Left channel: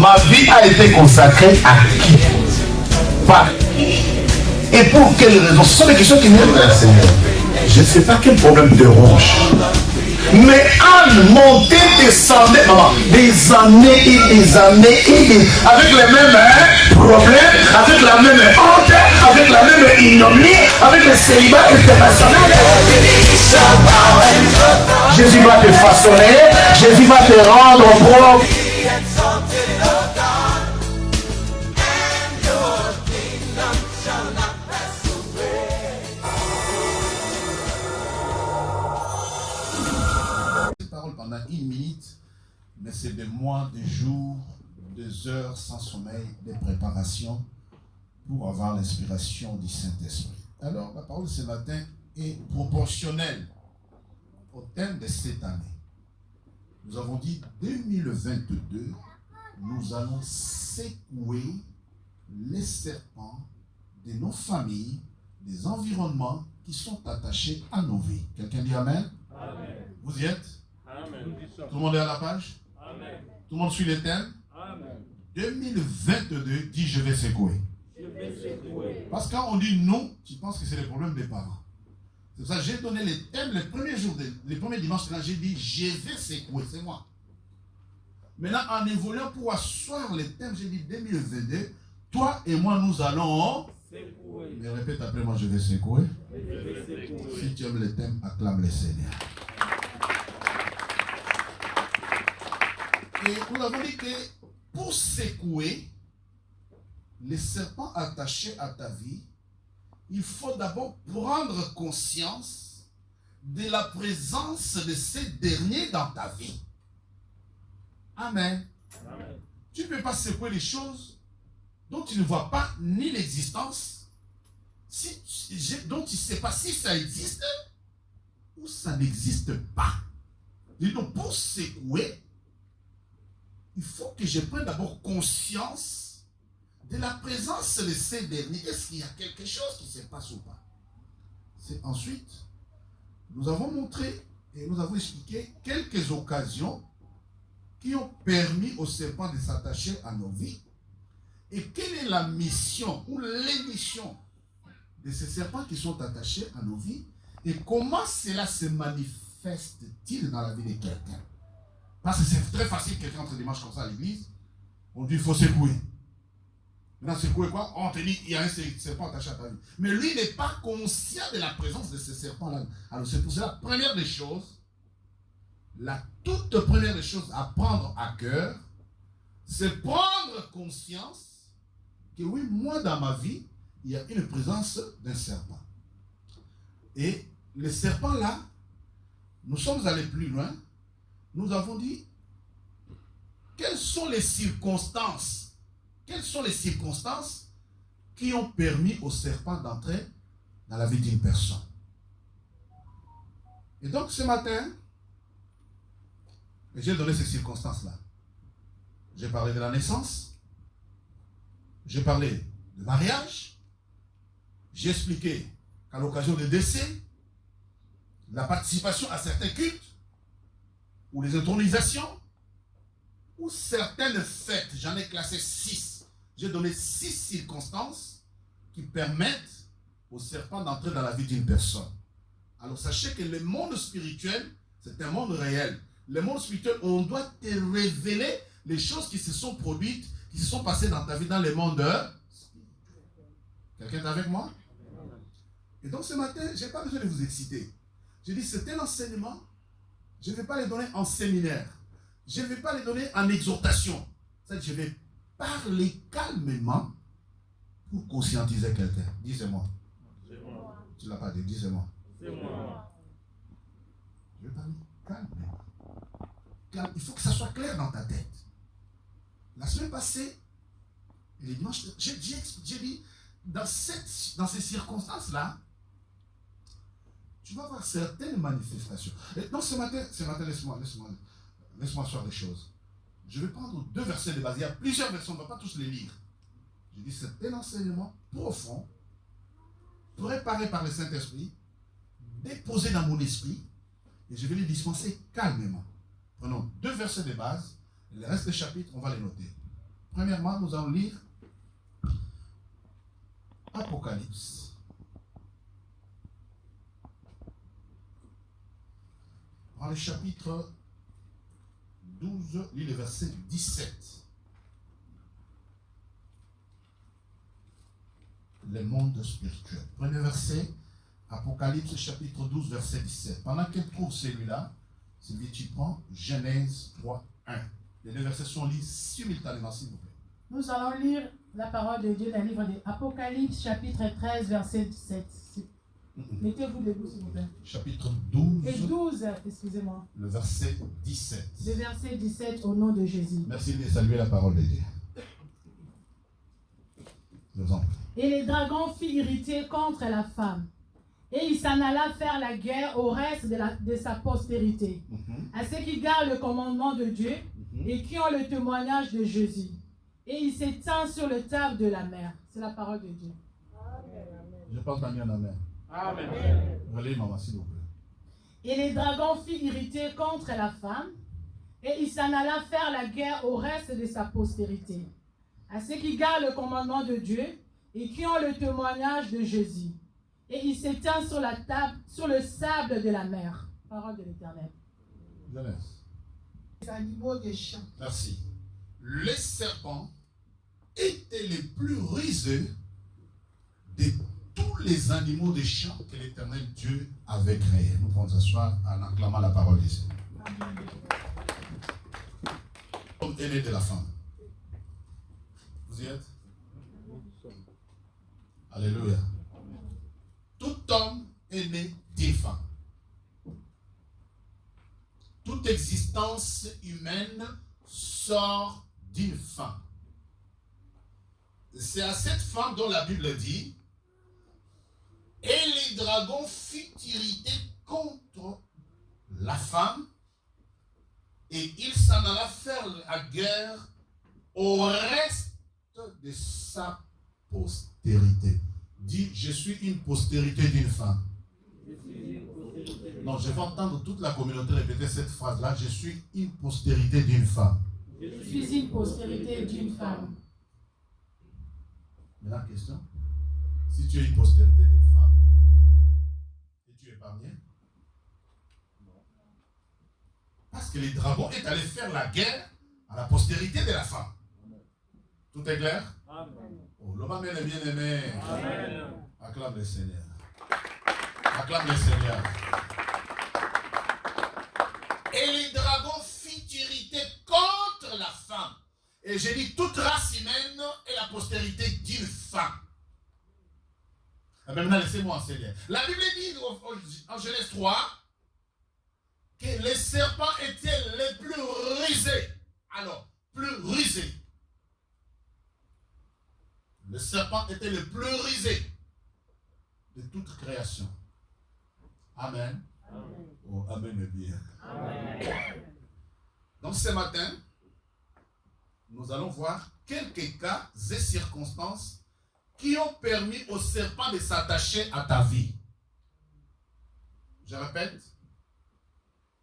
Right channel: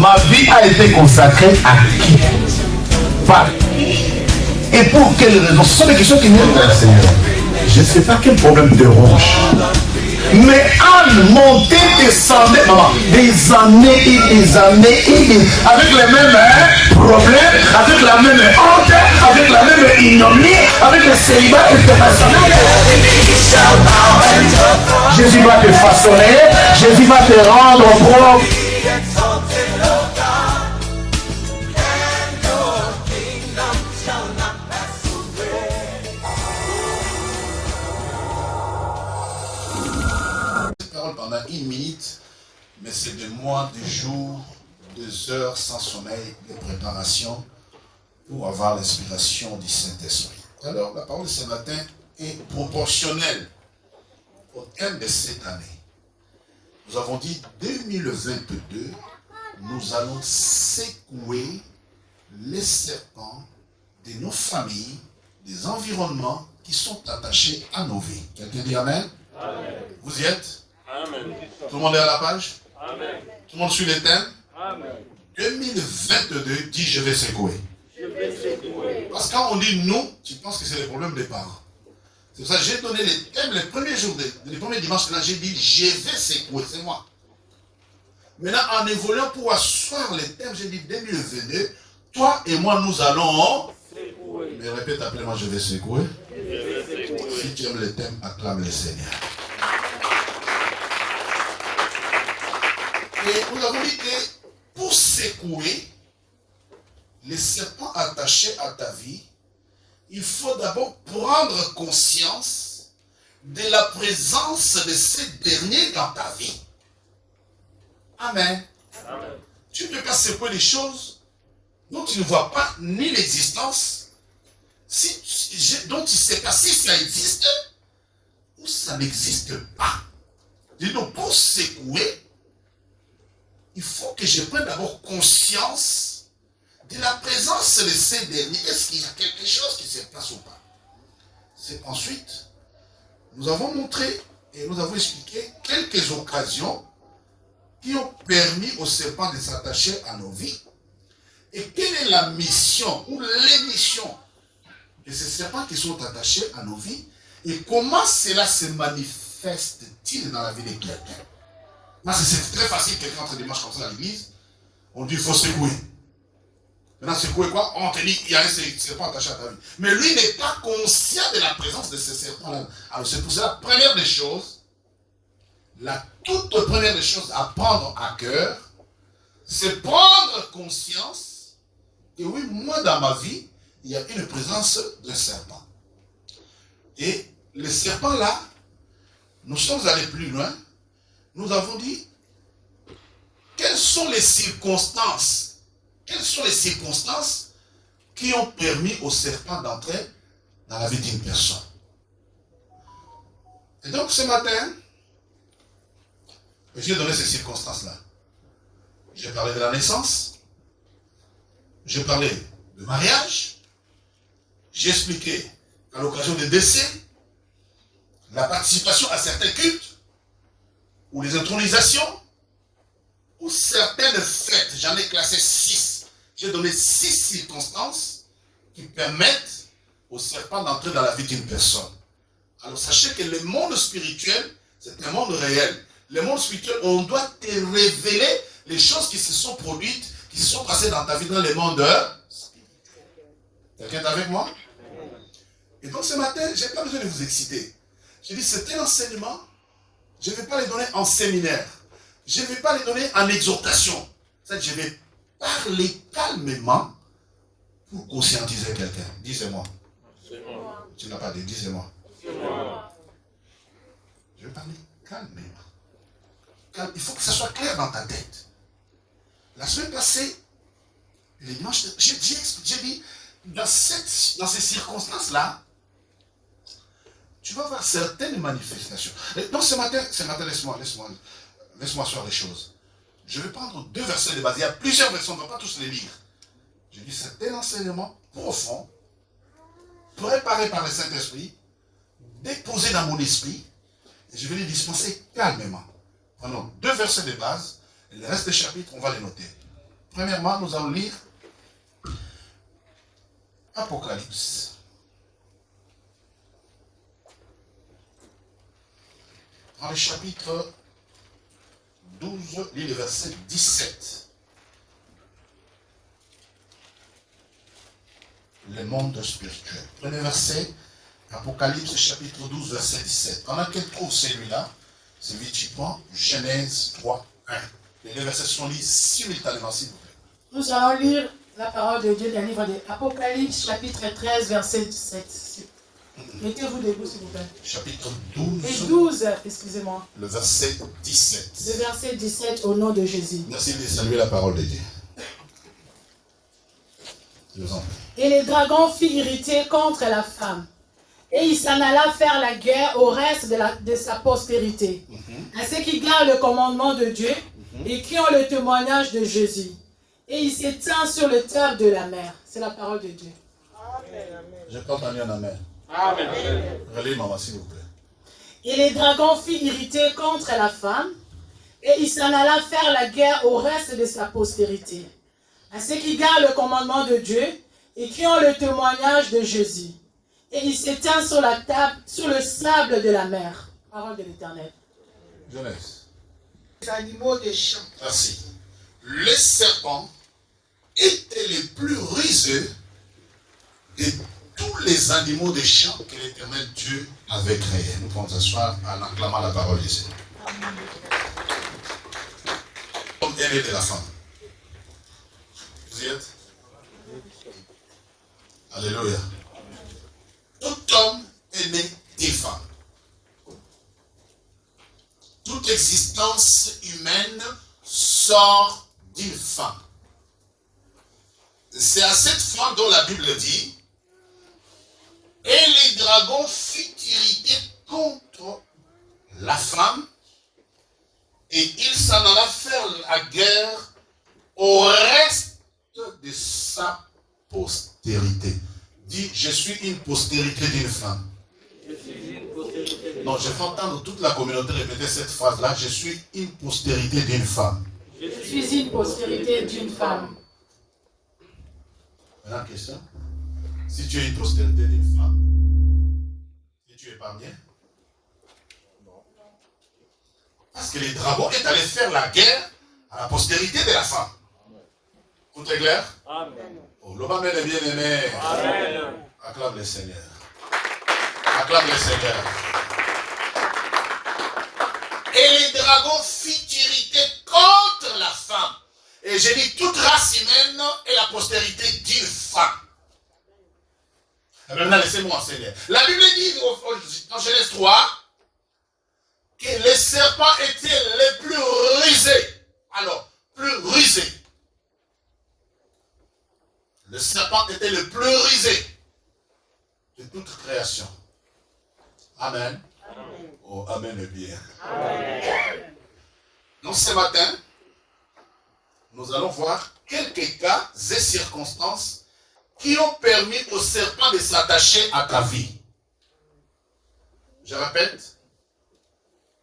ma vie a été consacrée à qui? Par qui? Et pour quelles raisons? Ce sont des questions qui viennent vers le Seigneur. Je ne sais pas quel problème te ronge. Mais Anne montait, descendait, maman, des années et des années et des... avec les mêmes problèmes, avec la même honte, avec la même ignominie, avec le célibat international. Jésus va te façonner, Jésus va te rendre propre. Pendant une minute, mais c'est des mois, des jours, des heures sans sommeil, de préparation pour avoir l'inspiration du Saint-Esprit. Alors, la parole de ce matin est proportionnelle au thème de cette année. Nous avons dit 2022, nous allons secouer les serpents de nos familles, des environnements qui sont attachés à nos vies. Quelqu'un dit Amen? Amen. Vous y êtes? Amen. Tout le monde est à la page? Amen. Tout le monde suit les thèmes? Amen. 2022 dit je vais secouer. Je vais secouer. Parce que quand on dit nous, tu penses que c'est le problème des parents. C'est pour ça que j'ai donné les thèmes les premiers jours, les premiers dimanches, là j'ai dit je vais secouer, c'est moi. Maintenant en évoluant pour asseoir les thèmes, j'ai dit 2022, toi et moi nous allons secouer. Mais répète après moi, je vais secouer. Je vais secouer. Si tu aimes les thèmes, acclame le Seigneur. Et nous avons dit que pour secouer les serpents attachés à ta vie, il faut d'abord prendre conscience de la présence de ces derniers dans ta vie. Amen. Amen. Tu ne peux pas secouer les choses dont tu ne vois pas ni l'existence, dont tu ne sais pas si ça existe ou ça n'existe pas. Donc pour secouer, il faut que je prenne d'abord conscience de la présence de ces derniers. Est-ce qu'il y a quelque chose qui se passe ou pas? C'est ensuite, nous avons montré et nous avons expliqué quelques occasions qui ont permis aux serpents de s'attacher à nos vies. Et quelle est la mission ou l'émission de ces serpents qui sont attachés à nos vies et comment cela se manifeste-t-il dans la vie de quelqu'un? Parce que c'est très facile, quelqu'un entre dimanche comme ça à l'église, on dit il faut secouer. Maintenant, secouer quoi? On te dit il y a un serpent attaché à ta vie. Mais lui n'est pas conscient de la présence de ce serpent-là. Alors c'est pour cela, première des choses, la toute première des choses à prendre à cœur, c'est prendre conscience que oui, moi dans ma vie, il y a une présence d'un serpent. Et le serpent là, nous sommes allés plus loin. Nous avons dit, quelles sont les circonstances qui ont permis au serpent d'entrer dans la vie d'une personne. Et donc ce matin, j'ai donné ces circonstances-là. J'ai parlé de la naissance, j'ai parlé de mariage, j'ai expliqué qu'à l'occasion des décès, la participation à certains cultes, ou les intronisations, ou certaines fêtes. J'en ai classé 6. J'ai donné 6 circonstances qui permettent au serpent d'entrer dans la vie d'une personne. Alors sachez que le monde spirituel, c'est un monde réel. Le monde spirituel, on doit te révéler les choses qui se sont produites, qui se sont passées dans ta vie dans le monde spirituel. Quelqu'un est avec moi? Et donc ce matin, je n'ai pas besoin de vous exciter. J'ai dit, c'est un enseignement. Je ne vais pas les donner en séminaire. Je ne vais pas les donner en exhortation. Je vais parler calmement pour conscientiser quelqu'un. Disez-moi. Tu ne l'as pas dit, disez-moi. Je vais parler calmement. Il faut que ça soit clair dans ta tête. La semaine passée, le dimanche, j'ai dit, dans ces circonstances-là, tu vas voir certaines manifestations. Donc ce matin, laisse-moi asseoir les choses. Je vais prendre 2 versets de base. Il y a plusieurs versets, on ne va pas tous les lire. Je dis c'est un enseignement profond, préparé par le Saint-Esprit, déposé dans mon esprit, et je vais les dispenser calmement. Prenons 2 versets de base, et le reste des chapitres, on va les noter. Premièrement, nous allons lire Apocalypse. Dans le chapitre 12, lis le verset 17. Le monde spirituel. Premier verset, Apocalypse chapitre 12, verset 17. Pendant qu'elle trouve celui-là, c'est vite tu prends Genèse 3, 1. Les deux versets sont lus simultanément, s'il vous plaît. Nous allons lire la parole de Dieu dans le livre de Apocalypse, chapitre 13, verset 17. Mettez-vous debout, s'il vous plaît. Chapitre 12. Et 12, excusez-moi. Le verset 17. Le verset 17, au nom de Jésus. Merci de saluer la parole de Dieu. Je vous en prie. Et les dragons furent irrités contre la femme. Et il s'en alla faire la guerre au reste de sa postérité, à ceux qui gardent le commandement de Dieu et qui ont le témoignage de Jésus. Et il s'étend sur le table de la mer. C'est la parole de Dieu. Je n'ai pas entendu un amen. Amen. Relis, maman, s'il vous plaît. Et les dragons furent irrités contre la femme, et il s'en alla faire la guerre au reste de sa postérité, à ceux qui gardent le commandement de Dieu et qui ont le témoignage de Jésus. Et il s'étend sur la table, sur le sable de la mer. Parole de l'Éternel. Genèse. Les animaux des champs. Merci. Les serpents étaient les plus rusés de tous les animaux des champs que l'Éternel Dieu avait créés. Nous pouvons s'asseoir en acclamant la parole de Dieu. L'homme est né de la femme. Vous y êtes? Alléluia. Tout homme est né d'une femme. Toute existence humaine sort d'une femme. C'est à cette femme dont la Bible dit: et les dragons furent irrités contre la femme, et il s'en alla faire la guerre au reste de sa postérité. Dis, je suis une postérité d'une femme. Non, je vais entendre toute la communauté répéter cette phrase-là. Je suis une postérité d'une femme. Je suis une postérité d'une femme. Maintenant, question. Si tu es une postérité d'une femme, et tu es épargné? Parce que les dragons est allé faire la guerre à la postérité de la femme. Tout est clair? Amen. Oh, l'homme est bien aimé. Amen. Acclame le Seigneur. Acclame le Seigneur. Et les dragons furent irrités contre la femme. Et j'ai dit, toute race humaine est la postérité d'une femme. Maintenant, laissez-moi enseigner. La Bible dit en Genèse 3 que les serpents étaient les plus rusés. Alors, plus rusés. Le serpent était le plus rusé de toute création. Amen. Amen. Oh, amen est bien. Amen. Donc ce matin, nous allons voir quelques cas et circonstances qui ont permis au serpent de s'attacher à ta vie. Je répète,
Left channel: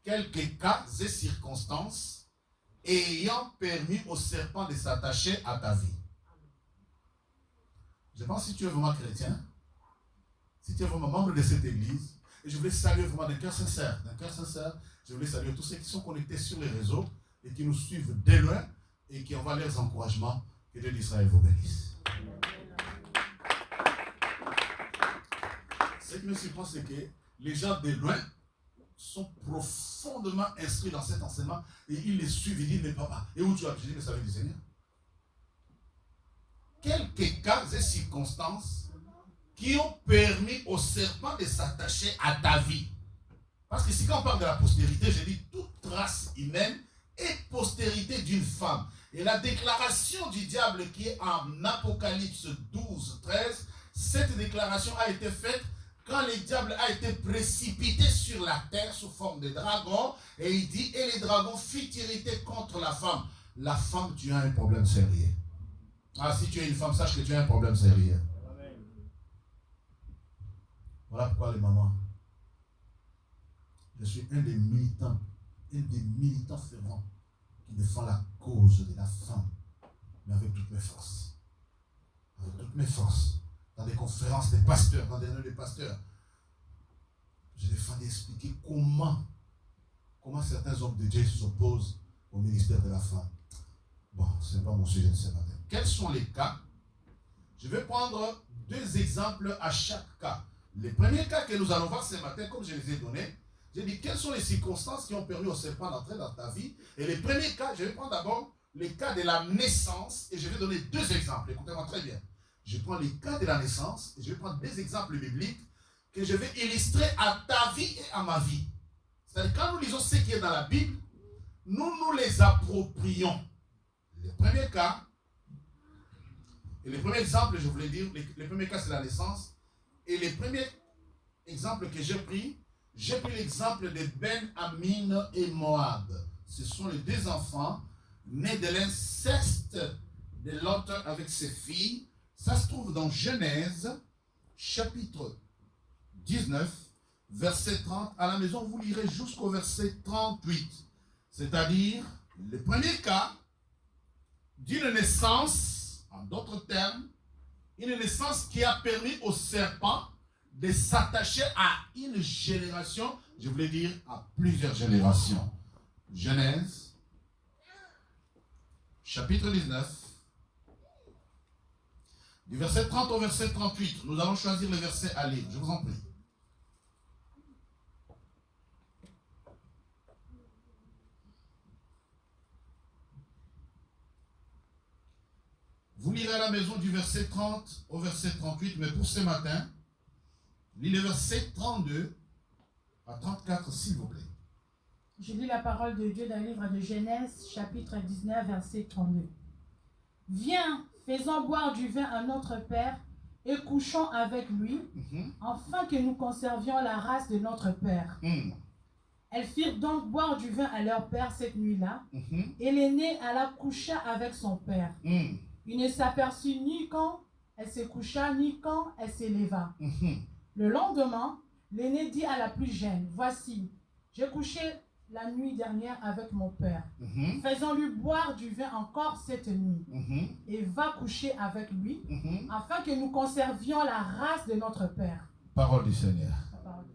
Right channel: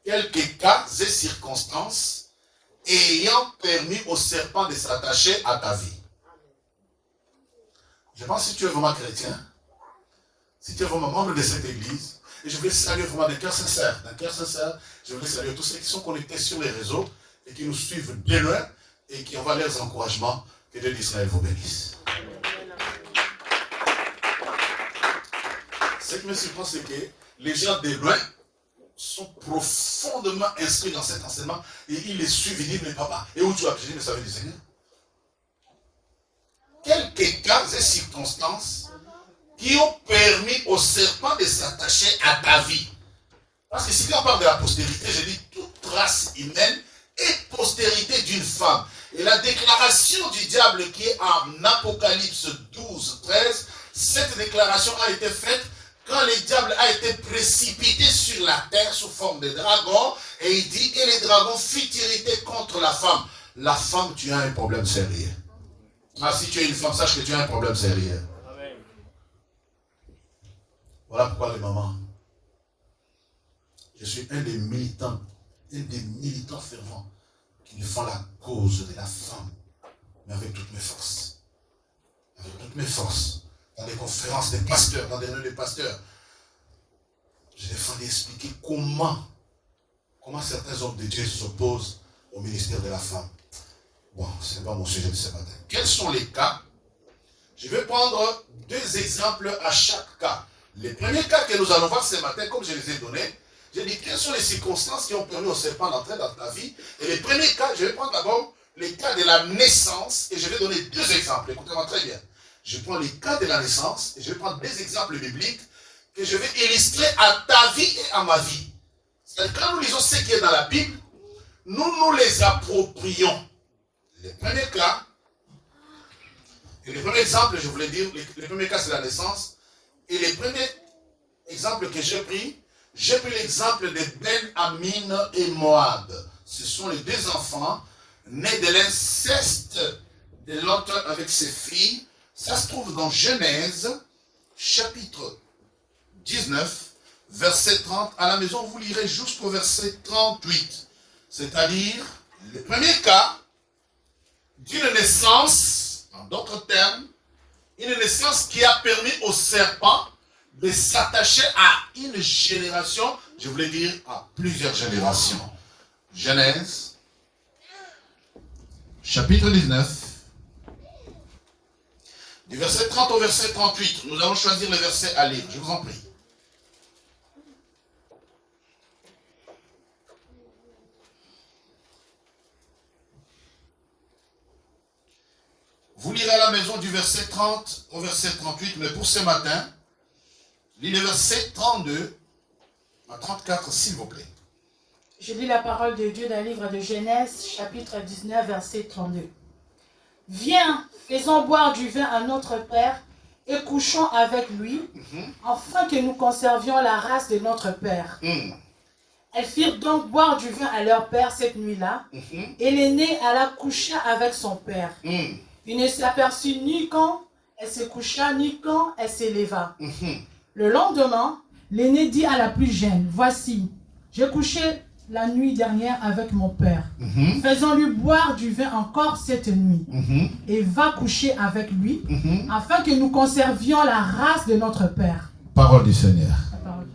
quelques cas et circonstances ayant permis au serpent de s'attacher à ta vie. Je pense que si tu es vraiment chrétien, si tu es vraiment membre de cette église, et je voulais saluer vraiment d'un cœur sincère, je voulais saluer tous ceux qui sont connectés sur les réseaux et qui nous suivent de loin et qui envoient leurs encouragements. Que Dieu d'Israël vous bénisse. Ce qui me surprend, c'est que les gens de loin sont profondément inscrits dans cet enseignement et ils les suivent et disent, mais papa, et où tu as? Je dis, mais ça veut dire Seigneur. Quelques cas et circonstances qui ont permis au serpent de s'attacher à ta vie. Parce que si on parle de la postérité, je dis toute race humaine est postérité d'une femme. Et la déclaration du diable qui est en Apocalypse 12, 13, cette déclaration a été faite quand le diable a été précipité sur la terre sous forme de dragon. Et il dit, et les dragons furent irrités contre la femme. La femme, tu as un problème sérieux. Ah, si tu es une femme, sache que tu as un problème sérieux. Amen. Voilà pourquoi les mamans, je suis un des militants fervents qui défend la cause de la femme, mais avec mes forces. Avec toutes mes forces. Dans des conférences des pasteurs, dans des réunions des pasteurs. Je défendais expliquer comment certains hommes de Dieu s'opposent au ministère de la femme. Bon, ce n'est pas mon sujet de ce matin. Quels sont les cas? Je vais prendre 2 exemples à chaque cas. Les premiers cas que nous allons voir ce matin, comme je les ai donnés, j'ai dit quelles sont les circonstances qui ont permis au serpent d'entrer dans ta vie. Et les premiers cas, je vais prendre d'abord les cas de la naissance et je vais donner 2 exemples. Écoutez-moi très bien. Je prends les cas de la naissance et je vais prendre 2 exemples bibliques que je vais illustrer à ta vie et à ma vie. C'est-à-dire quand nous lisons ce qui est dans la Bible, nous les approprions. Les premiers cas, et les premiers exemples, je voulais dire, les premiers cas c'est la naissance. Et les premiers exemples que j'ai pris l'exemple de Ben-Amin et Moab. Ce sont les 2 enfants nés de l'inceste de Lot avec ses filles. Ça se trouve dans Genèse, chapitre 19, verset 30. À la maison, vous lirez jusqu'au verset 38. C'est-à-dire, le premier cas d'une naissance, en d'autres termes, une naissance qui a permis au serpent de s'attacher à une génération, je voulais dire à plusieurs générations. Genèse, chapitre 19, du verset 30 au verset 38. Nous allons choisir le verset à lire, je vous en prie. Vous lirez à la maison du verset 30 au verset 38, mais pour ce matin, lisez le verset 32 à 34, s'il vous plaît. Je lis la parole de Dieu dans le livre de Genèse, chapitre 19, verset 32. « Viens, faisons boire du vin à notre Père et couchons avec lui, afin que nous conservions la race de notre Père. Elles firent donc boire du vin à leur père cette nuit-là, et l'aînée alla coucher avec son père. Il ne s'aperçut ni quand elle se coucha, ni quand elle s'éleva. Le lendemain, l'aîné dit à la plus jeune, « Voici, j'ai couché la nuit dernière avec mon père. Faisons-lui boire du vin encore cette nuit. Et va coucher avec lui, afin que nous conservions la race de notre père. » Parole du Seigneur. Parole.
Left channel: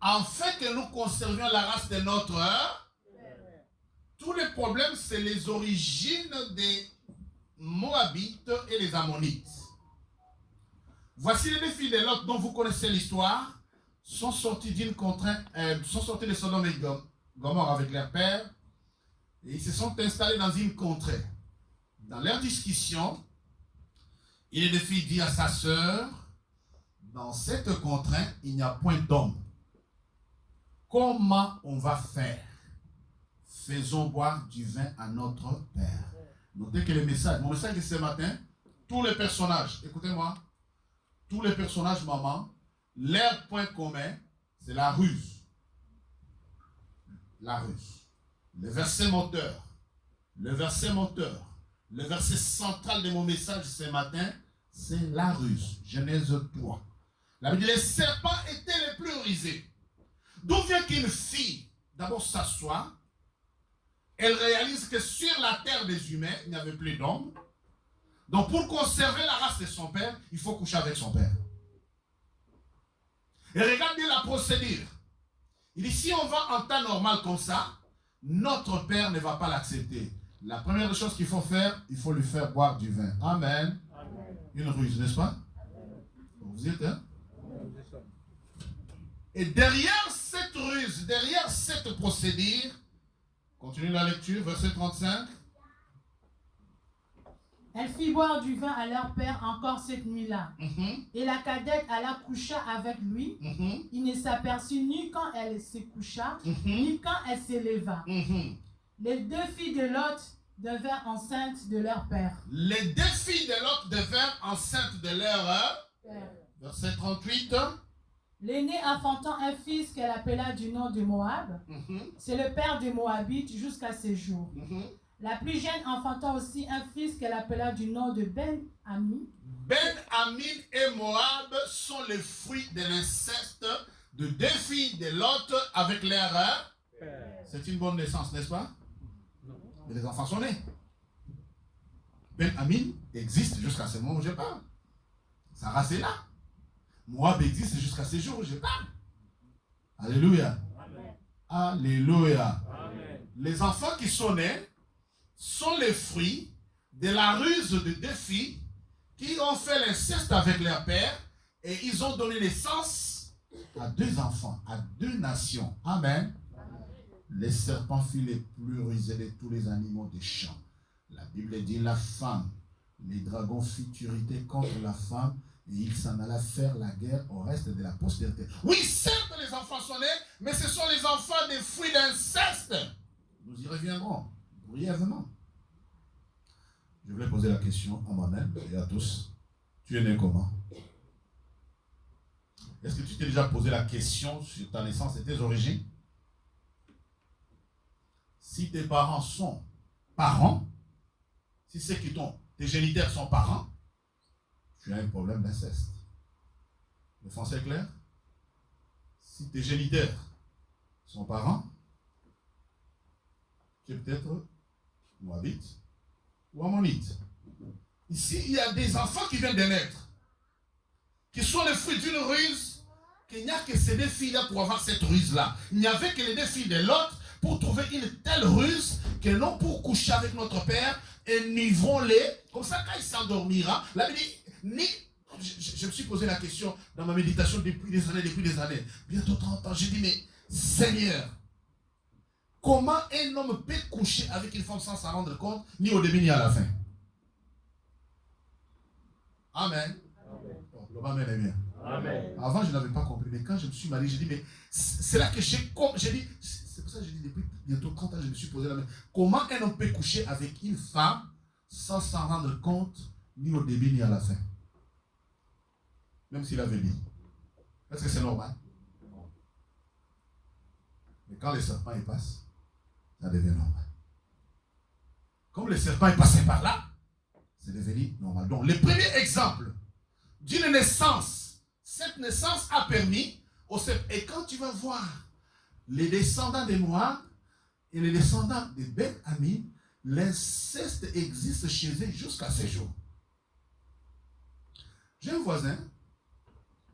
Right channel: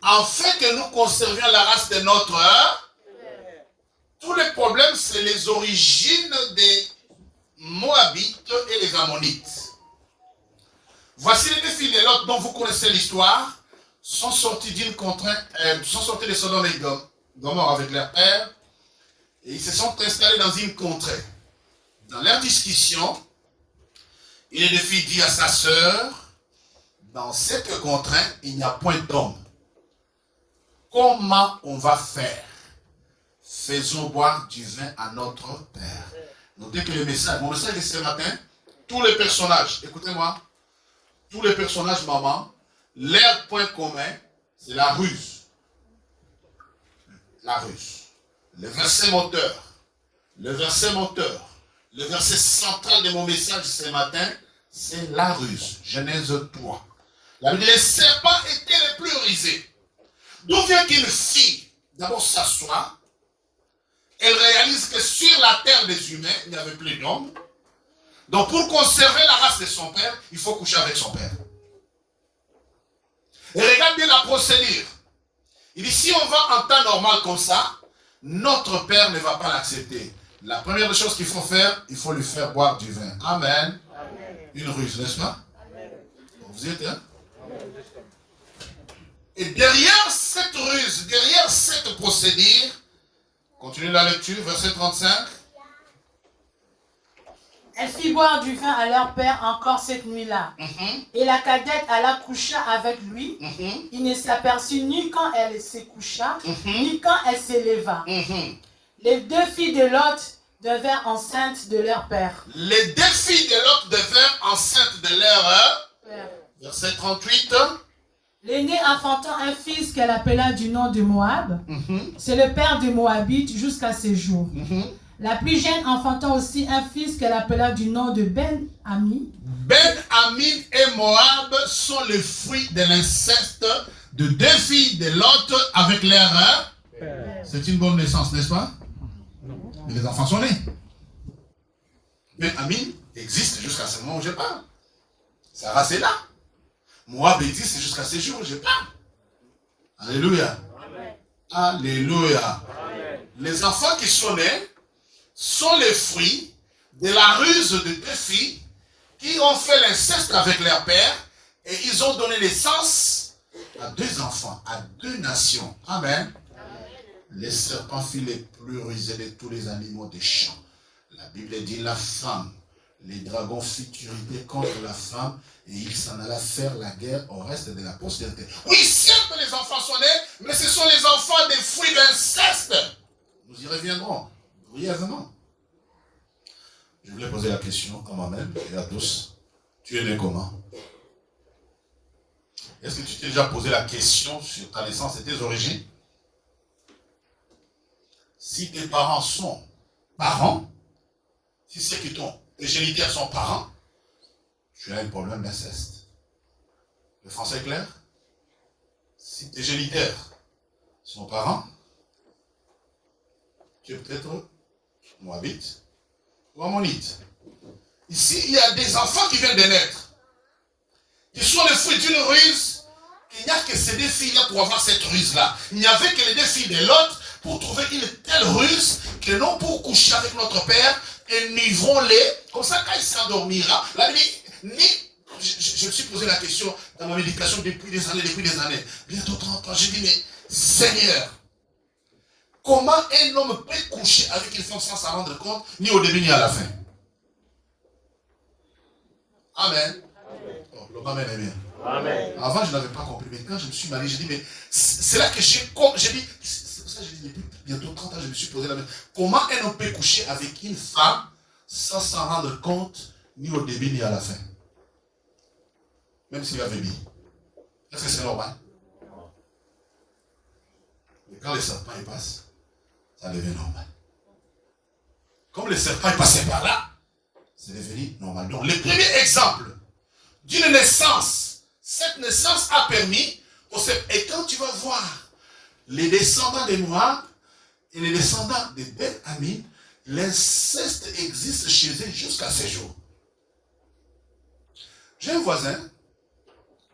Afin que nous conservions la race de notre père. Tous les problèmes, c'est les origines des Moabites et les Ammonites. Voici les 2 filles de Lot dont vous connaissez l'histoire, sont sortis d'une contrainte, sont sortis de Sodome et Gomorrhe avec leur père, et ils se sont installés dans une contrée. Dans leur discussion, une des 2 filles dit à sa sœur, dans cette contrainte, il n'y a point d'homme. Comment on va faire? Faisons boire du vin à notre père. Notez que mon message de ce matin, tous les personnages, écoutez-moi, tous les personnages, maman, leur point commun, c'est la ruse. La ruse. Le verset moteur. Le verset central de mon message ce matin, c'est la ruse. Genèse 3. La Bible dit, les serpents étaient les plus rusés. D'où vient qu'une fille, d'abord s'assoit, elle réalise que sur la terre des humains, il n'y avait plus d'hommes. Donc pour conserver la race de son père, il faut coucher avec son père. Et regarde bien la procédure. Il dit, si on va en temps normal comme ça, notre père ne va pas l'accepter. La première chose qu'il faut faire, il faut lui faire boire du vin. Amen. Amen. Une ruse, n'est-ce pas? Amen. Vous y êtes, hein? Amen. Et derrière cette ruse, derrière cette procédure, continuez la lecture, verset 35. Elle fit boire du vin à leur père encore cette nuit-là. Et la cadette alla coucher avec lui. Il ne s'aperçut ni quand elle se coucha, ni quand elle s'éleva. Les 2 filles de Lot devinrent enceintes de leur père. Les 2 filles de Lot devinrent enceintes de leur père. Verset 38. L'aînée enfantant un fils qu'elle appela du nom de Moab. C'est le père de Moabite jusqu'à ce jour. La plus jeune enfantant aussi un fils qu'elle appela du nom de Ben-Amin. Ben-Amin et Moab sont les fruits de l'inceste de 2 filles de Lot avec leur père. C'est une bonne naissance, n'est-ce pas? Mais les enfants sont nés. Ben Amin existe jusqu'à ce moment où je parle. Sarah, c'est là. Moab existe jusqu'à ce jour où je parle. Alléluia. Amen. Alléluia. Amen. Les enfants qui sont nés sont les fruits de la ruse de deux filles qui ont fait l'inceste avec leur père et ils ont donné naissance à deux enfants, à deux nations. Amen. Les serpents furent les plus rusés de tous les animaux des champs. La Bible dit la femme. Les dragons futurité contre la femme et il s'en alla faire la guerre au reste de la postérité. Oui, certes, les enfants sont nés, mais ce sont les enfants des fruits d'inceste. Nous y reviendrons brièvement. Je voulais poser la question à moi-même et à tous. Tu es né comment? Est-ce que tu t'es déjà posé la question sur ta naissance et tes origines? Si tes parents sont parents, si c'est que tes géniteurs sont parents, tu as un problème d'inceste. Le français est clair? Si tes géniteurs sont parents, tu es peut-être moabite ou ammonite. Ici, il y a des enfants qui viennent de naître, qui sont les fruits d'une ruse, qu'il n'y a que ces deux filles-là pour avoir cette ruse-là. Il n'y avait que les deux filles de l'autre pour trouver une telle ruse que non pour coucher avec notre père, enivrons-les. Comme ça, quand il s'endormira, la Bible dit, je me suis posé la question dans ma méditation depuis des années. Bientôt 30 ans, j'ai dit, mais Seigneur, comment un homme peut coucher avec une femme sans s'en rendre compte, ni au début ni à la fin? Amen. Oh, le Amen est bien. Amen. Avant, je n'avais pas compris, mais quand je me suis marié, j'ai dit, mais c'est là que j'ai dit, c'est pour ça que j'ai dit, depuis bientôt 30 ans, je me suis posé la même. Comment un homme peut coucher avec une femme sans s'en rendre compte, ni au début, ni à la fin? Même s'il avait mis. Est-ce que c'est normal? Mais quand les serpents y passent, ça devient normal. Comme les serpents est passé par là, c'est devenu normal. Donc, le premier exemple d'une naissance, cette naissance a permis au serpent. Et quand tu vas voir les descendants des Moab et les descendants de Ben Amin, l'inceste existe chez eux jusqu'à ce jour. J'ai un voisin,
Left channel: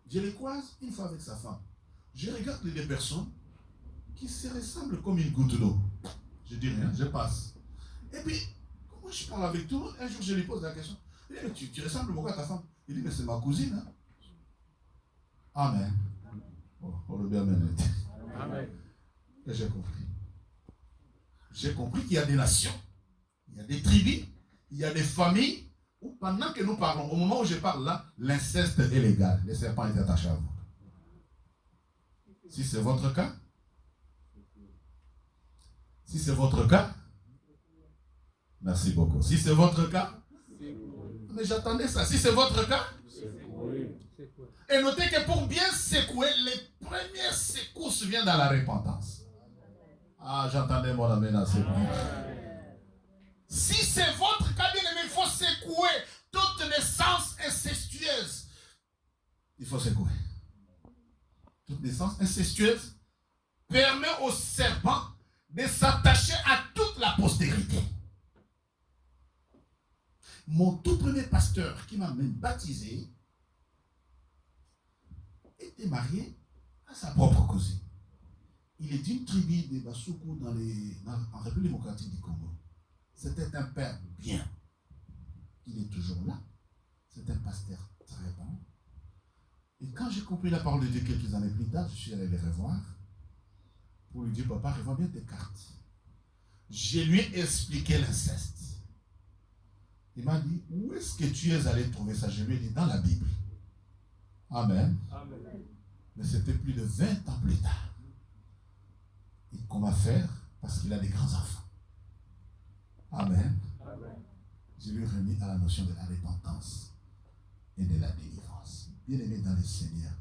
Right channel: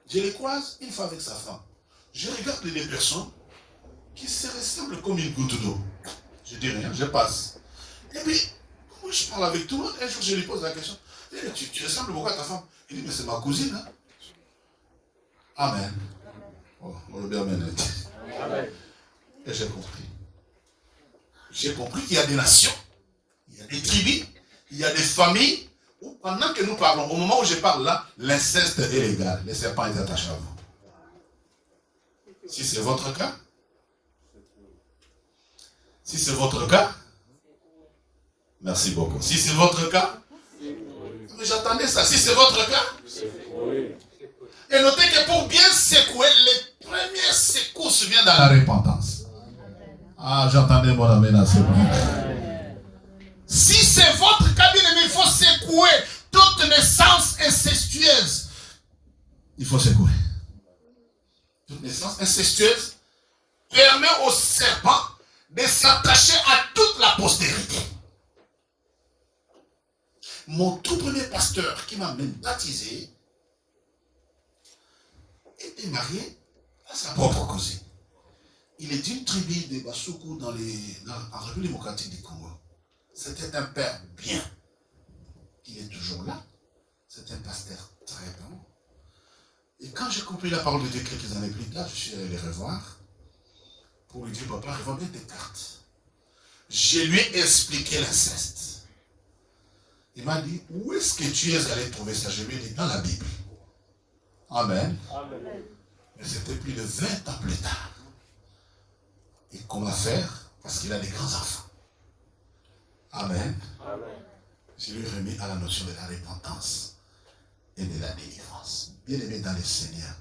je les croise une fois avec sa femme. Je regarde les deux personnes qui se ressemblent comme une goutte d'eau. Je dis rien, je passe. Et puis, moi je parle avec tout le monde, un jour je lui pose la question. Tu ressembles beaucoup à ta femme? Il dit, mais c'est ma cousine. Hein? Amen. Oh, le bien Amen. Et j'ai compris. J'ai compris qu'il y a des nations, il y a des tribus, il y a des familles, où pendant que nous parlons, au moment où je parle là, l'inceste est légal. Les serpents sont attachés à vous. Si c'est votre cas, merci beaucoup. Si c'est votre cas, mais j'attendais ça. Si c'est votre cas, et notez que pour bien secouer, les premières secousses viennent dans la repentance. Ah, j'entendais mon ami là, c'est bon. Si c'est votre cas, bien aimé, il faut secouer toute naissance incestueuse. Il faut secouer. Toute naissance incestueuse permet au serpent de s'attacher à toute la postérité. Mon tout premier pasteur qui m'a même baptisé était marié à sa propre cousine. Il est d'une tribu de Basuku en République démocratique du Congo. C'était un père bien. Il est toujours là. C'est un pasteur très bon. Et quand j'ai compris la parole de Dieu quelques années plus tard, je suis allé les revoir pour lui dire, papa, revois bien tes cartes. Je lui ai expliqué l'inceste. Il m'a dit, où est-ce que tu es allé trouver ça? Je lui ai dit, dans la Bible. Amen. Amen. Mais c'était plus de 20 ans plus tard. Et comment faire? Parce qu'il a des grands enfants. Amen. Amen. Je lui ai remis à la notion de la repentance et de la délivrance. Bien aimé dans le Seigneur,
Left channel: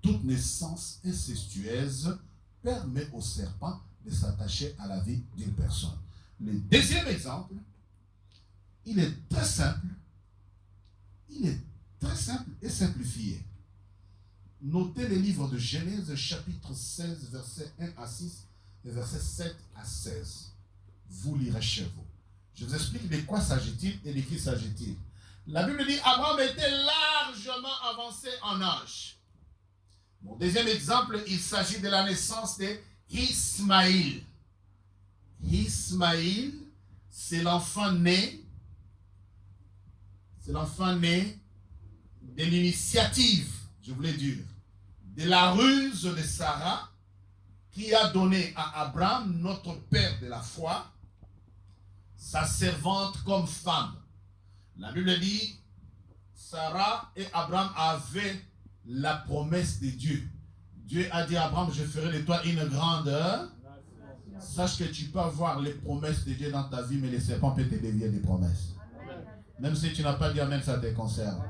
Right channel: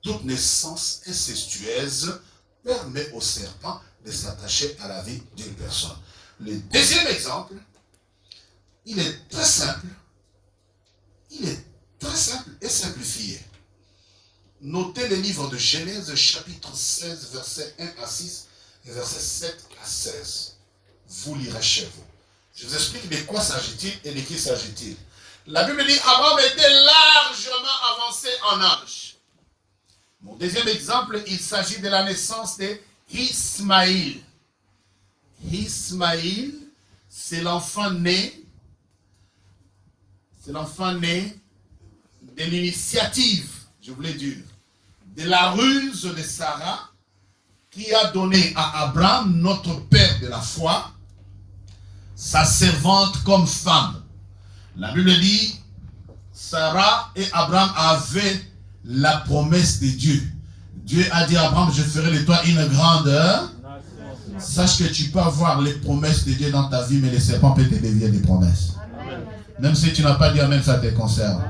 toute naissance incestueuse permet au serpent de s'attacher à la vie d'une personne. Le deuxième exemple, il est très simple. Il est très simple et simplifié. Notez le livre de Genèse, chapitre 16, versets 1 à 6 et versets 7 à 16. Vous lirez chez vous. Je vous explique de quoi s'agit-il et de qui s'agit-il. La Bible dit Abraham était largement avancé en âge. Mon deuxième exemple, il s'agit de la naissance d'Ismaïl. Ismaïl, c'est l'enfant né. C'est l'enfant né de l'initiative, je voulais dire, de la ruse de Sarah qui a donné à Abraham, notre père de la foi, sa servante comme femme. La Bible dit, Sarah et Abraham avaient la promesse de Dieu. Dieu a dit à Abraham, je ferai de toi une grande... Sache que tu peux avoir les promesses de Dieu dans ta vie, mais les serpents peuvent te dévier des promesses. Amen. Même si tu n'as pas dit Amen, ça te concerne.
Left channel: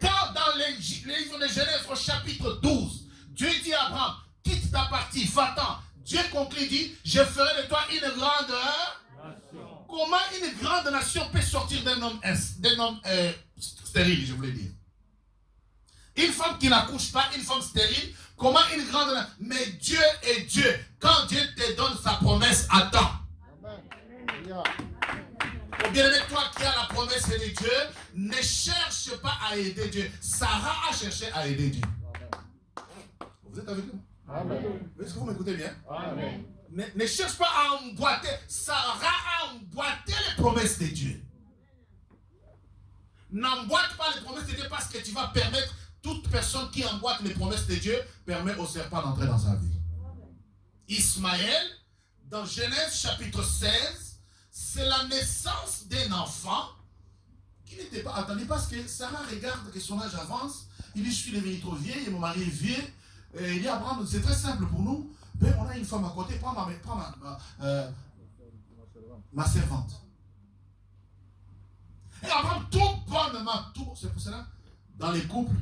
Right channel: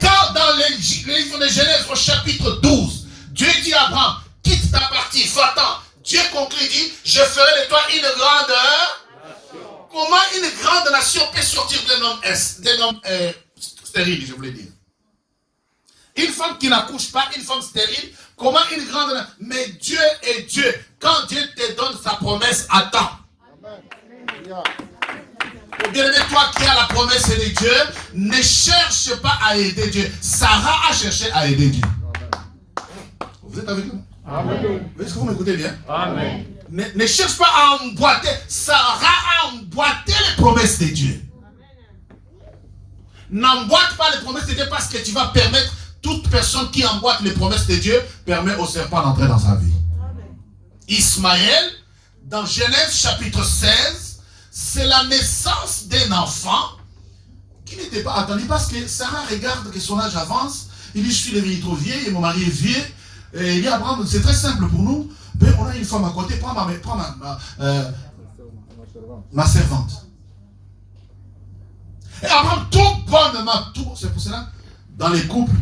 Car dans le livre de Genèse au chapitre 12, Dieu dit à Abraham, quitte ta partie, va-t'en. Dieu conclut, dit, je ferai de toi une grande... nation. Comment une grande nation peut sortir d'un homme stérile, je voulais dire. Une femme qui n'accouche pas, une femme stérile, comment une grande... Mais Dieu est Dieu. Quand Dieu te donne sa promesse, attends. Bien aimé, toi qui as la promesse de Dieu, ne cherche pas à aider Dieu. Sarah a cherché à aider Dieu. Vous êtes avec nous? Amen. Est-ce que vous m'écoutez bien? Amen. Ne cherche pas à emboîter. Sarah a emboîté les promesses de Dieu. N'emboîte pas les promesses de Dieu parce que tu vas permettre... Toute personne qui emboîte les promesses de Dieu permet au serpent d'entrer dans sa vie. Amen. Ismaël, dans Genèse chapitre 16, c'est la naissance d'un enfant qui n'était pas attendu parce que Sarah regarde que son âge avance. Il dit, je suis devenu trop vieille et mon mari est vieux. Et il dit, Abraham, c'est très simple pour nous. Ben, on a une femme à côté, prends ma servante. Et Abraham, tout bonnement, tout. C'est pour cela, dans les couples,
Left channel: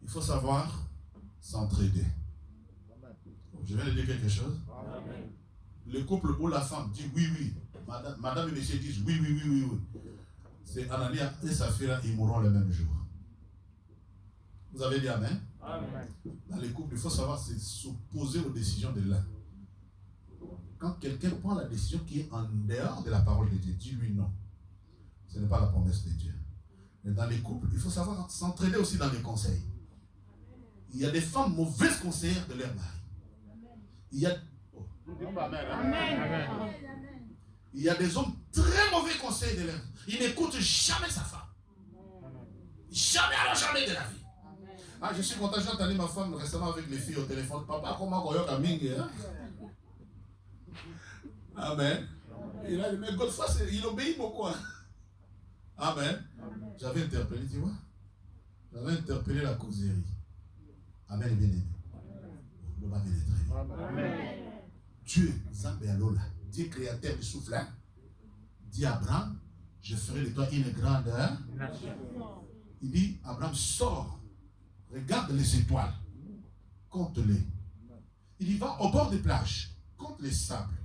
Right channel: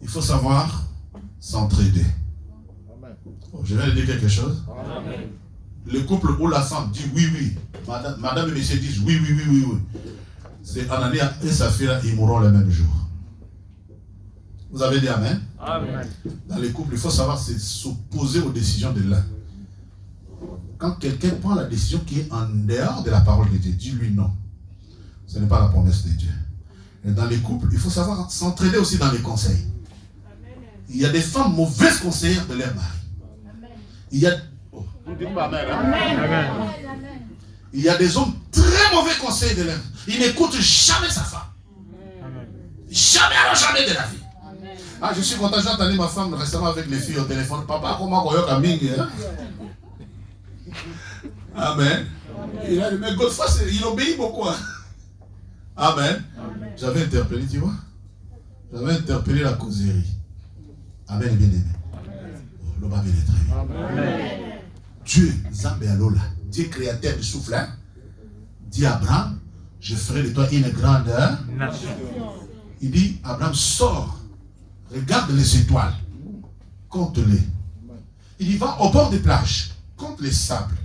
il faut savoir s'entraider. Oh, je viens de dire quelque chose. Amen. Le couple où la femme dit oui, oui, madame et monsieur disent oui, oui, oui, oui, oui. C'est Anania et sa fille, ils mourront le même jour. Vous avez dit Amen? Amen. Dans les couples, il faut savoir s'opposer aux décisions de l'un. Quand quelqu'un prend la décision qui est en dehors de la parole de Dieu, dis-lui non. Ce n'est pas la promesse de Dieu. Et dans les couples, il faut savoir s'entraider aussi dans les conseils. Il y a des femmes mauvaises conseillères de leur mari. Il y a... Oh. Amen. Il y a des hommes très mauvais conseils de leur mari. Ils n'écoutent jamais sa femme. Jamais, alors jamais de la vie. Ah, je suis content, j'ai entendu ma femme récemment avec les filles au téléphone. Papa, comment on a mis? Amen. Mais Godefroy, il obéit beaucoup. Hein? Amen. J'avais interpellé, tu vois. J'avais interpellé la causerie. Amen, bien aimé. L'homme avait les traits. Dieu, Zambé Alola, Dieu créateur du souffle, hein, dit à Abraham, je ferai de toi une grande nation. Il dit, Abraham, sors, regarde les étoiles, compte-les. Il dit, va au bord des plages, compte les sables.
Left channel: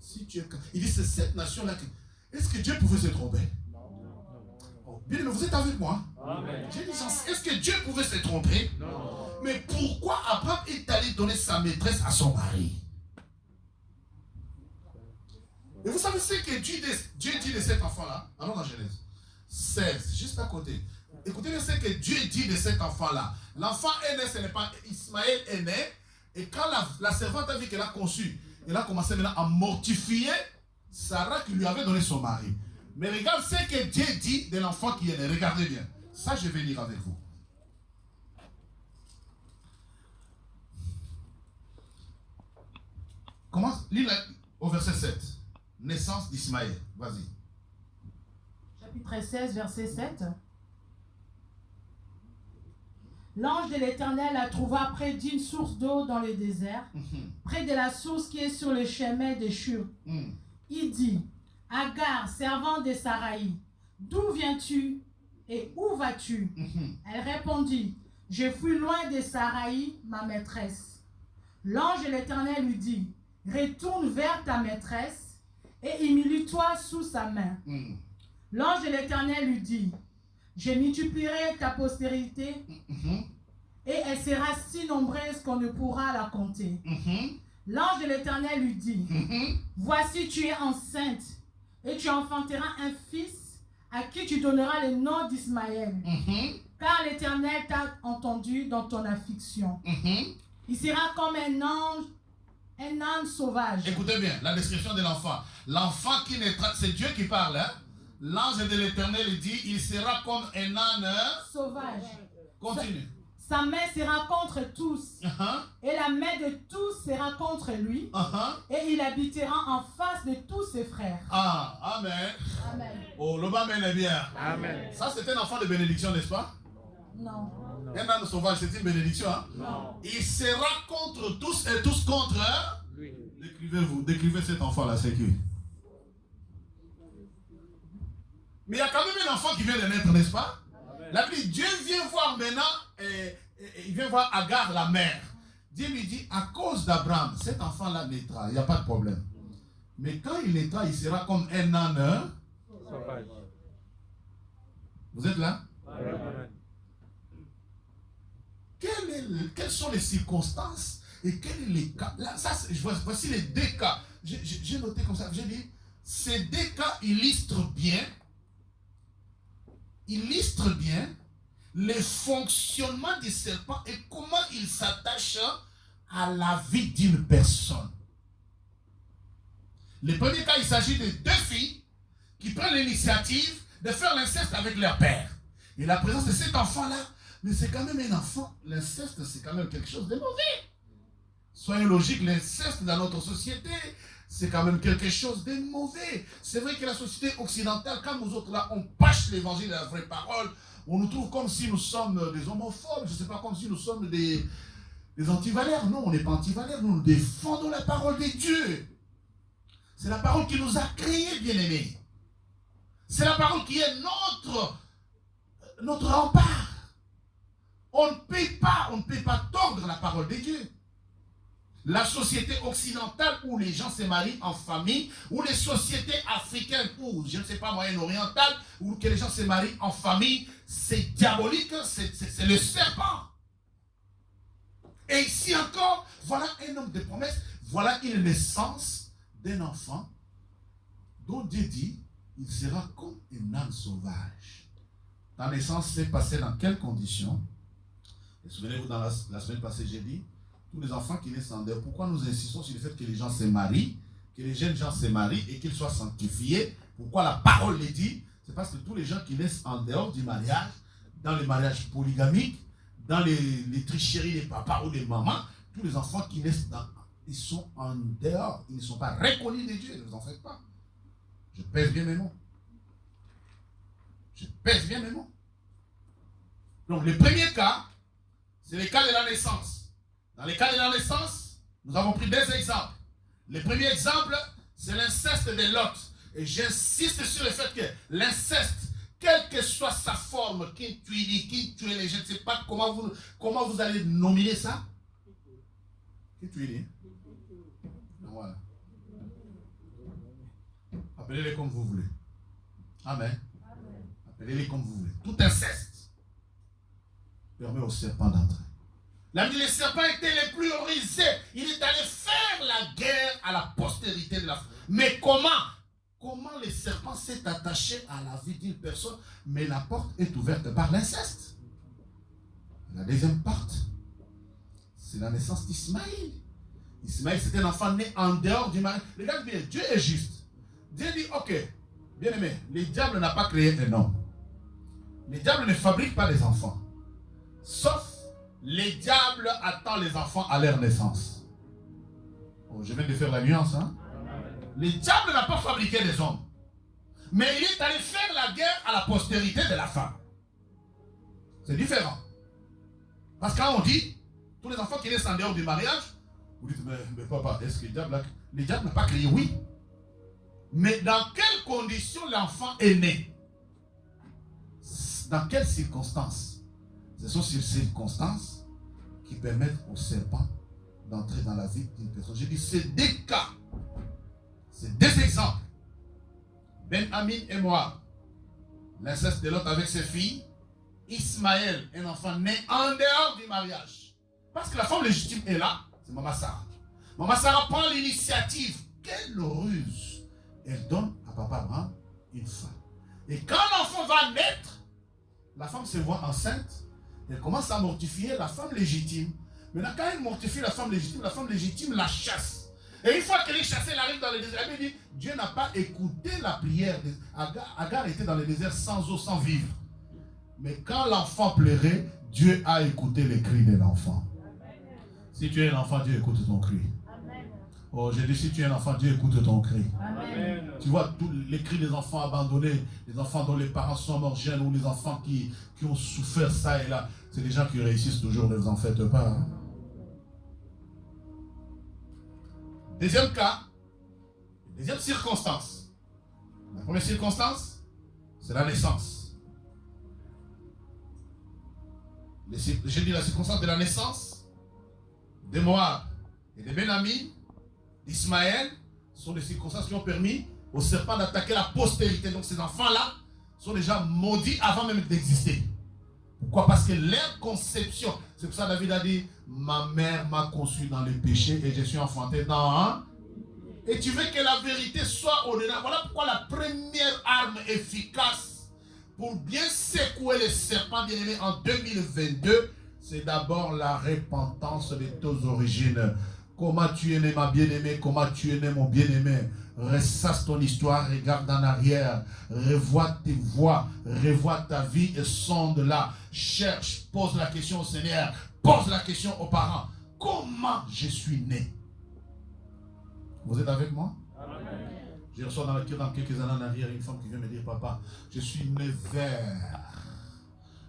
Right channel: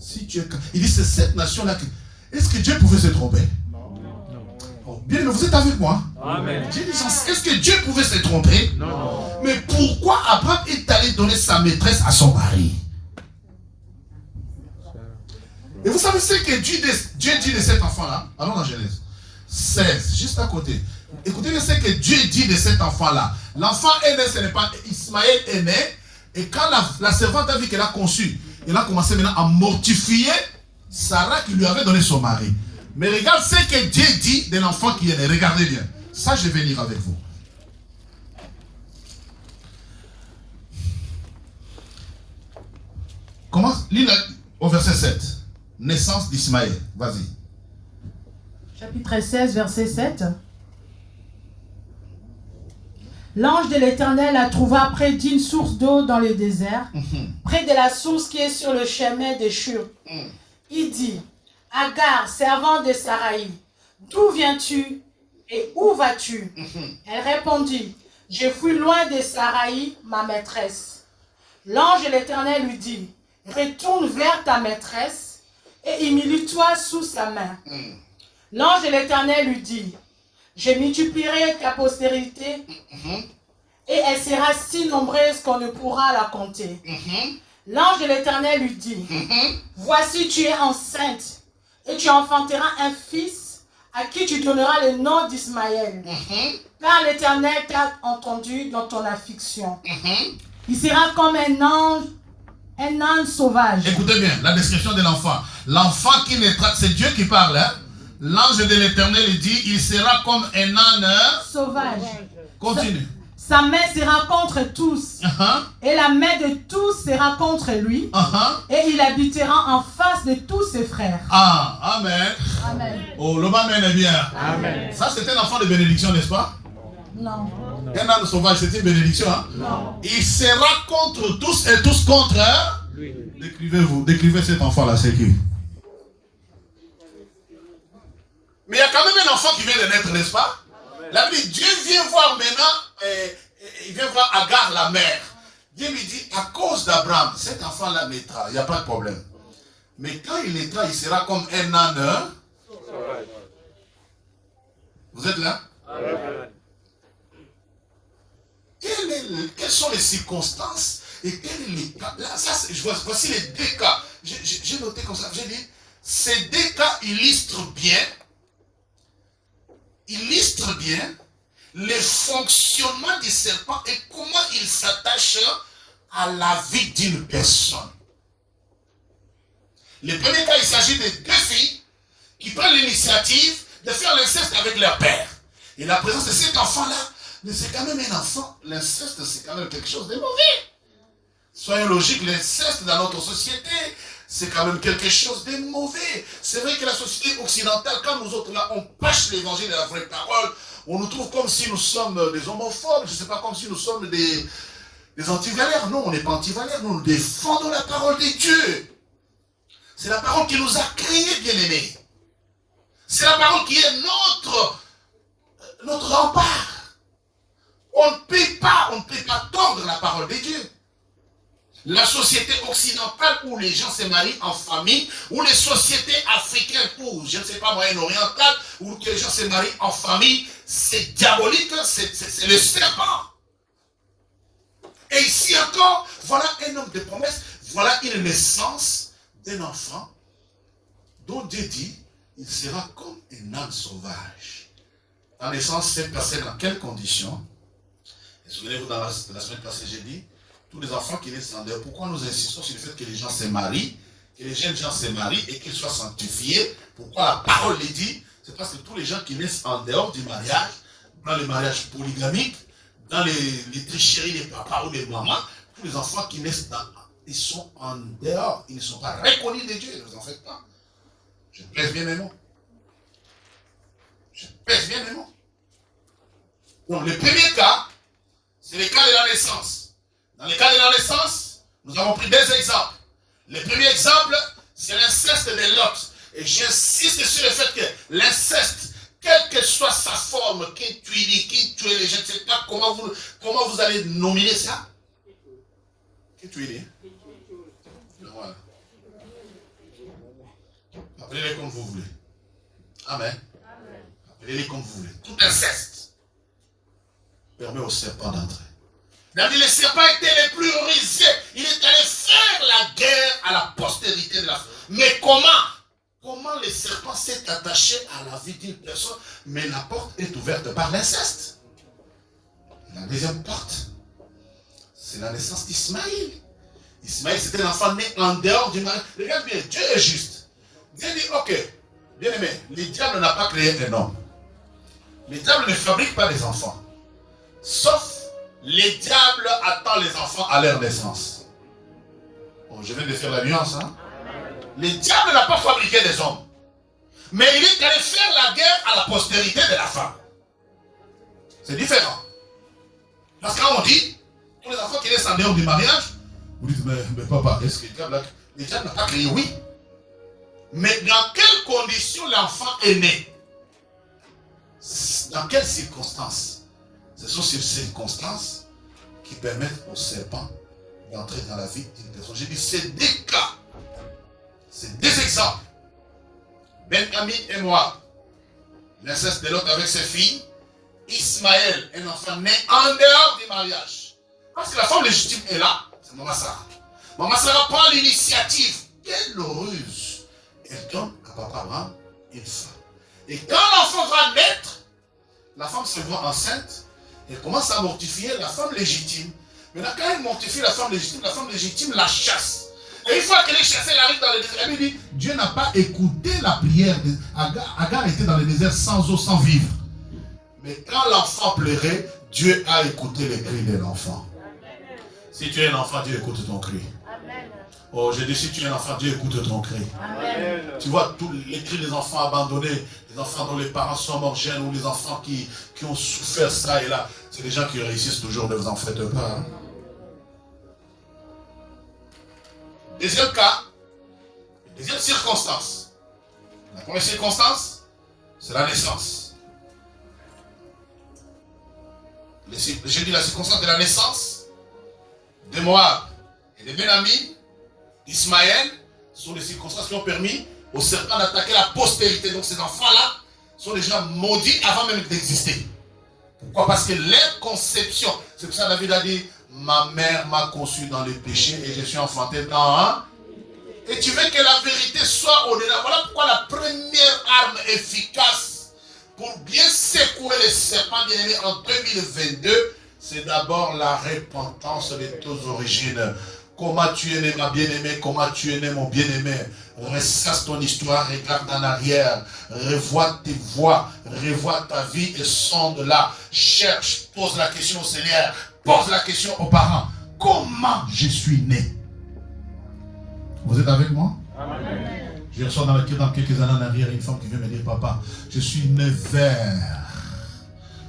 Si tu es... Il dit, c'est cette nation-là que... Est-ce que Dieu pouvait se tromper? Bien, mais vous êtes avec moi? Amen. Est-ce que Dieu pouvait se tromper? Non. Mais pourquoi Abraham est allé donner sa maîtresse à son mari? Et vous savez ce que Dieu dit de cet enfant-là? Allons dans Genèse 16, juste à côté. Écoutez ce que Dieu dit de cet enfant-là. L'enfant est né, ce n'est pas Ismaël est né. Et quand la servante a vu qu'elle a conçu, elle a commencé maintenant à mortifier Sarah qui lui avait donné son mari. Mais regarde ce que Dieu dit de l'enfant qui est né. Regardez bien. Ça, je vais lire avec vous. Commence, lis au verset 7. Naissance d'Ismaël. Vas-y. Chapitre 16, verset 7. L'ange de l'Éternel la trouva près d'une source d'eau dans le désert, près de la source qui est sur le chemin des Shur. Il dit, Agar, servante de Saraï, d'où viens-tu et où vas-tu? Elle répondit, je fuis loin de Saraï, ma maîtresse. L'ange de l'Éternel lui dit, retourne vers ta maîtresse et humilie-toi sous sa main. L'ange de l'Éternel lui dit, je multiplierai ta postérité et elle sera si nombreuse qu'on ne pourra la compter. L'ange de l'Éternel lui dit, voici tu es enceinte Et tu enfanteras un fils à qui tu donneras le nom d'Ismaël. Car l'Éternel t'a entendu dans ton affliction. Il sera comme un âne sauvage. Écoutez bien, la description de l'enfant. L'enfant qui naîtra, c'est Dieu qui parle. Hein? L'ange de l'Éternel dit, il sera comme un âne sauvage. Continue. Sa main sera contre tous. Et la main de tous sera contre lui. Et il habitera en face de tous ses frères. Ah, amen. Amen. Oh, le amen est bien. Amen. Ça, c'est un enfant de bénédiction, n'est-ce pas? Non. Un âne sauvage, c'est une bénédiction. Hein? Non. Il sera contre tous et tous contre lui. Décrivez cet enfant-là, c'est qui? Mais il y a quand même un enfant qui vient de naître, n'est-ce pas? La Bible dit, Dieu vient voir maintenant, il vient voir Agar, la mère. Dieu lui dit, à cause d'Abraham, cet enfant-là naîtra, il n'y a pas de problème. Mais quand il naîtra, il sera comme un âne. Vous êtes là? Quelles sont les circonstances et quels sont les cas? Là, voici les deux cas. J'ai noté comme ça, j'ai dit, ces deux cas illustrent bien le fonctionnement du serpent et comment il s'attache à la vie d'une personne. Le premier cas, il s'agit de deux filles qui prennent l'initiative de faire l'inceste avec leur père. Et la présence de cet enfant-là, c'est quand même un enfant. L'inceste, c'est quand même quelque chose de mauvais. Soyons logiques, l'inceste dans notre société, c'est quand même quelque chose de mauvais. C'est vrai que la société occidentale, quand nous autres là, on pâche l'évangile de la vraie parole, on nous trouve comme si nous sommes des homophobes, je ne sais pas, comme si nous sommes des anti-valeurs. Non, on n'est pas anti-valeurs, nous défendons la parole de Dieu. C'est la parole qui nous a créés, bien-aimés. C'est la parole qui est notre rempart. On ne peut pas tordre la parole de Dieu. La société occidentale où les gens se marient en famille, ou les sociétés africaines ou, je ne sais pas, moyen-orientales, où les gens se marient en famille, c'est diabolique, c'est le serpent. Et ici encore, voilà un homme de promesse, voilà une naissance d'un enfant dont Dieu dit, il sera comme un âne sauvage. La naissance s'est passée dans quelles conditions? Et souvenez-vous, dans la semaine passée, j'ai dit, tous les enfants qui naissent en dehors, pourquoi nous insistons sur le fait que les gens se marient, que les jeunes gens se marient et qu'ils soient sanctifiés? Pourquoi la parole les dit? C'est parce que tous les gens qui naissent en dehors du mariage, dans le mariage polygamique, dans les tricheries des papas ou des mamans, tous les enfants qui naissent ils sont en dehors, ils ne sont pas reconnus de Dieu, ne vous en faites pas. Je pèse bien mes mots. Je pèse bien mes mots. Donc le premier cas, c'est le cas de la naissance. Dans le cas de la naissance, nous avons pris deux exemples. Le premier exemple, c'est l'inceste de Lot. Et j'insiste sur le fait que l'inceste, quelle que soit sa forme, qui tue les gens, je ne sais pas comment vous allez nominer ça. Qui tue. Voilà. Appelez-les comme vous voulez. Amen. Appelez-les comme vous voulez. Tout inceste permet au serpent d'entrer. Le serpent était le plus rusé. Il est allé faire la guerre à la postérité de la femme. Mais comment le serpent s'est attaché à la vie d'une personne? Mais la porte est ouverte par l'inceste. La deuxième porte, c'est la naissance d'Ismaël. Ismaël, c'était un enfant né en dehors du mariage. Regarde bien, Dieu est juste. Dieu dit, ok, bien aimé, le diable n'a pas créé un homme. Le diable ne fabrique pas des enfants. Sauf les diables attendent les enfants à leur naissance. Oh, je viens de faire la nuance. Hein? Le diable n'a pas fabriqué des hommes. Mais il est allé faire la guerre à la postérité de la femme. C'est différent. Parce que quand on dit, tous les enfants qui naissent en dehors du mariage, vous dites, mais papa, est-ce que le diable n'a pas créé? Oui. Mais dans quelles conditions l'enfant est né? Dans quelles circonstances? Ce sont ces circonstances qui permettent au serpent d'entrer dans la vie d'une personne. J'ai dit, c'est deux cas. C'est deux exemples. Ben-Ami et moi, l'inceste de l'autre avec ses filles. Ismaël, un enfant né en dehors du mariage. Parce que la femme légitime est là, c'est Maman Sarah. Maman Sarah prend l'initiative. Quelle ruse! elle donne à papa Abraham une femme. Et quand l'enfant va naître, la femme se voit enceinte, elle commence à mortifier la femme légitime. Maintenant, quand elle mortifie la femme légitime la chasse. Et une fois qu'elle est chassée, elle arrive dans le désert. Elle lui dit, Dieu n'a pas écouté la prière. Agar était dans le désert sans eau, sans vivre. Mais quand l'enfant pleurait, Dieu a écouté les cris de l'enfant. Si tu es un enfant, Dieu écoute ton cri. Oh, je dis, si tu es un enfant, Dieu écoute ton cri. Amen. Tu vois, tous les cris des enfants abandonnés, les enfants dont les parents sont morts jeunes, ou les enfants qui ont souffert ça et là, c'est des gens qui réussissent toujours, ne vous en faites pas. Hein? Deuxième cas, deuxième circonstance. La première circonstance, c'est la naissance. J'ai dit la circonstance de la naissance de Moab et de Benjamin, d'Ismaël, sont des circonstances qui ont permis au serpent d'attaquer la postérité. Donc ces enfants-là sont des gens maudits avant même d'exister. Pourquoi? Parce que leur conception, c'est pour ça que David a dit, ma mère m'a conçu dans les péchés et je suis enfanté dans un. Et tu veux que la vérité soit au-delà. Voilà pourquoi la première arme efficace pour bien secouer les serpents bien-aimés en 2022, c'est d'abord la repentance de tes origines. Comment tu es né ma bien-aimée, comment tu es né mon bien-aimé. Ressasse ton histoire, regarde en arrière, revois tes voies, revois ta vie et sonde-la. Cherche, pose la question au Seigneur, pose la question aux parents. Comment je suis né? Vous êtes avec moi? Amen. Je reçois dans quelques années en arrière une femme qui vient me dire, papa, je suis né vert.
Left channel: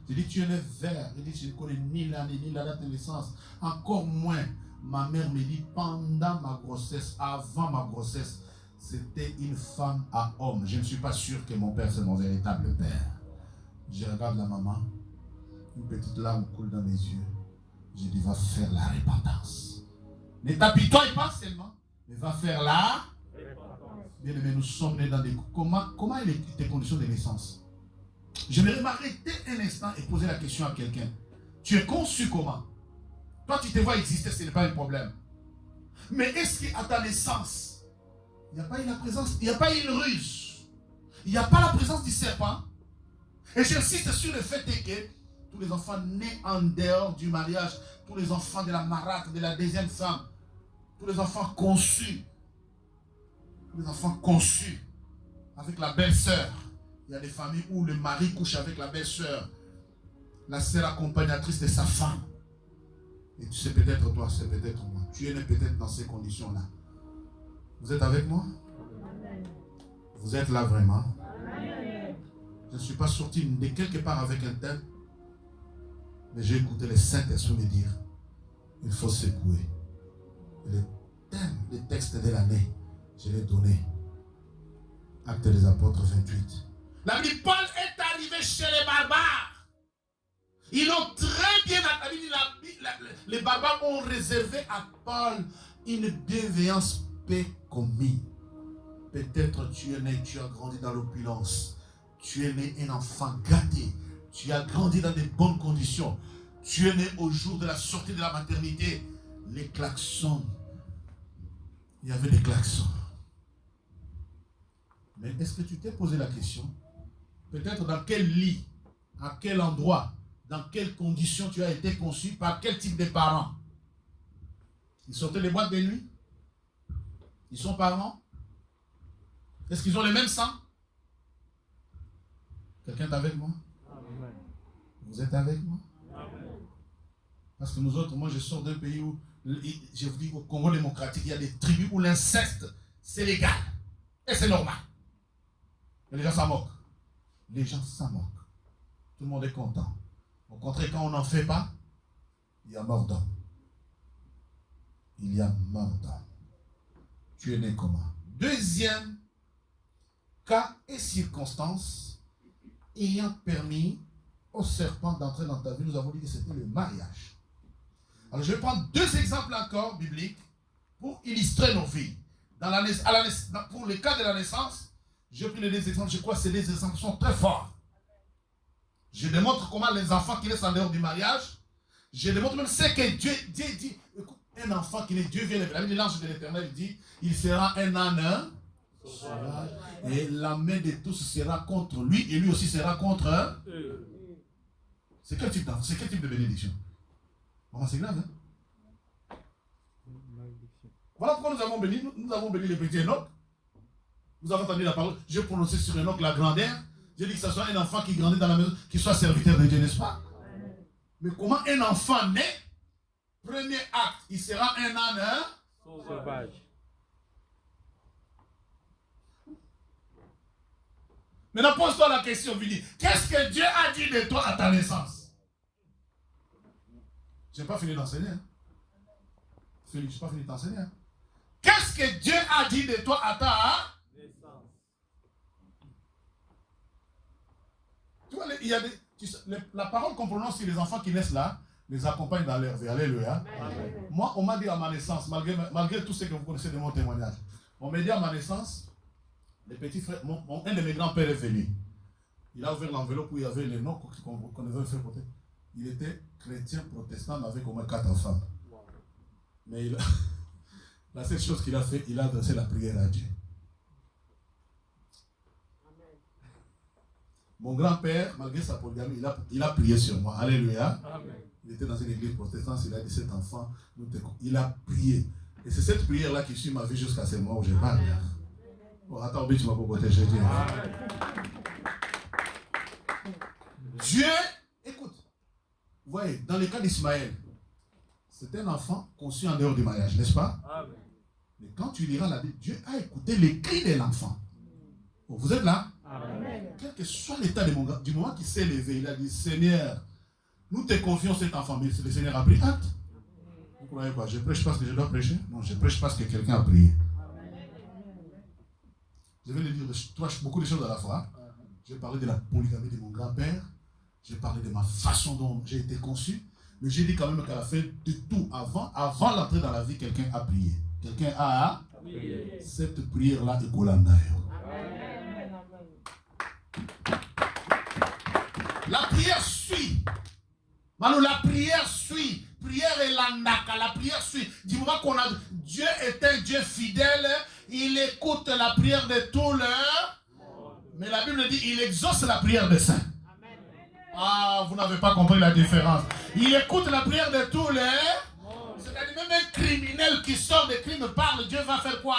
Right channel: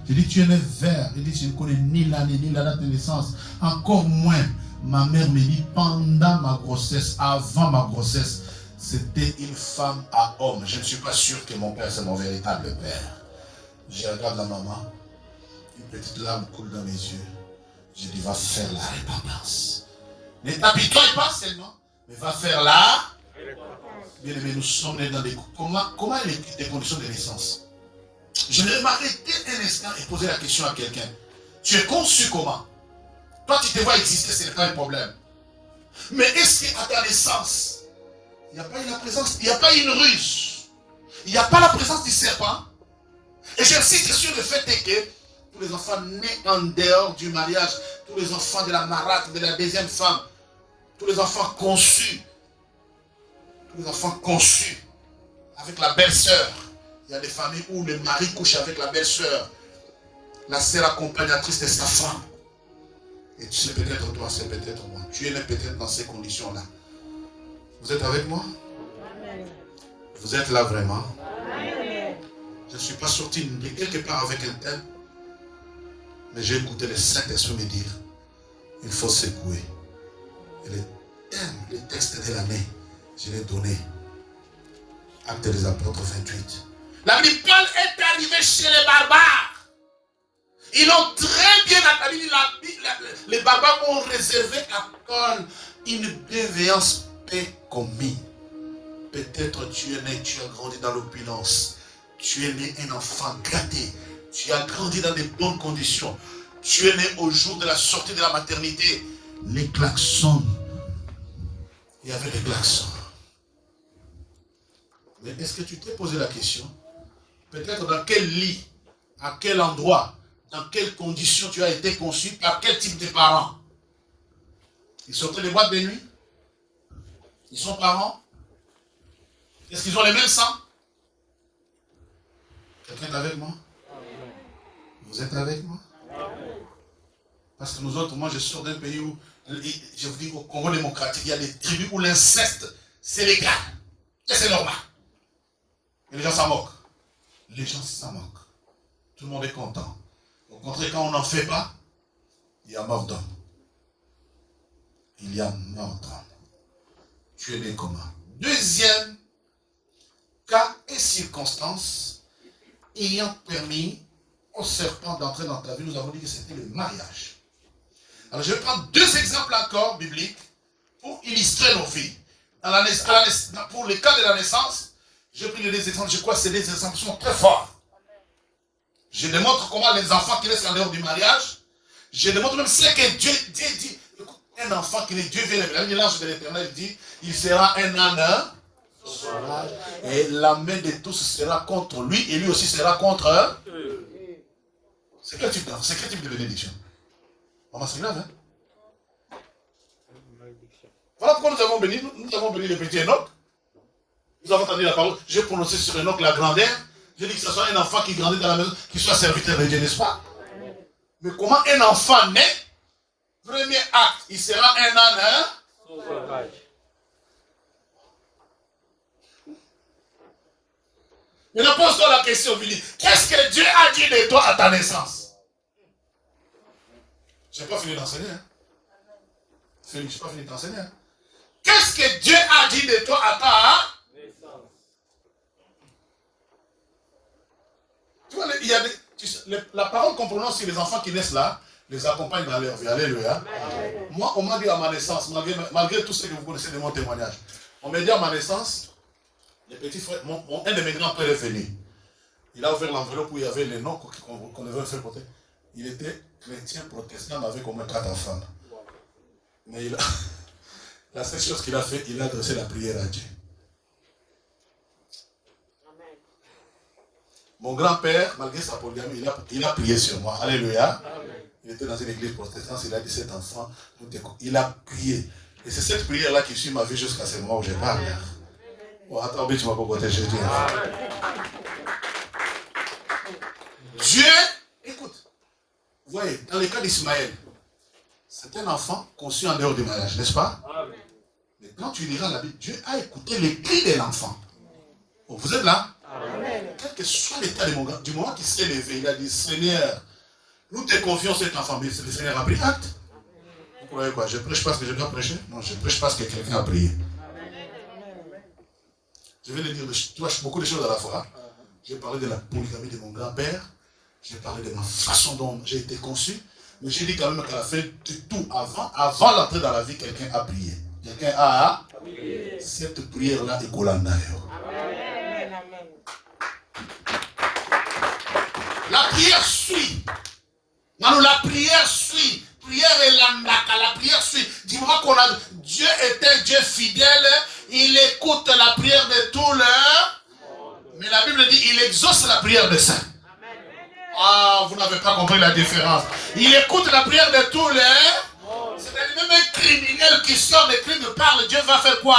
Je dis, tu es né vert. Je dis, je ne connais ni l'année, ni la date de naissance. Encore moins, ma mère me dit, pendant ma grossesse, avant ma grossesse, c'était une femme à homme. Je ne suis pas sûr que mon père, c'est mon véritable père. Je regarde la maman, une petite larme coule dans mes yeux. Je dis, va faire la repentance. Ne t'apitoie pas seulement, mais va faire la repentance. Bien aimé, nous sommes nés dans des... Comment est tes conditions de naissance? Je vais m'arrêter un instant et poser la question à quelqu'un. Tu es conçu comment? Toi, tu te vois exister, ce n'est pas un problème. Mais est-ce qu'à ta naissance, il n'y a pas eu la présence, il n'y a pas eu une ruse, il n'y a pas la présence du serpent? Et j'insiste sur le fait que tous les enfants nés en dehors du mariage, tous les enfants de la marâtre, de la deuxième femme, tous les enfants conçus avec la belle-sœur. Il y a des familles où le mari couche avec la belle-sœur, la sœur accompagnatrice de sa femme. Et tu sais, peut-être toi, c'est peut-être moi. Tu es né peut-être dans ces conditions-là. Vous êtes avec moi? Amen. Vous êtes là vraiment? Amen. Je ne suis pas sorti de quelque part avec un tel, mais j'ai écouté le Saint-Esprit me dire, il faut secouer. Et le texte de l'année, je l'ai donné. Actes des Apôtres 28. La Bible, Paul est arrivé chez les barbares. Ils ont très bien établi, les barbares ont réservé à Paul une bienveillance peu commune. Peut-être tu es né, tu as grandi dans l'opulence. Tu es né un enfant gâté. Tu as grandi dans de bonnes conditions. Tu es né au jour de la sortie de la maternité. Les klaxons. Il y avait des klaxons. Mais est-ce que tu t'es posé la question? Peut-être dans quel lit, à quel endroit, dans quelles conditions tu as été conçu, par quel type de parents? Ils sortaient des boîtes de nuit? Ils sont parents? Est-ce qu'ils ont les mêmes sangs? Quelqu'un est avec moi? Vous êtes avec moi? Parce que nous autres, moi je sors d'un pays où, je vous dis, au Congo démocratique, il y a des tribus où l'inceste, c'est légal. Et c'est normal. Et les gens s'en moquent. Les gens s'en moquent. Tout le monde est content. Au contraire, quand on n'en fait pas, il y a mort d'homme. Il y a mort d'homme. Tu es né comment? Deuxième cas et circonstance ayant permis au serpent d'entrer dans ta vie, nous avons dit que c'était le mariage. Alors je vais prendre deux exemples encore bibliques pour illustrer nos vies. Pour le cas de la naissance, j'ai pris les deux exemples, je crois que ces deux exemples sont très forts. Je démontre comment les enfants qui naissent en dehors du mariage, je démontre même ce que Dieu dit. Écoute, un enfant qui naît, Dieu vient, l'ange de l'Éternel dit, il sera un âne Et la main de tous sera contre lui et lui aussi sera contre eux. C'est quel type de bénédiction? Maman, c'est grave, hein? Voilà pourquoi nous avons béni le petit Enoch. Nous avons entendu la parole. J'ai prononcé sur Enoch la grandeur. J'ai dit que ce soit un enfant qui grandit dans la maison, qui soit serviteur de Dieu, n'est-ce pas? Mais comment un enfant naît? Premier acte, il sera un âne sauvage. Maintenant, pose-toi la question, Billy. Qu'est-ce que Dieu a dit de toi à ta naissance? Je n'ai pas fini d'enseigner. Hein? Je n'ai pas fini d'enseigner. Hein? Qu'est-ce que Dieu a dit de toi à ta naissance? Tu vois, il y a la parole qu'on prononce sur les enfants qui naissent là, les accompagne dans leur vie. Alléluia. Moi, on m'a dit à ma naissance, malgré tout ce que vous connaissez de mon témoignage, on m'a dit à ma naissance, les petits frères, un de mes grands-pères est venu. Il a ouvert l'enveloppe où il y avait les noms qu'on devait faire porter. Il était chrétien, protestant, il avait au moins 4 enfants. Mais la seule chose qu'il a fait, il a adressé la prière à Dieu. Mon grand-père, malgré sa polygamie, il a prié sur moi. Alléluia. Amen. Il était dans une église protestante, il a 17 enfants. Il a prié. Et c'est cette prière-là qui suit ma vie jusqu'à ce moment où je parle. Oh, attends, tu m'as pas protégé. Dieu, écoute, vous voyez, dans le cas d'Ismaël, c'est un enfant conçu en dehors du mariage, n'est-ce pas? Amen. Mais quand tu liras la Bible, Dieu a écouté les cris de l'enfant. Oh, vous êtes là? Amen. Quel que soit l'état de mon gars, du moment qu'il s'est levé, il a dit, Seigneur, nous te confions cet enfant, mais le Seigneur a pris acte. Vous croyez quoi? Je prêche parce que je dois prêcher? Non, je prêche parce que quelqu'un a prié. Je vais le dire beaucoup de choses à la fois. J'ai parlé de la polygamie de mon grand-père. J'ai parlé de ma façon dont j'ai été conçu. Mais j'ai dit quand même qu'à la fin de tout, avant l'entrée dans la vie, quelqu'un a prié. Quelqu'un a prié. Cette prière-là est Golandayo. La prière suit. Manu, la prière suit. Prière est l'andaka. La prière suit. Du moment qu'on a Dieu est un Dieu fidèle, il écoute la prière de tous les. Mais la Bible dit il exauce la prière des saints. Ah, vous n'avez pas compris la différence. Il écoute la prière de tous les. C'est-à-dire même un criminel qui sort des crimes parle, Dieu va faire quoi?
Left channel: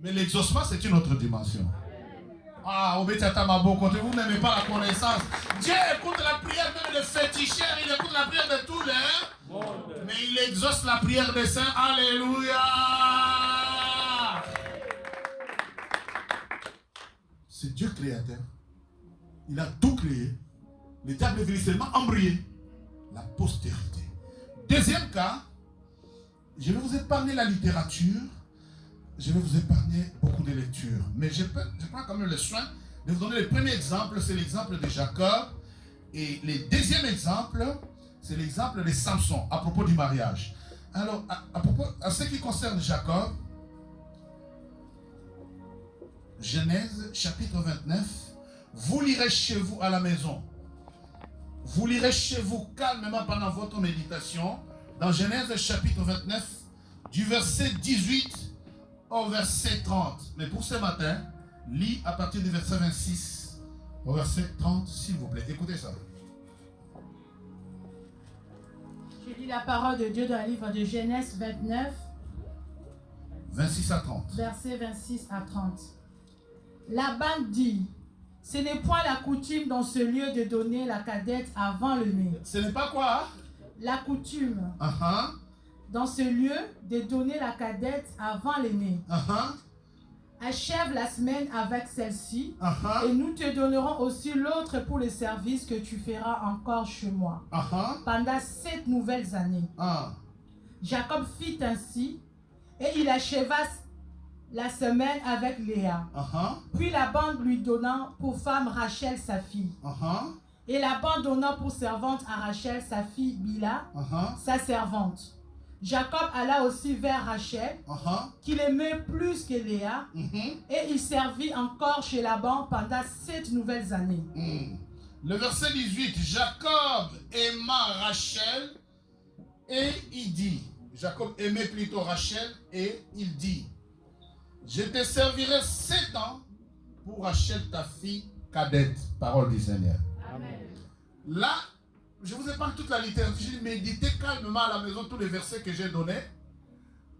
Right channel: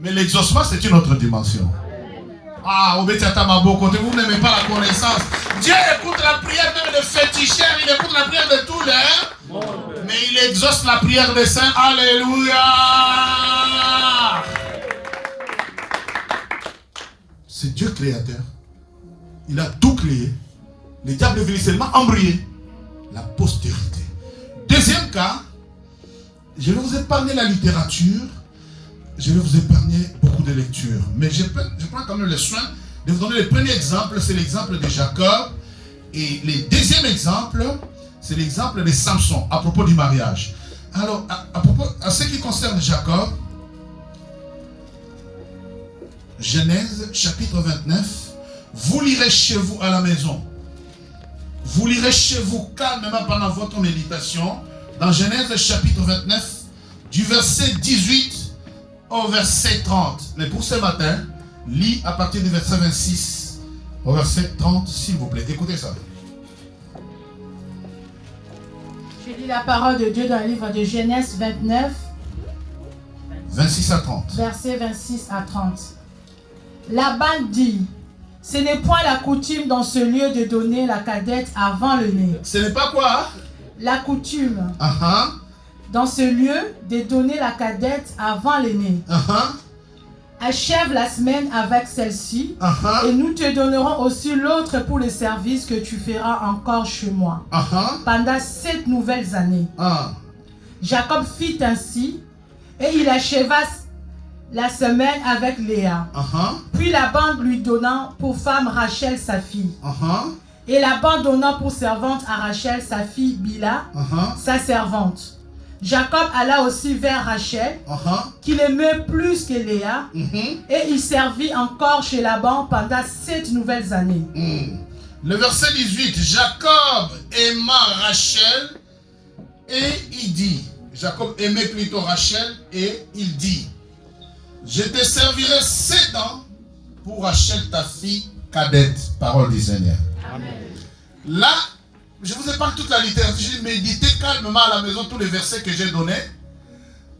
Mais l'exaucement, c'est une autre dimension. Ah, vous n'aimez pas la connaissance. Dieu écoute la prière même des féticheurs, il écoute la prière de tous les. Mais il exauce la prière des saints. Alléluia. C'est Dieu créateur. Il a tout créé. Le diable est venu seulement embrayer la postérité. Deuxième cas, je vais vous épargner la littérature. Je vais vous épargner beaucoup de lectures. Mais je prends quand même le soin de vous donner le premier exemple, c'est l'exemple de Jacob. Et le deuxième exemple, c'est l'exemple de Samson, à propos du mariage. Alors, à ce qui concerne Jacob, Genèse chapitre 29, vous lirez chez vous à la maison. Vous lirez chez vous calmement pendant votre méditation, dans Genèse chapitre 29, du verset 18 au verset 30. Mais pour ce matin, lis à partir du verset 26 au verset 30, s'il vous plaît. Écoutez ça. Je lis la parole de Dieu dans le livre de Genèse 29, 26 à 30. Verset 26 à 30. Laban dit, ce n'est point la coutume dans ce lieu de donner la cadette avant le né. Ce n'est pas quoi? La coutume. Uh-huh. Dans ce lieu, de donner la cadette avant l'aîné. Achève la semaine avec celle-ci, et nous te donnerons aussi l'autre pour le service que tu feras encore chez moi, pendant 7 nouvelles années. Jacob fit ainsi, et il acheva la semaine avec Léa. Puis Laban lui donnant pour femme Rachel sa fille. Et Laban donnant pour servante à Rachel sa fille Bila, sa servante. Jacob alla aussi vers Rachel, qu'il aimait plus que Léa, et il servit encore chez Laban pendant 7 nouvelles années. Le verset 18, Jacob aima Rachel, et il dit, Jacob aimait plutôt Rachel, et il dit, Je te servirai 7 ans pour acheter ta fille cadette. Parole du Seigneur. Amen. Là, je vous épargne toute la littérature. Je méditez calmement à la maison tous les versets que j'ai donnés.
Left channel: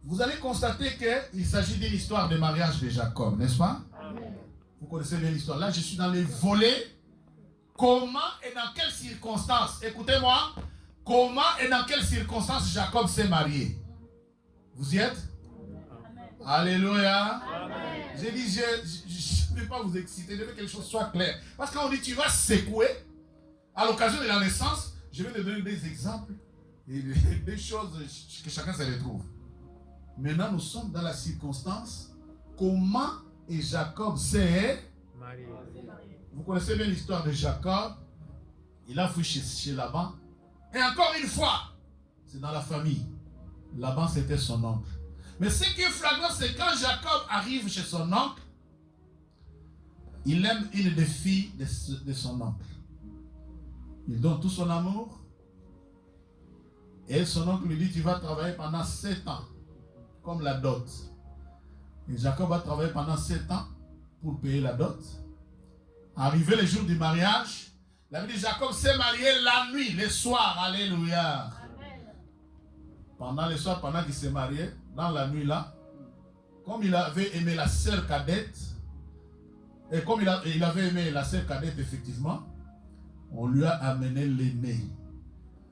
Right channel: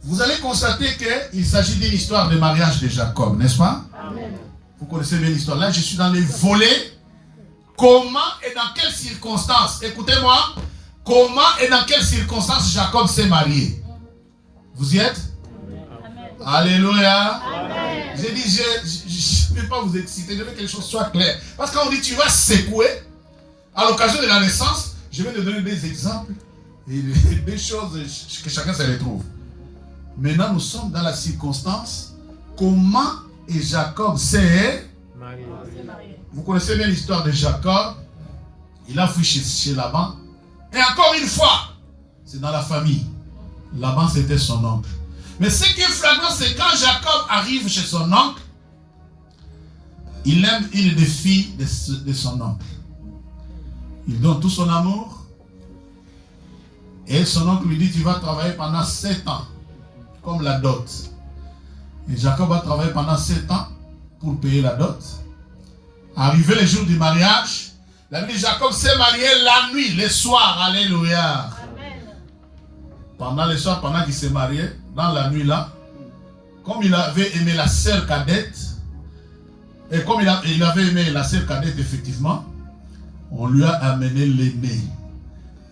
Vous allez constater qu'il s'agit d'une histoire de mariage de Jacob, n'est-ce pas? Amen. Vous connaissez bien l'histoire. Là, je suis dans les volets. Comment et dans quelles circonstances, écoutez-moi, comment et dans quelles circonstances Jacob s'est marié? Vous y êtes? Amen. Alléluia. Amen. J'ai dit, je ne vais pas vous exciter, je veux que les choses soient claires. Parce que quand on dit tu vas secouer, à l'occasion de la naissance, je vais te donner des exemples et des choses que chacun se retrouve. Maintenant, nous sommes dans la circonstance, comment et Jacob s'est marié. Vous connaissez bien l'histoire de Jacob. Il a fui chez Laban. Et encore une fois, c'est dans la famille. Laban, c'était son oncle. Mais ce qui est flagrant, c'est quand Jacob arrive chez son oncle, il aime une des filles de son oncle. Il donne tout son amour. Et son oncle lui dit, tu vas travailler pendant 7 ans, comme la dot. Et Jacob va travailler pendant 7 ans pour payer la dot. Arrivé le jour du mariage, la vie de Jacob s'est marié la nuit, le soir. Alléluia. Amen. Pendant le soir, pendant qu'il s'est marié, dans la nuit là, comme il avait aimé la sœur cadette, et comme il avait aimé la sœur cadette, effectivement, on lui a amené l'aîné.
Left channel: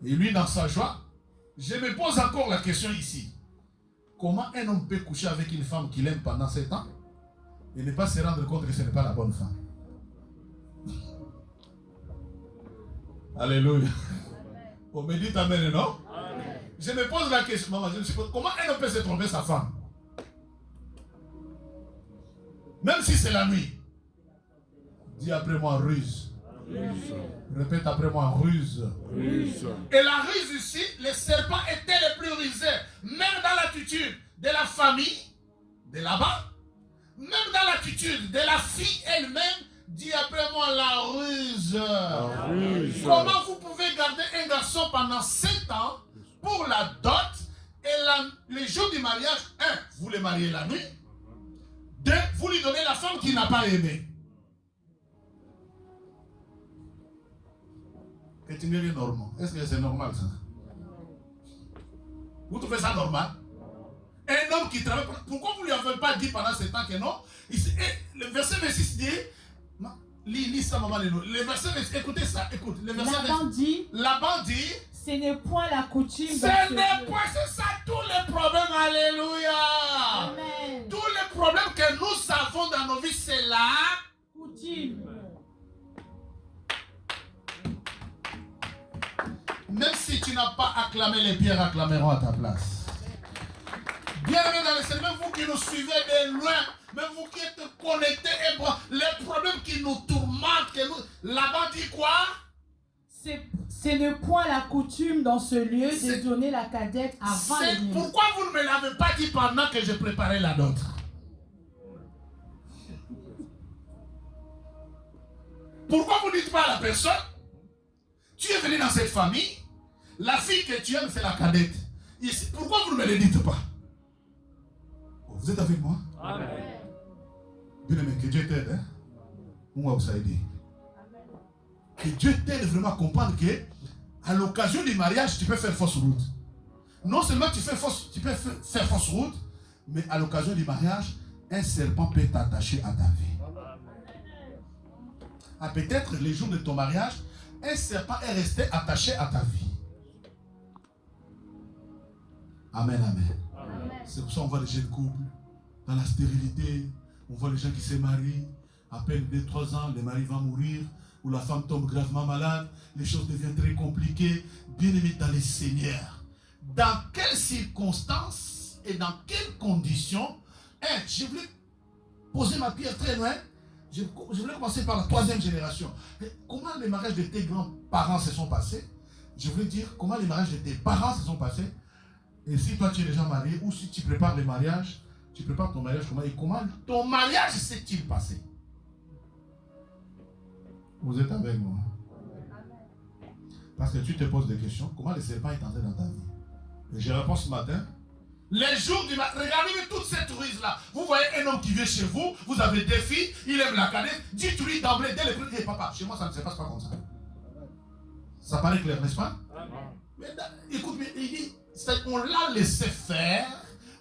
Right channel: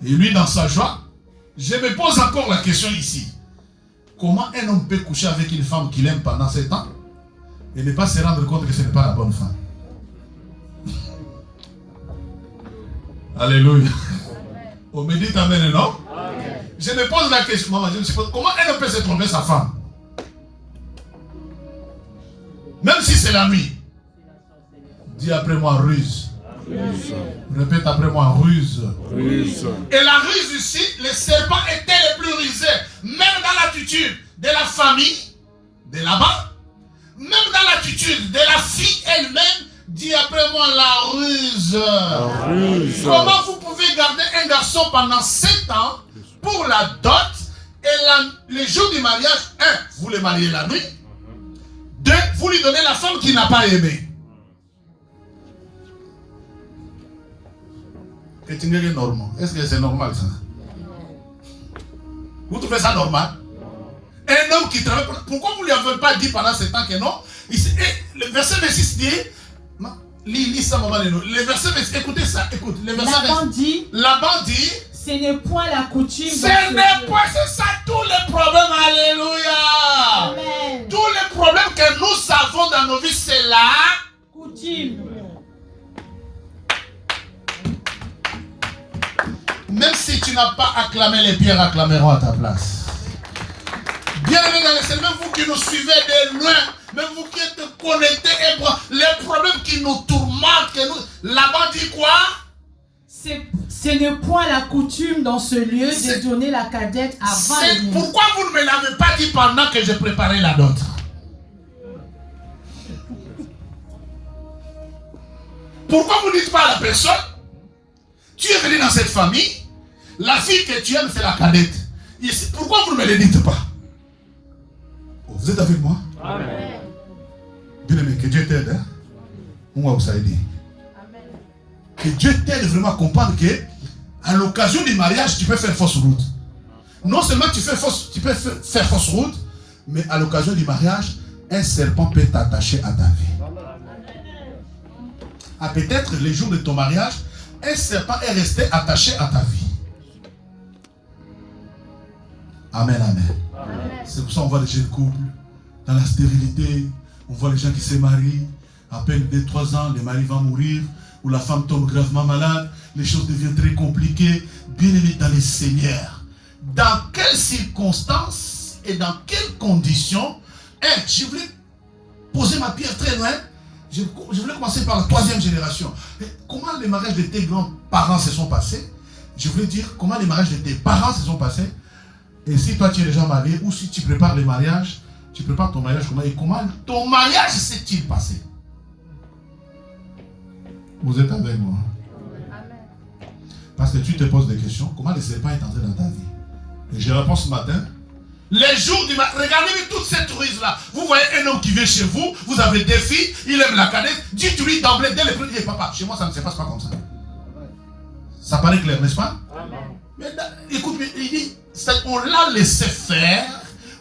Et lui, dans sa joie, je me pose encore la question ici. Comment un homme peut coucher avec une femme qu'il aime pendant 7 ans et ne pas se rendre compte que ce n'est pas la bonne femme? Alléluia. On me dit amen, non? Amen. Je me pose la question, maman, je me pose, comment un homme peut se tromper sa femme? Même si c'est la nuit. Dis après moi ruse. Ruse. Répète après moi ruse. Ruse. Et la ruse ici, les serpents étaient les plus rusés. Même dans l'attitude de la famille de là-bas, même dans l'attitude de la fille elle-même. Dis après moi la ruse. La ruse. Comment vous pouvez garder un garçon pendant 7 ans pour la dot et les jours du mariage, 1, vous le mariez la nuit. 2, vous lui donnez la femme qu'il n'a pas aimée. Est-ce que c'est normal ça? Vous trouvez ça normal? Un homme qui travaille, pourquoi vous ne lui avez pas dit pendant 7 ans que non? Le verset 26 dit, lis ça, maman. Le verset 26, écoutez ça, écoute. Laban dit, ce n'est point la coutume. Ce n'est point, c'est ça tous les problèmes, alléluia. Amen. Tous les problèmes que nous avons dans nos vies, c'est la coutume. Même si tu n'as pas acclamé, les pierres acclameront à ta place. Bien-aimés dans le Seigneur, même vous qui nous suivez de loin, même vous qui êtes connectés, les problèmes qui nous tourmentent, là-bas dit quoi? Ce n'est point la coutume dans ce lieu de donner la cadette avant le. Pourquoi vous ne me l'avez pas dit pendant que je préparais la dot? Pourquoi vous ne dites pas à la personne, tu es venu dans cette famille, la fille que tu aimes c'est la cadette. Ici, pourquoi vous ne me le dites pas? Vous êtes avec moi? Amen. Bien aimé, que Dieu t'aide. Hein? On va vous aider. Que Dieu t'aide vraiment à comprendre que à l'occasion du mariage, tu peux faire fausse route. Non seulement tu peux faire fausse route, mais à l'occasion du mariage, un serpent peut t'attacher à ta vie. Ah, peut-être les jours de ton mariage, un serpent est resté attaché à ta vie. Amen, amen. Amen. C'est pour ça qu'on voit les jeunes couples dans la stérilité. On voit les gens qui se marient. À peine 2-3 ans, le mari va mourir. Ou la femme tombe gravement malade. Les choses deviennent très compliquées. Bien aimés dans les Seigneurs. Dans quelles circonstances et dans quelles conditions? Je voulais poser ma pierre très loin. Je voulais commencer par la 3e génération. Comment les mariages de tes grands-parents se sont passés? Je voulais dire comment les mariages de tes parents se sont passés. Et si toi tu es déjà marié, ou si tu prépares le mariage, tu prépares ton mariage comment? Et comment ton mariage s'est-il passé? Vous êtes avec moi? Parce que tu te poses des questions. Comment le serpent est entré dans ta vie? Et je réponds ce matin. Les jours du matin, regardez toute cette ruse-là. Vous voyez un homme qui vient chez vous, vous avez des filles, il aime la cadette, dites-lui d'emblée, dès le premier, il dit, papa, chez moi ça ne se passe pas comme ça. Ça paraît clair, n'est-ce pas? Mais écoute, il dit, on l'a laissé faire,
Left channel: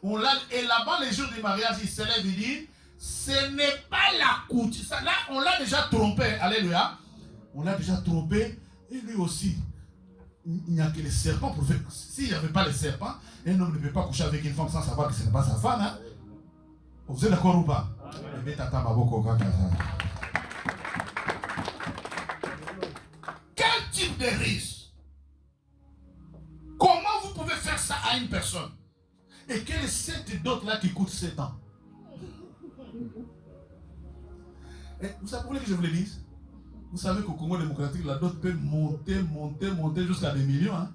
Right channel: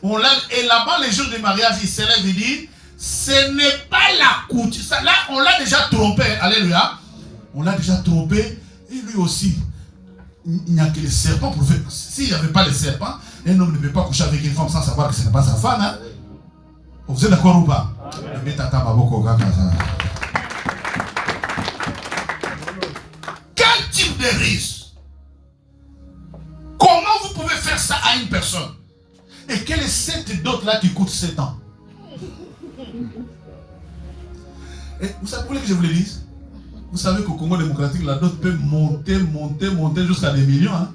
et là-bas, les jours du mariage, il s'élève, il dit, ce n'est pas la coutume. Là, on l'a déjà trompé, alléluia. On l'a déjà trompé, et lui aussi. Il n'y a que les serpents pour faire. S'il n'y avait pas les serpents, un homme ne peut pas coucher avec une femme sans savoir que ce n'est pas sa femme. Hein? Vous êtes d'accord ou pas? Quel type de risque? Comment vous pouvez faire ça à une personne? Et quelle est cette dot-là qui coûte 7 ans? Et vous savez que je vous le dise? Vous savez qu'au Congo démocratique, la dot peut monter jusqu'à des millions. Hein?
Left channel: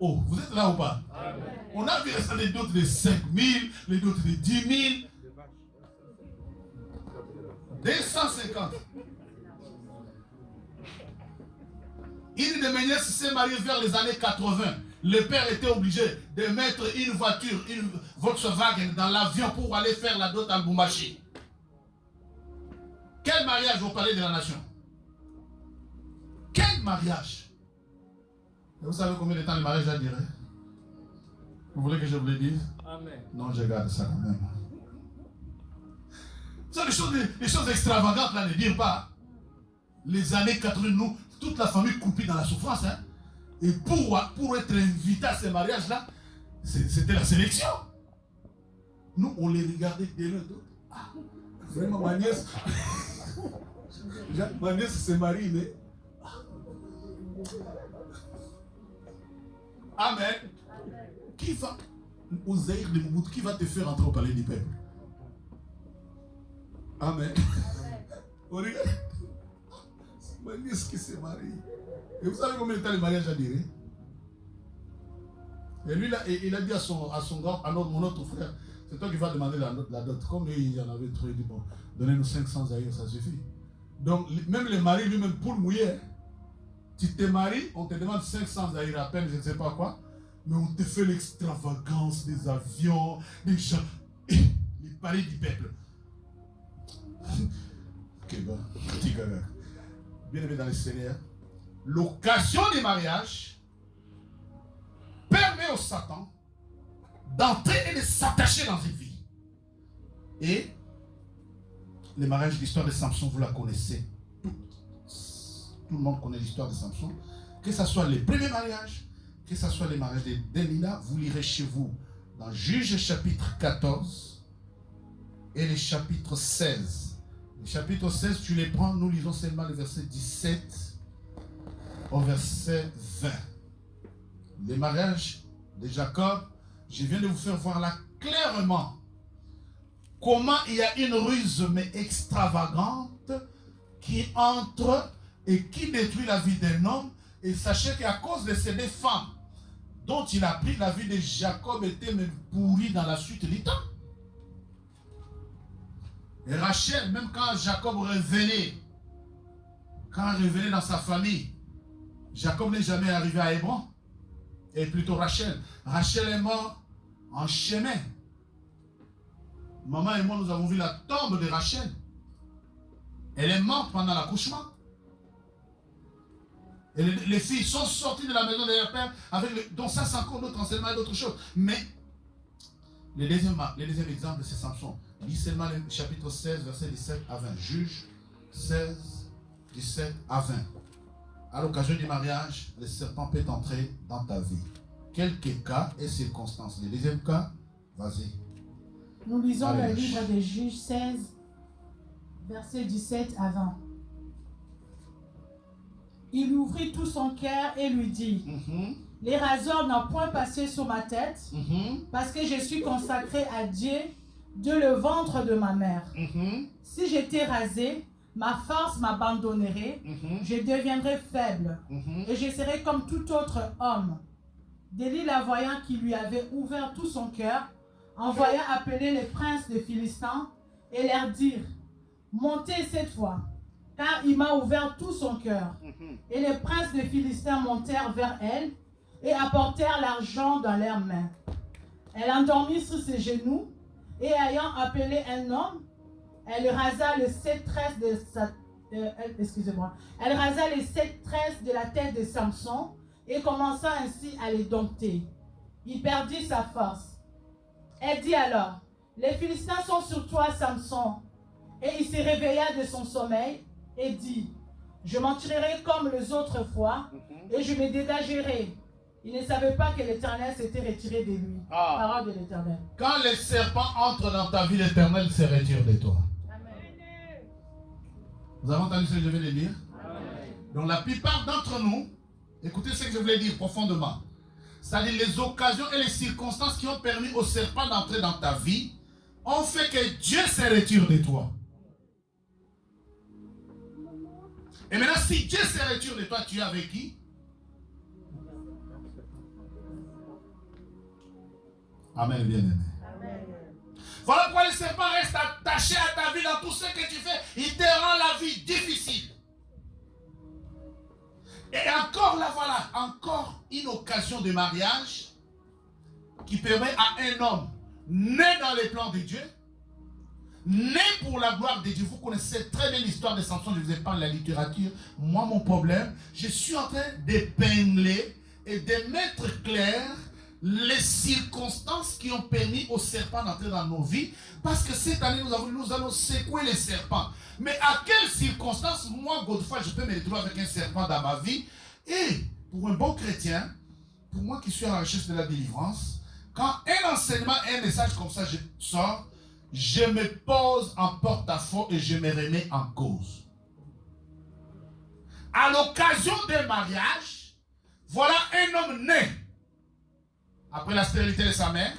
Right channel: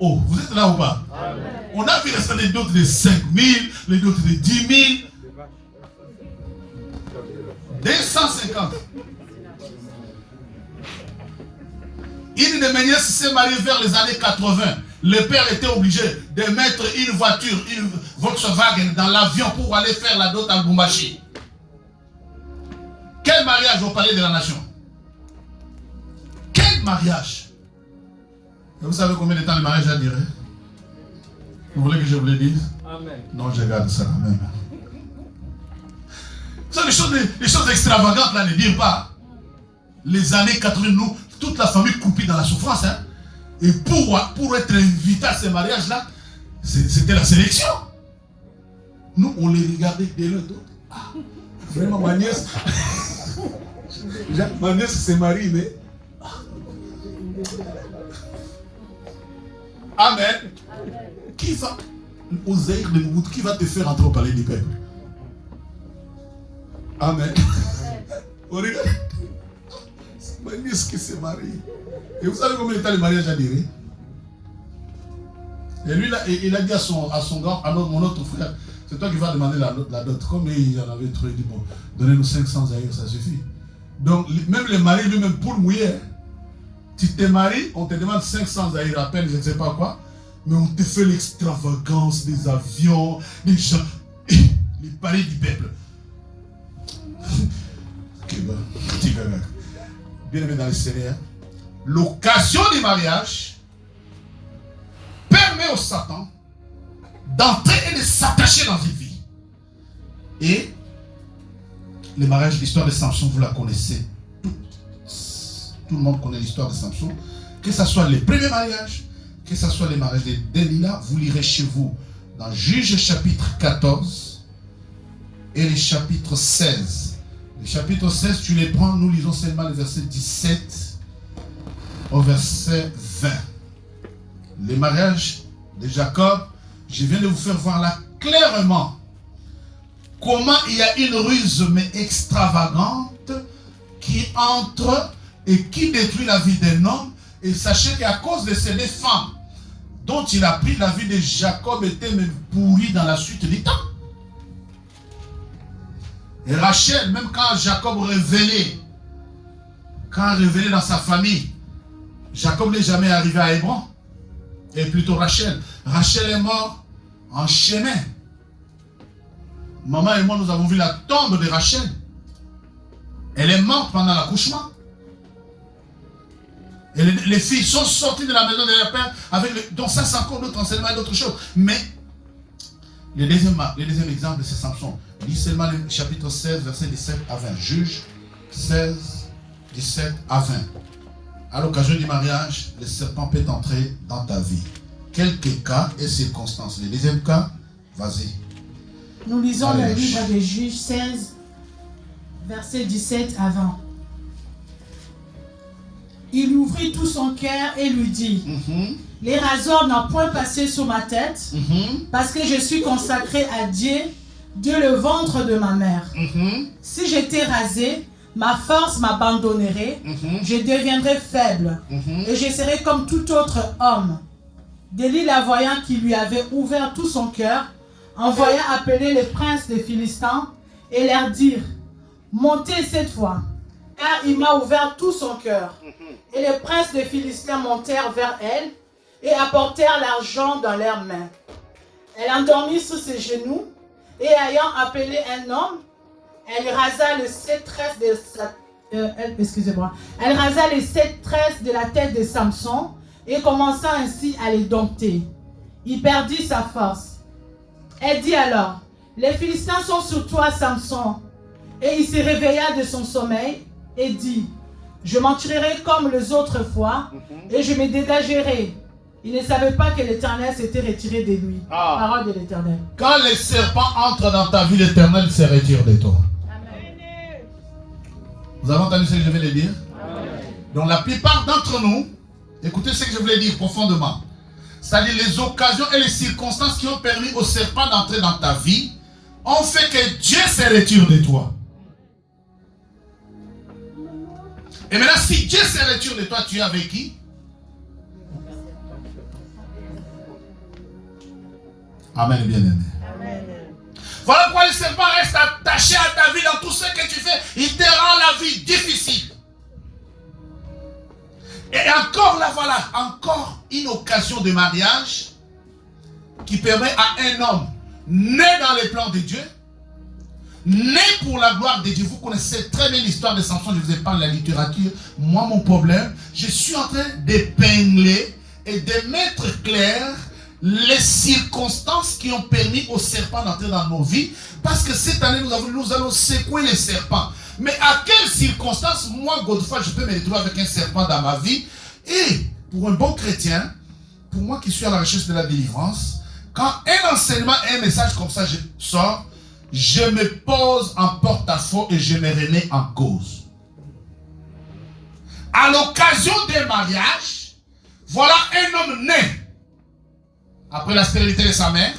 Oh, vous êtes là ou pas? Amen. On a vu les dots de 5 000, les dots de 10 000, 250. Une de mes nièces s'est mariée vers les années 80. Le père était obligé de mettre une voiture, une Volkswagen dans l'avion pour aller faire la dot à Lubumbashi. Quel mariage au palais de la nation? Quel mariage? Et vous savez combien de temps le mariage a duré? Vous voulez que je vous le dise? Amen. Non, je garde ça quand même. Ça, les choses extravagantes là, ne dire pas. Les années 80, nous, toute la famille coupée dans la souffrance. Hein? Et pour être invité à ce mariage-là, c'était la sélection. Nous, on les regardait de l'un d'autre. Ah, vraiment, ma nièce. Ma nièce s'est mariée, mais. Amen. Qui va, aux Zaïre de Mouboutou, qui va te faire entrer au palais du peuple? Amen. Regarde. Ma nièce qui s'est mariée. Et vous savez combien de temps le mariage a duré? Et lui, là, il a dit à son grand, à mon autre frère, c'est toi qui vas demander la dot. Comme il en avait trop, il dit, bon, donnez-nous 500 Zaïre, ça suffit. Donc, même le mari lui-même, pour le mouiller, tu te maries, on te demande 500 Zaïre à peine, je ne sais pas quoi, mais on te fait l'extravagance des avions, des gens, les palais du peuple. Bien aimé dans le Seigneur, l'occasion du mariage permet au Satan d'entrer et de s'attacher dans une vie. Et le mariage, l'histoire de Samson, vous la connaissez. Tout le monde connaît l'histoire de Samson. Que ce soit les premiers mariages, que ce soit les mariages de Delilah, vous lirez chez vous dans Juge chapitre 14 et le chapitre 16. Le chapitre 16, tu les prends, nous lisons seulement le verset 17 au verset 20. Les mariages de Jacob, je viens de vous faire voir là clairement comment il y a une ruse mais extravagante qui entre et qui détruit la vie d'un homme. Et sachez qu'à cause de ces deux femmes dont il a pris, la vie de Jacob était même pourrie dans la suite du temps. Et Rachel, même quand Jacob revenait, dans sa famille, Jacob n'est jamais arrivé à Hébron. Et plutôt Rachel. Rachel est morte en chemin. Maman et moi, nous avons vu la tombe de Rachel. Elle est morte pendant l'accouchement. Et les filles sont sorties de la maison de leur père, donc ça c'est encore d'autres enseignements et d'autres choses. Mais le deuxième exemple, c'est Samson. Lis seulement le chapitre 16, verset 17 à 20. Juge 16, 17 à 20. À l'occasion du mariage, le serpent peut entrer dans ta vie. Quelques cas et circonstances. Le deuxième cas, vas-y. Nous lisons le livre des Juges 16, verset 17 à 20. Il ouvrit tout son cœur et lui dit, les rasoirs n'ont point passé sur ma tête, parce que je suis consacré à Dieu, Dieu le ventre de ma mère. Si j'étais rasé, ma force m'abandonnerait, je deviendrais faible, et je serais comme tout autre homme. Delilah, voyant qu'il lui avait ouvert tout son cœur, envoya appeler les princes des Philistins et leur dire, montez cette fois, car il m'a ouvert tout son cœur. Et les princes des Philistins montèrent vers elle, et apportèrent l'argent dans leurs mains. Elle endormit sous ses genoux et ayant appelé un homme, elle rasa les 7 tresses de sa... Elle rasa les 7 tresses de la tête de Samson et commença ainsi à les dompter. Il perdit sa force. Elle dit alors, les Philistins sont sur toi, Samson. Et il se réveilla de son sommeil et dit, je m'en tirerai comme les autres fois et je me dégagerai. Il ne savait pas que l'Éternel s'était retiré de lui. Parole de l'Éternel. Quand les serpents entrent dans ta vie, l'Éternel se retire de toi. Amen. Vous avez entendu ce que je viens de dire? Amen. Donc la plupart d'entre nous, écoutez ce que je voulais dire profondément. C'est-à-dire les occasions et les circonstances qui ont permis aux serpents d'entrer dans ta vie ont fait que Dieu se retire de toi. Et maintenant, si Dieu se retire de toi, tu es avec qui? Amen, bien-aimé. Voilà pourquoi le serpent reste attaché à ta vie dans tout ce que tu fais. Il te rend la vie difficile. Et encore là, voilà, encore une occasion de mariage qui permet à un homme né dans les plans de Dieu, né pour la gloire de Dieu. Vous connaissez très bien l'histoire de Samson, je vous ai parlé de la littérature. Moi, mon problème, je suis en train d'épingler et de mettre clair les circonstances qui ont permis aux serpents d'entrer dans nos vies. Parce que cette année, nous allons secouer les serpents. Mais à quelles circonstances, moi, Godefroy, je peux me retrouver avec un serpent dans ma vie? Et pour un bon chrétien, pour moi qui suis à la recherche de la délivrance, quand un enseignement, un message comme ça sort, je me pose en porte-à-faux et je me remets en cause. À l'occasion d'un mariage, voilà un homme né après la stérilité de sa mère.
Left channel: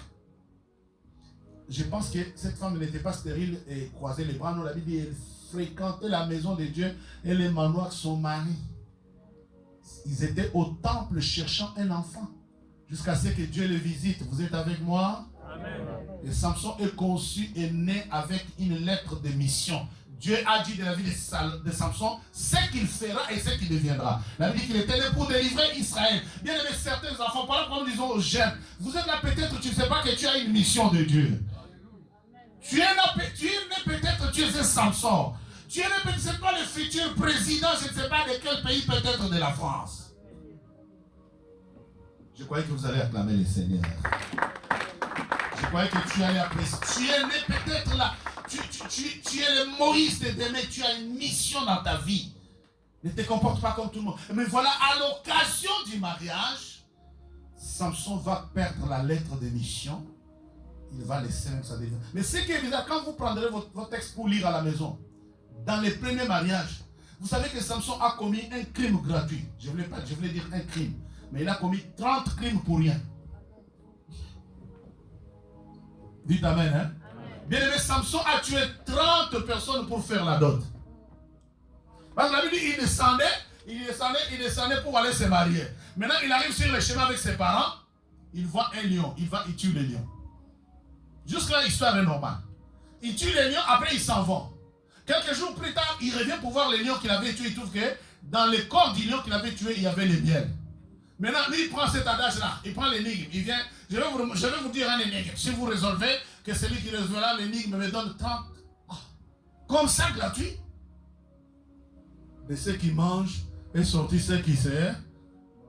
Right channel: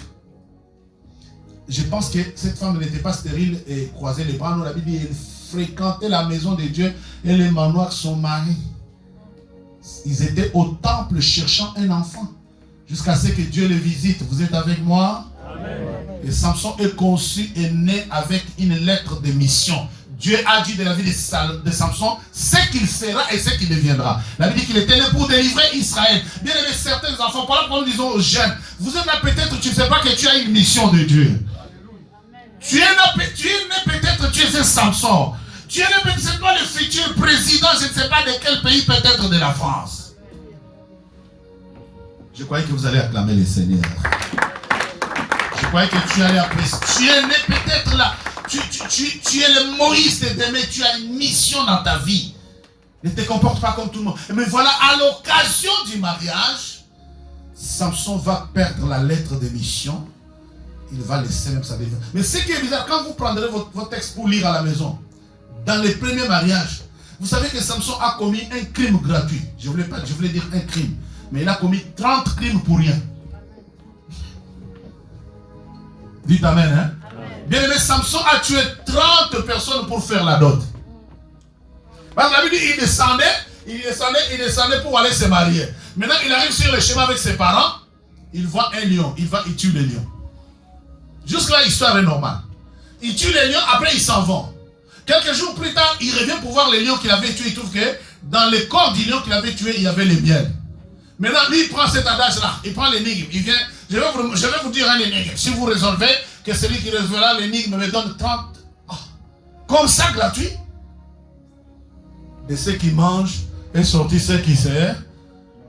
Je pense que cette femme n'était pas stérile et croisait les bras. Nous, la Bible dit qu'elle fréquentait la maison de Dieu et les manoirs de son mari. Ils étaient au temple cherchant un enfant jusqu'à ce que Dieu les visite. Vous êtes avec moi? Amen. Et Samson est conçu et né avec une lettre de mission. Dieu a dit de la vie de Samson ce qu'il fera et ce qu'il deviendra. La Bible dit qu'il était né pour délivrer Israël. Bien aimé, certains enfants, par exemple, nous disons aux jeunes, vous êtes là peut-être, tu ne sais pas que tu as une mission de Dieu. Tu es né peut-être, tu es un Samson. Tu es né peut-être, c'est toi le futur président, je ne sais pas de quel pays, peut-être de la France. Je croyais que vous allez acclamer le Seigneur. Je croyais que tu allais apprécier. Tu es né peut-être là. Tu es le Moïse de demain, tu as une mission dans ta vie. Ne te comporte pas comme tout le monde. Mais voilà, à l'occasion du mariage, Samson va perdre la lettre de mission. Il va laisser même sa défense. Mais ce qui est bizarre, quand vous prendrez votre texte pour lire à la maison, dans les premiers mariages, vous savez que Samson a commis un crime gratuit. Je voulais dire un crime. Mais il a commis 30 crimes pour rien. Dites amen, hein? Bien aimé, Samson a tué 30 personnes pour faire la dot. Parce que la Bible dit il descendait pour aller se marier. Maintenant, il arrive sur le chemin avec ses parents. Il voit un lion. Il tue le lion. Jusque-là, l'histoire est normale. Il tue les lions, après ils s'en vont. Quelques jours plus tard, il revient pour voir les lions qu'il avait tués. Il trouve que dans le corps du lion qu'il avait tué, il y avait les miels. Maintenant, lui, il prend cet adage-là. Il prend l'énigme. Il vient. Je vais vous dire un énigme. Si vous résolvez, que celui qui résolvera l'énigme me donne 30. Oh, comme ça, gratuit. Et ceux qui mangent est sorti ceux qui se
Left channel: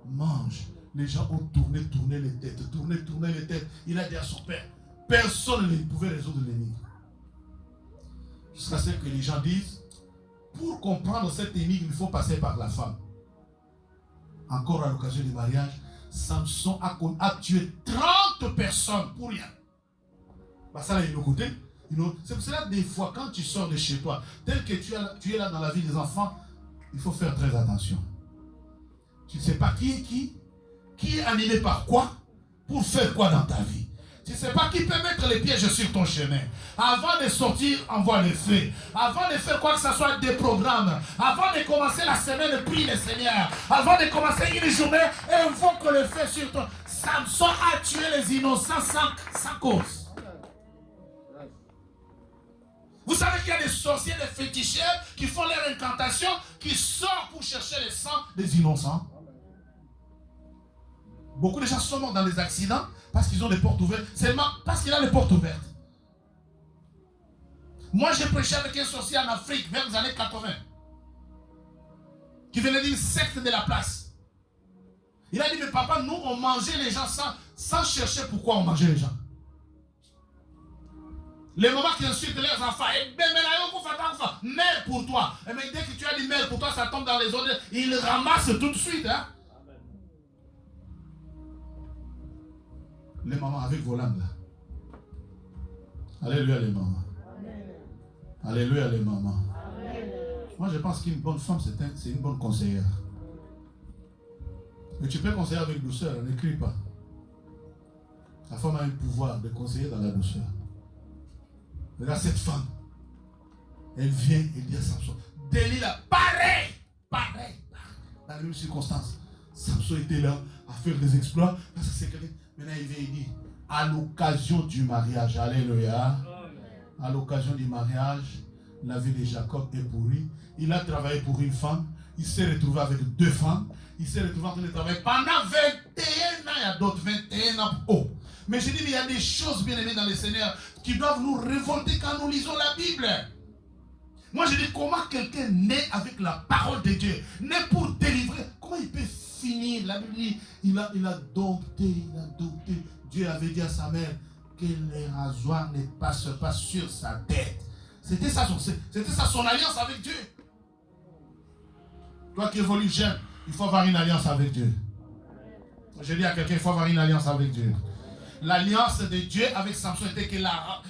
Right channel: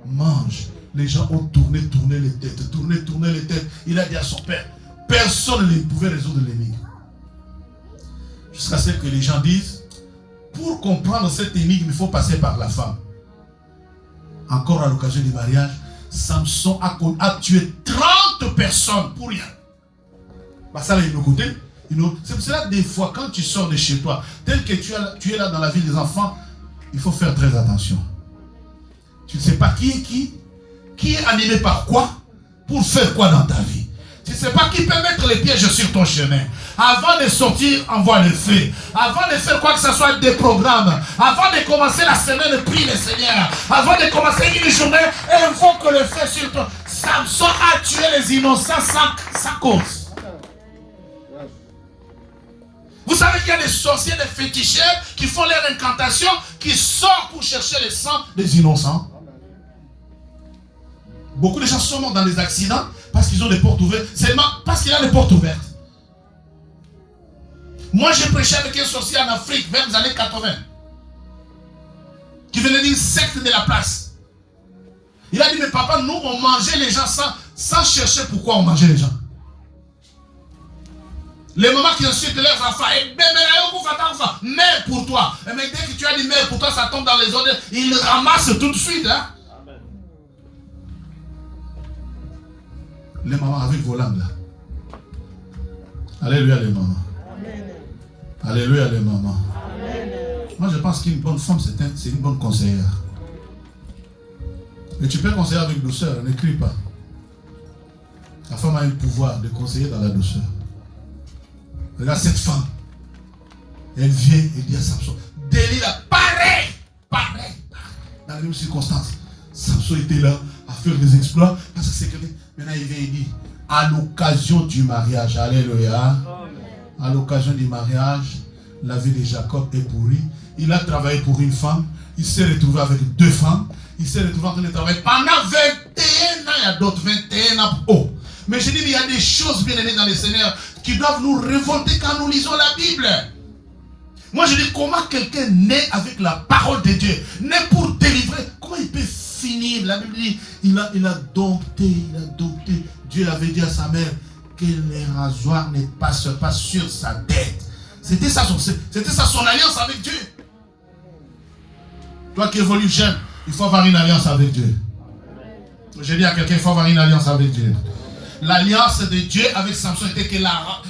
mangent. Les gens ont tourné les têtes. Tourné les têtes. Il a dit à son père, personne ne pouvait résoudre l'énigme. Jusqu'à ce que les gens disent, pour comprendre cette énigme, il faut passer par la femme. Encore à l'occasion du mariage, Samson a tué 30 personnes pour rien. Bah ça, il nous coûtait. C'est pour cela, des fois, quand tu sors de chez toi, tel que tu es là dans la vie des enfants, il faut faire très attention. Tu ne sais pas qui est animé par quoi, pour faire quoi dans ta vie. Tu ne sais pas qui peut mettre les pièges sur ton chemin. Avant de sortir, envoie le feu. Avant de faire quoi que ce soit des programmes. Avant de commencer la semaine, prie le Seigneur. Avant de commencer une journée, invoque le feu sur toi. Samson a tué les innocents sans cause. Vous savez qu'il y a des sorciers, des féticheurs qui font leur incantation, qui sortent pour chercher le sang des innocents. Beaucoup de gens sont morts dans des accidents parce qu'ils ont des portes ouvertes. C'est parce qu'il a les portes ouvertes. Moi, j'ai prêché avec un sorcier en Afrique vers les années 80 qui venait d'une secte de la place. Il a dit, mais papa, nous, on mangeait les gens sans chercher pourquoi on mangeait les gens. Les mamans qui insultent leurs enfants, mère pour toi. Mais dès que tu as dit mère pour toi, ça tombe dans les odeurs. Ils le ramassent tout de suite. Hein? Les mamans avec vos langues là. Alléluia les mamans. Amen. Alléluia les mamans. Amen. Moi je pense qu'une bonne femme c'est une bonne conseillère. Mais tu peux conseiller avec douceur, ne crie pas. La femme a un pouvoir de conseiller dans la douceur. Regarde cette femme. Elle vient et dit à Samson, Delilah, pareil. Dans les mêmes circonstances. Samson était là à faire des exploits. Parce que c'est quelqu'un. Maintenant il vient et dit, à l'occasion du mariage, alléluia. À l'occasion du mariage, la vie de Jacob est pourrie. Il a travaillé pour une femme. Il s'est retrouvé avec 2 femmes. Il s'est retrouvé en train de travailler pendant 21 ans. Il y a d'autres 21 ans. Oh. Mais je dis, il y a des choses bien aimées dans le Seigneur qui doivent nous révolter quand nous lisons la Bible. Moi je dis, comment quelqu'un naît avec la parole de Dieu, naît pour délivrer, comment il peut finir? La Bible dit, il a dompté. Dieu avait dit à sa mère que les rasoirs ne passent pas sur sa tête. C'était ça son alliance avec Dieu. Toi qui évolues jeune, il faut avoir une alliance avec Dieu. J'ai dit à quelqu'un, il faut avoir une alliance avec Dieu. L'alliance de Dieu avec Samson était que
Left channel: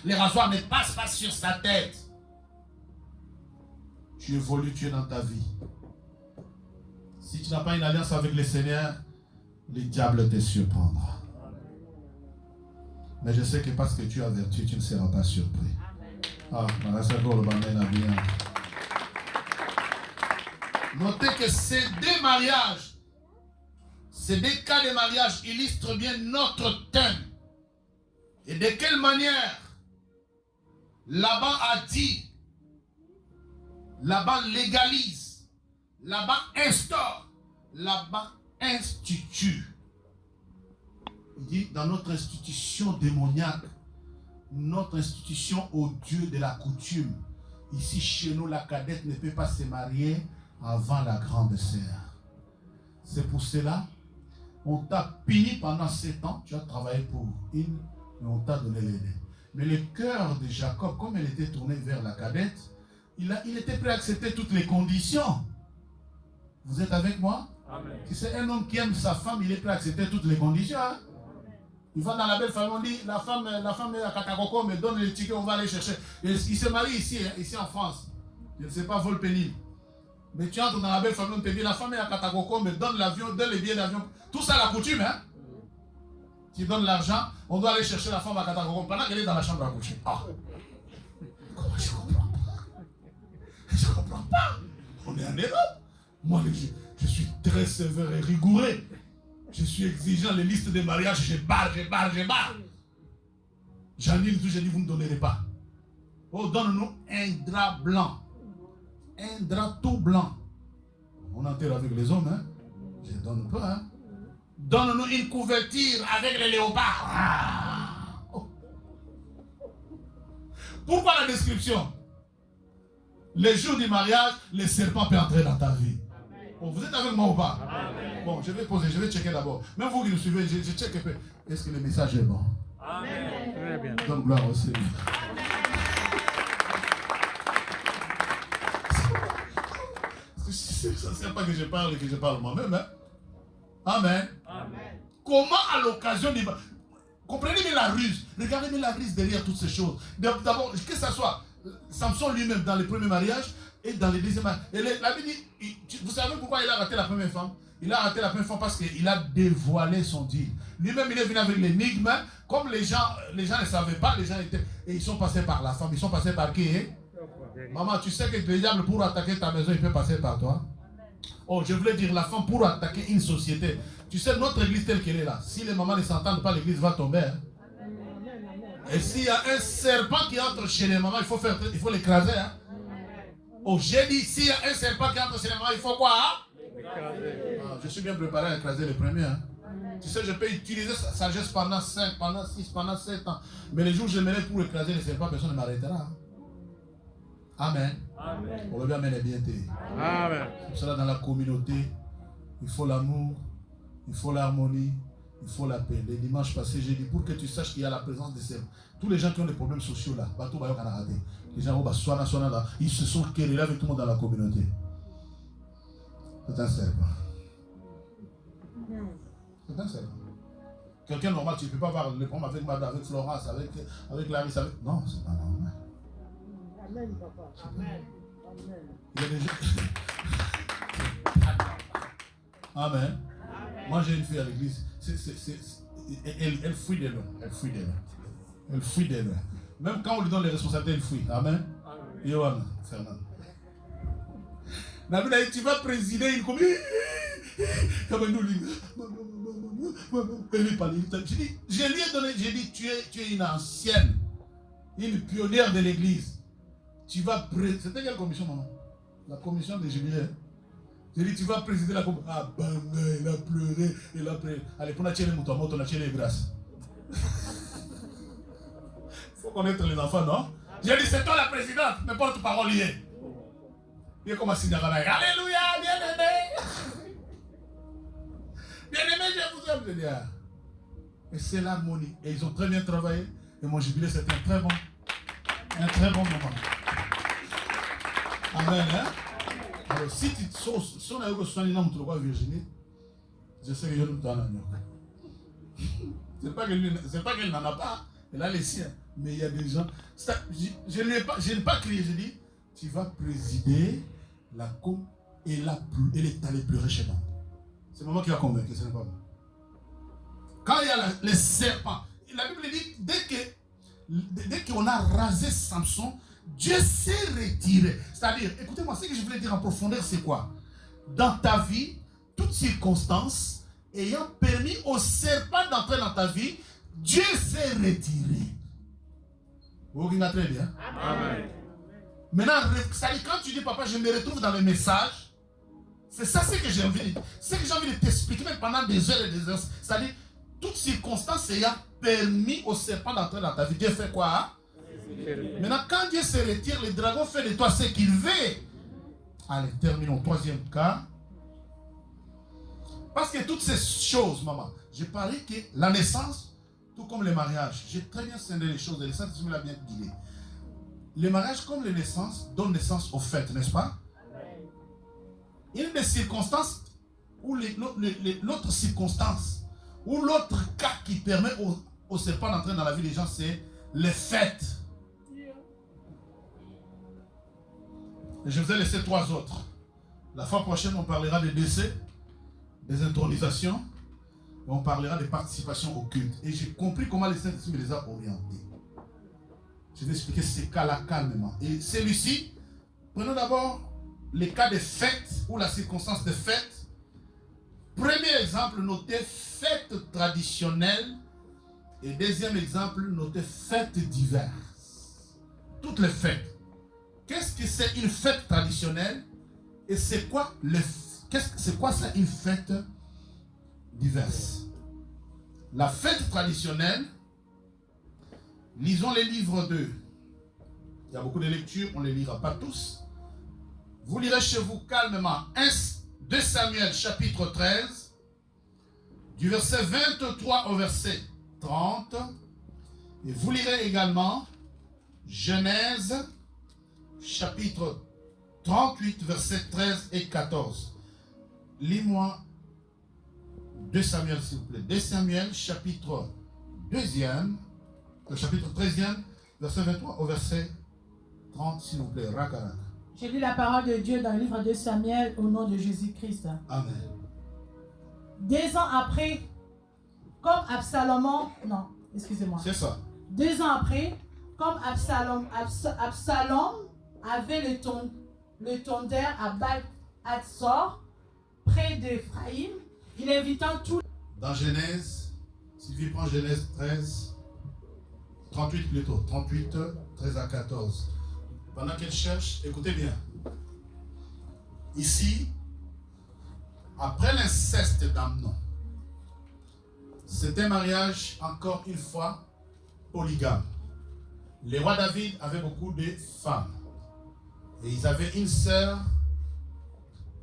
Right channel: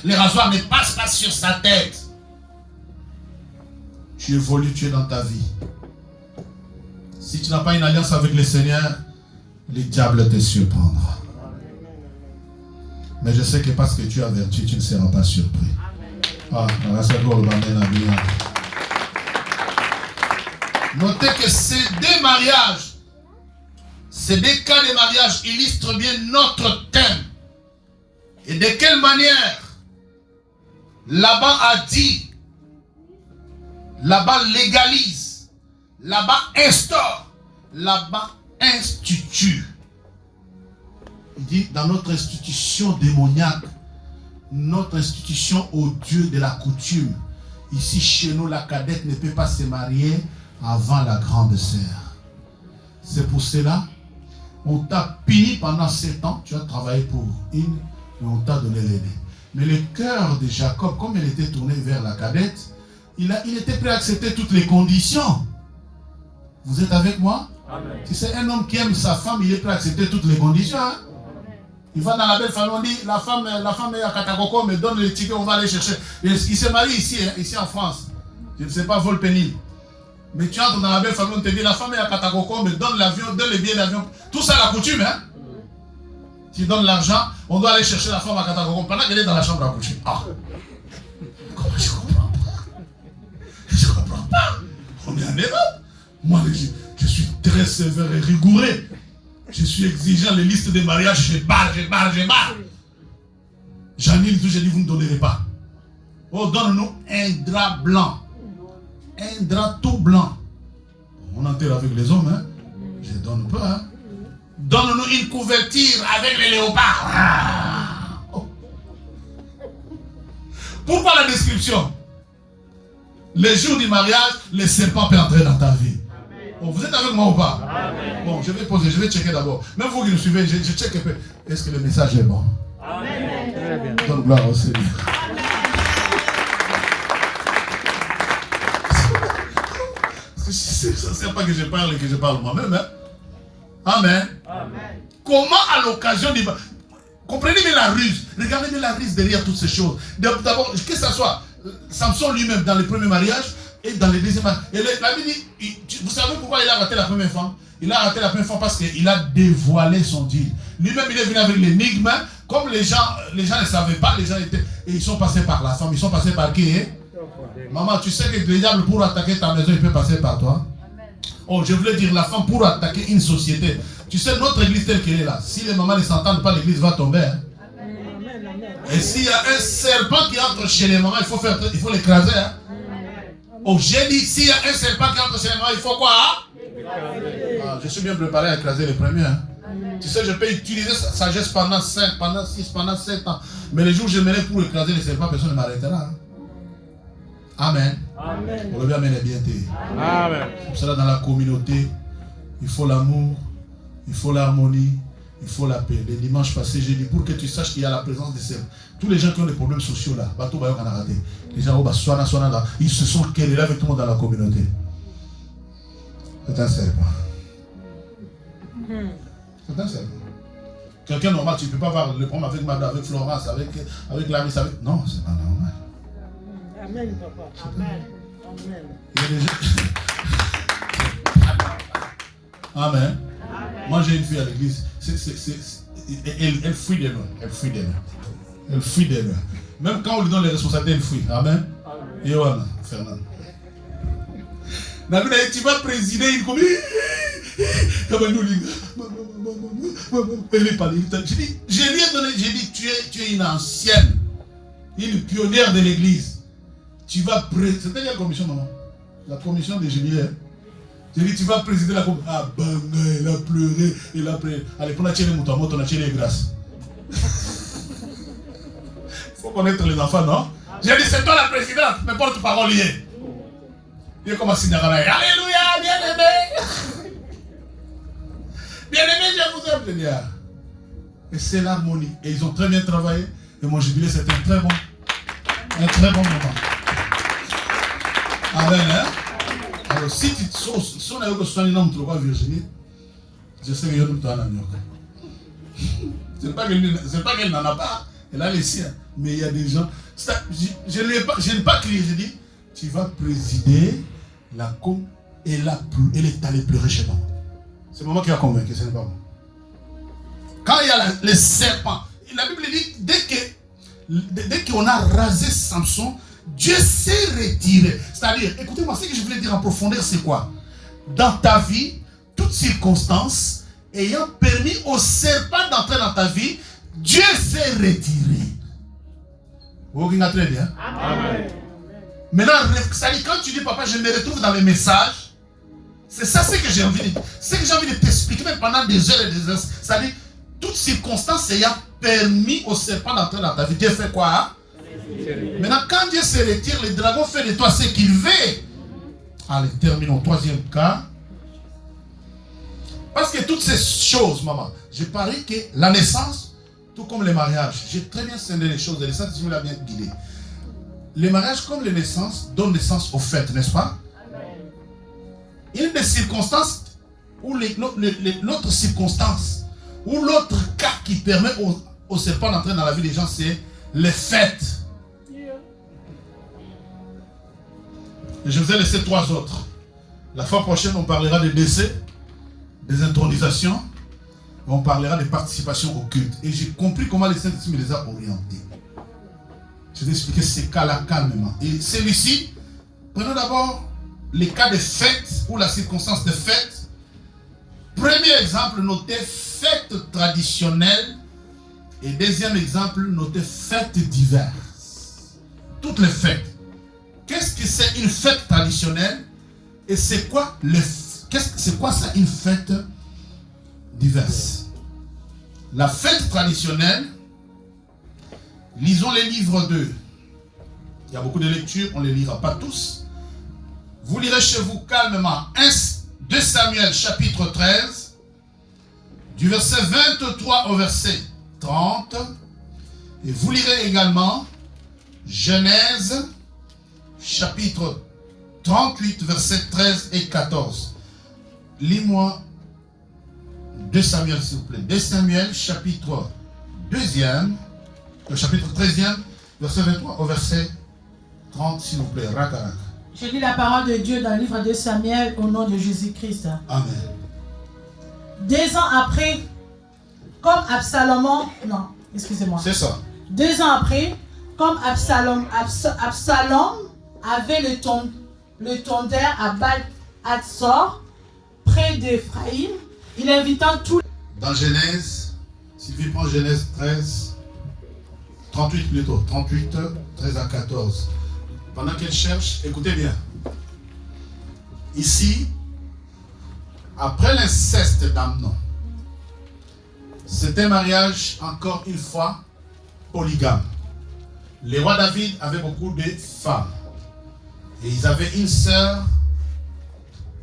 les rasoirs ne passent pas sur sa tête. Tu évolues, tu es dans ta vie. Si tu n'as pas une alliance avec le Seigneur, le diable te surprendra. Mais je sais que parce que tu as vertu, tu ne seras pas surpris. Notez que ces 2 mariages, ces 2 cas de mariage illustrent bien notre thème. Et de quelle manière Laban a dit, Laban légalise, Laban instaure, Laban institue. Il dit, dans notre institution démoniaque, notre institution au Dieu de la coutume, ici chez nous, la cadette ne peut pas se marier avant la grande sœur. C'est pour cela, on t'a puni pendant 7 ans, tu as travaillé pour une, mais on t'a donné l'aîné. Mais le cœur de Jacob, comme il était tourné vers la cadette, il était prêt à accepter toutes les conditions. Vous êtes avec moi? Amen. Si c'est un homme qui aime sa femme, il est prêt à accepter toutes les conditions. Hein? Il va dans la belle famille, on dit, la femme est à Katakoko, mais donne les tickets, on va aller chercher. Il se marie ici en France. Je ne sais pas, Volpénil. Mais tu entres dans la belle famille, on te dit, la femme est à Katakoko, mais donne l'avion, donne les billets d'avion. Tout ça, la coutume, hein. Tu donnes l'argent, on doit aller chercher la femme à Katakoko pendant qu'elle est dans la chambre à coucher. Ah. Comment je comprends pas? Je comprends pas. On est en Europe. Moi, je suis très sévère et rigoureux. Je suis exigeant, les listes de mariage, je barre. J'annule tout, j'ai dit, vous ne donnerez pas. Oh, donne-nous un drap blanc. Un drap tout blanc. On enterre avec les hommes, hein. Je ne donne pas, hein. Donne-nous une couverture avec les léopards. Ah. Oh. Pourquoi la description? Les jours du mariage, le serpent peut entrer dans ta vie. Bon, vous êtes avec moi ou pas? Amen. Bon, je vais poser, je vais checker d'abord. Même vous qui nous suivez, je check un peu. Est-ce que le message est bon? Amen. Donne gloire au Seigneur. Ça ne sert pas que je parle et que je parle moi-même. Hein? Amen. Amen. Comment à l'occasion du... Comprenez bien la ruse. Regardez bien la ruse derrière toutes ces choses. D'abord, que ce soit Samson lui-même dans le premier mariage et dans le deuxième mariage. Et la Bible dit, vous savez pourquoi il a raté la première femme? Il a raté la première femme parce qu'il a dévoilé son deal. Lui-même, il est venu avec l'énigme. Comme les gens ne savaient pas, les gens étaient... Et ils sont passés par la femme. Ils sont passés par qui? Hein? Maman, tu sais que le diable, pour attaquer ta maison, il peut passer par toi. Oh, je voulais dire, la femme pour attaquer une société. Tu sais, notre église telle qu'elle est là, si les mamans ne s'entendent pas, l'église va tomber. Hein? Et s'il y a un serpent qui entre chez les mamans, il faut l'écraser. Hein? Oh, j'ai dit, s'il y a un serpent qui entre chez les mamans, il faut quoi? Hein? Ah, je suis bien préparé à écraser les premiers. Hein? Tu sais, je peux utiliser sa sagesse pendant 5, pendant 6, pendant 7 ans. Mais les jours où je m'élève pour écraser les serpents, personne ne m'arrêtera. Hein. Amen. Amen. Pour le bien, amen est bien dit. Amen. Pour cela, dans la communauté, il faut l'amour, il faut l'harmonie, il faut la paix. Les dimanches passés, j'ai dit, pour que tu saches qu'il y a la présence des serpents. Tous les gens qui ont des problèmes sociaux là, les gens ils se sont querellés avec tout le monde dans la communauté. C'est un serpent. C'est un serpent. Quelqu'un normal, tu ne peux pas avoir le problème avec Madame, avec Florence, avec Clarisse, avec... Non, c'est pas normal. Amen, papa. Amen. Amen. Il y a des gens... Amen. Amen. Moi, j'ai une fille à l'église. Elle fuit des lois. Elle fuit des lois. Elle fuit des lois. Même quand on lui donne les responsabilités, elle fuit. Amen. Et Yohann, Fernand. Tu vas présider une commune. Je lui ai donné, j'ai dit, tu es une ancienne, une pionnière de l'église. Tu vas présider. C'était quelle commission, maman? La commission des jubilés. J'ai dit, tu vas présider la commission. Ah, banga, elle a pleuré. Elle a pleuré. Allez, pour la tienne, on a tiré les grâces. Il faut connaître les enfants, non? J'ai dit, c'est toi la présidente, mais porte-parole liée. Il est comme un signe. Alléluia, bien-aimé. Bien-aimé, je vous aime, Seigneur. Et c'est l'harmonie. Et ils ont très bien travaillé. Et mon jubilé, c'était un très bon moment. Amen, hein? Alors, si on a eu que ce soit un homme trop Virginie, je sais qu'il y a un homme. C'est pas qu'elle n'en a pas. Elle a les siens. Mais il y a des gens. Je n'ai pas crié. J'ai dit, tu vas présider la com et elle est allée pleurer chez moi. C'est moi qui a convaincu, ce n'est pas moi. Quand il y a les serpents, la Bible dit, dès qu'on a rasé Samson, Dieu s'est retiré. C'est-à-dire, écoutez-moi, ce que je voulais dire en profondeur, c'est quoi? Dans ta vie, toutes circonstances ayant permis au serpent d'entrer dans ta vie, Dieu s'est retiré. Vous regardez très bien. Amen. Maintenant, c'est-à-dire, quand tu dis, papa, je me retrouve dans les messages, c'est ça ce que j'ai envie de dire. C'est que j'ai envie de t'expliquer même pendant des heures et des heures. C'est-à-dire, toutes circonstances ayant permis au serpent d'entrer dans ta vie, Dieu fait quoi? Hein? Maintenant, quand Dieu se retire, le dragon fait de toi ce qu'il veut. Allez, terminons. Troisième cas. Parce que toutes ces choses, maman, j'ai parlé que la naissance, tout comme le mariage, j'ai très bien scindé les choses. Et ça, tu me l'as bien guidé. Le mariage, comme les naissances, donne naissance aux fêtes, n'est-ce pas? Une des circonstances, ou l'autre circonstance, ou l'autre cas qui permet au serpent d'entrer dans la vie des gens, c'est les fêtes. Et je vous ai laissé 3 autres. La fois prochaine, on parlera des décès, des intronisations, on parlera des participations au culte. Et j'ai compris comment les Saint-Esprit me les a orientés. Je vais expliquer ces cas-là calmement. Et celui-ci, prenons d'abord les cas de fêtes ou la circonstance de fête. Premier exemple, notez fête traditionnelle. Et deuxième exemple, notez fêtes diverses. Toutes les fêtes. Qu'est-ce que c'est une fête traditionnelle? Et c'est quoi ça une fête diverse? La fête traditionnelle, lisons les livres 2. Il y a beaucoup de lectures, on ne les lira pas tous. Vous lirez chez vous calmement 2 Samuel chapitre 13, du verset 23 au verset 30. Et vous lirez également Genèse chapitre 38, versets 13 et 14. Lis-moi 2 Samuel, s'il vous plaît. 2 Samuel, chapitre 2e, chapitre 13e, verset 23 au verset 30, s'il vous plaît. Raka. Je lis la parole de Dieu dans le livre de Samuel au nom de Jésus-Christ. Amen. 2 ans après, comme Absalom... Non, excusez-moi. C'est ça. 2 ans après, comme Absalom avait le tondeur à Baal-Hatzor, près d'Éphraïm, il invita tous... Dans Genèse, Sylvie prend Genèse 13, 38 plutôt, 38, 13 à 14. Pendant qu'elle cherche, écoutez bien. Ici, après l'inceste d'Amnon, C'était un mariage, encore une fois, polygame. Le roi David avait beaucoup de femmes. Et ils avaient une sœur.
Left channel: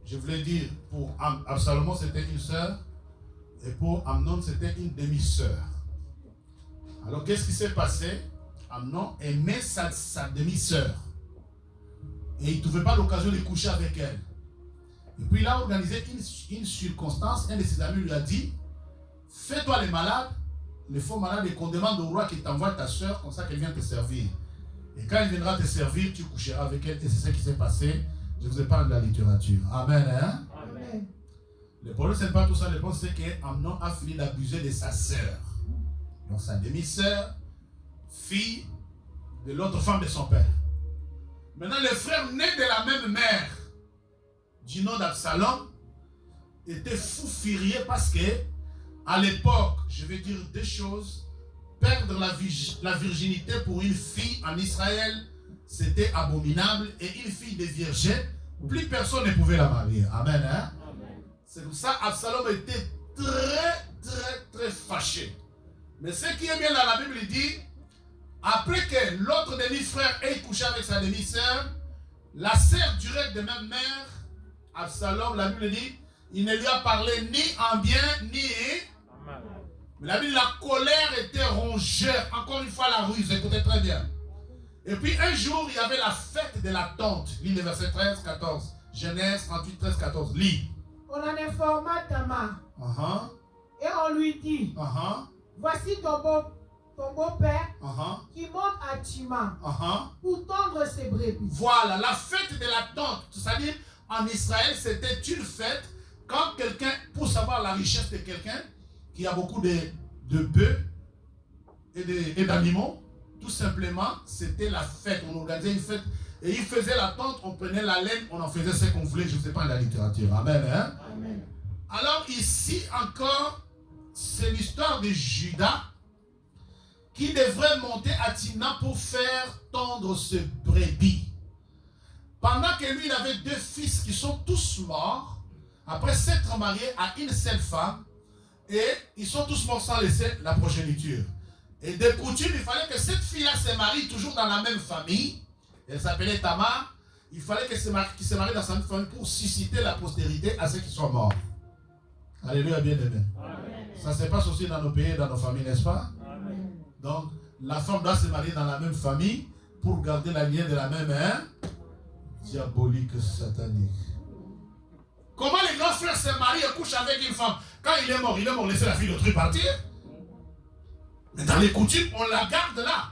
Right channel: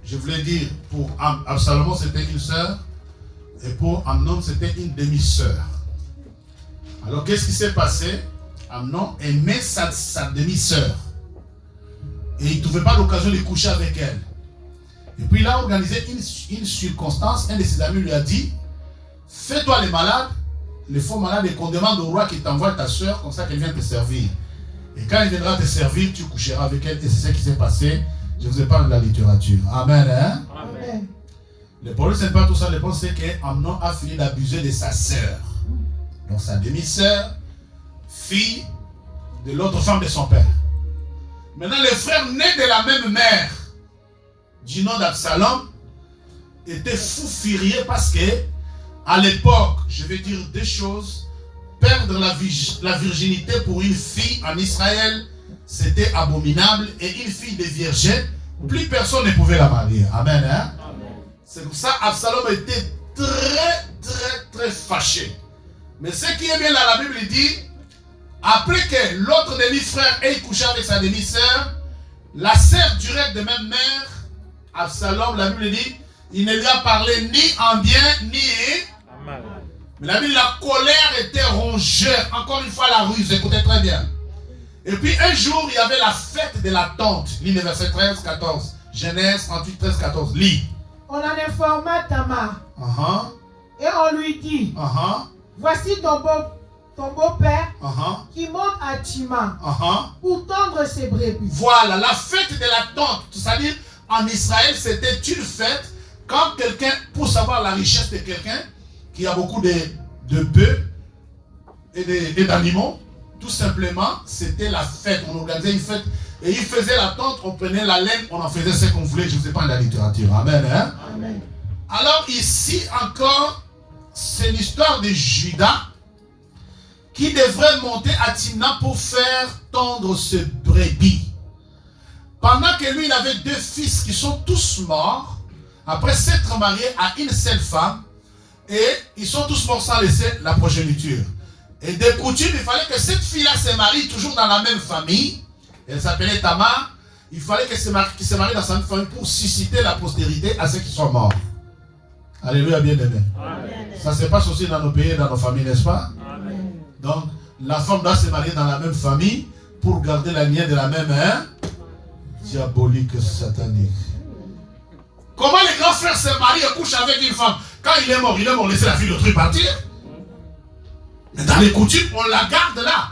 Je voulais dire, pour Absalom, c'était une sœur. Et pour Amnon, c'était une demi-sœur. Alors, qu'est-ce qui s'est passé? Amnon aimait sa demi-sœur. Et il ne trouvait pas l'occasion de coucher avec elle. Et puis, il a organisé une circonstance. Un de ses amis lui a dit, fais-toi les malades, les faux malades, et qu'on demande au roi qu'il t'envoie ta sœur, comme ça qu'elle vienne te servir. Et quand elle viendra te servir, tu coucheras avec elle. Et c'est ce qui s'est passé. Je vous ai parlé de la littérature. Amen. Hein? Amen. Le problème, ce n'est pas tout ça. Le problème, c'est qu'Amnon a fini d'abuser de sa sœur. Donc sa demi-sœur, fille de l'autre femme de son père. Maintenant, les frères nés de la même mère, du nom d'Absalom, étaient fous furieux parce que, à l'époque, je vais dire deux choses. Perdre la virginité pour une fille en Israël, c'était abominable. Et une fille de vierge, plus personne ne pouvait la marier. Amen. Hein? Amen. C'est pour ça qu'Absalom était très fâché. Mais ce qui est bien là, la Bible dit, après que l'autre demi-frère ait couché avec sa demi-sœur, la sœur directe de même mère, Absalom, la Bible dit, il ne lui a parlé ni en bien, ni en mal. Mais la Bible, la colère était rongée. Encore une fois, la ruse, écoutez très bien. Et puis un jour, il y avait la fête de la tente. Lis le verset 13, 14. Genèse 38, 13, 14. Lis. On en informa Tamar. Et on lui dit, voici ton beau-père qui monte à Tima pour tondre ses brebis. Voilà, la fête de la tente. C'est-à-dire, en Israël, c'était une fête quand quelqu'un, pour savoir la richesse de quelqu'un, qui a beaucoup de bœufs et d'animaux, tout simplement, c'était la fête. On organisait une fête et il faisait la tente, on prenait la laine, on en faisait ce qu'on voulait. Je ne sais pas de la littérature. Amen. Hein? Amen. Alors ici encore, c'est l'histoire de Judas qui devrait monter à Timna pour faire tondre ce brebis. Pendant que lui, il avait deux fils qui sont tous morts, après s'être mariés à une seule femme, et ils sont tous morts sans laisser la progéniture. Et de coutume, il fallait que cette fille-là se marie toujours dans la même famille. Elle s'appelait Tamar. Il fallait qu'elle se marie dans sa même famille pour susciter la postérité à ceux qui sont morts. Alléluia, bien-aimé. Ça se passe aussi dans nos pays, dans nos familles, n'est-ce pas? Amen. Donc, la femme doit se marier dans la même famille pour garder la lignée de la même diabolique, satanique. Comment les grands frères se marient et couchent avec une femme? Quand il est mort, laissez la fille d'autrui partir. Mais dans les coutumes, on la garde là.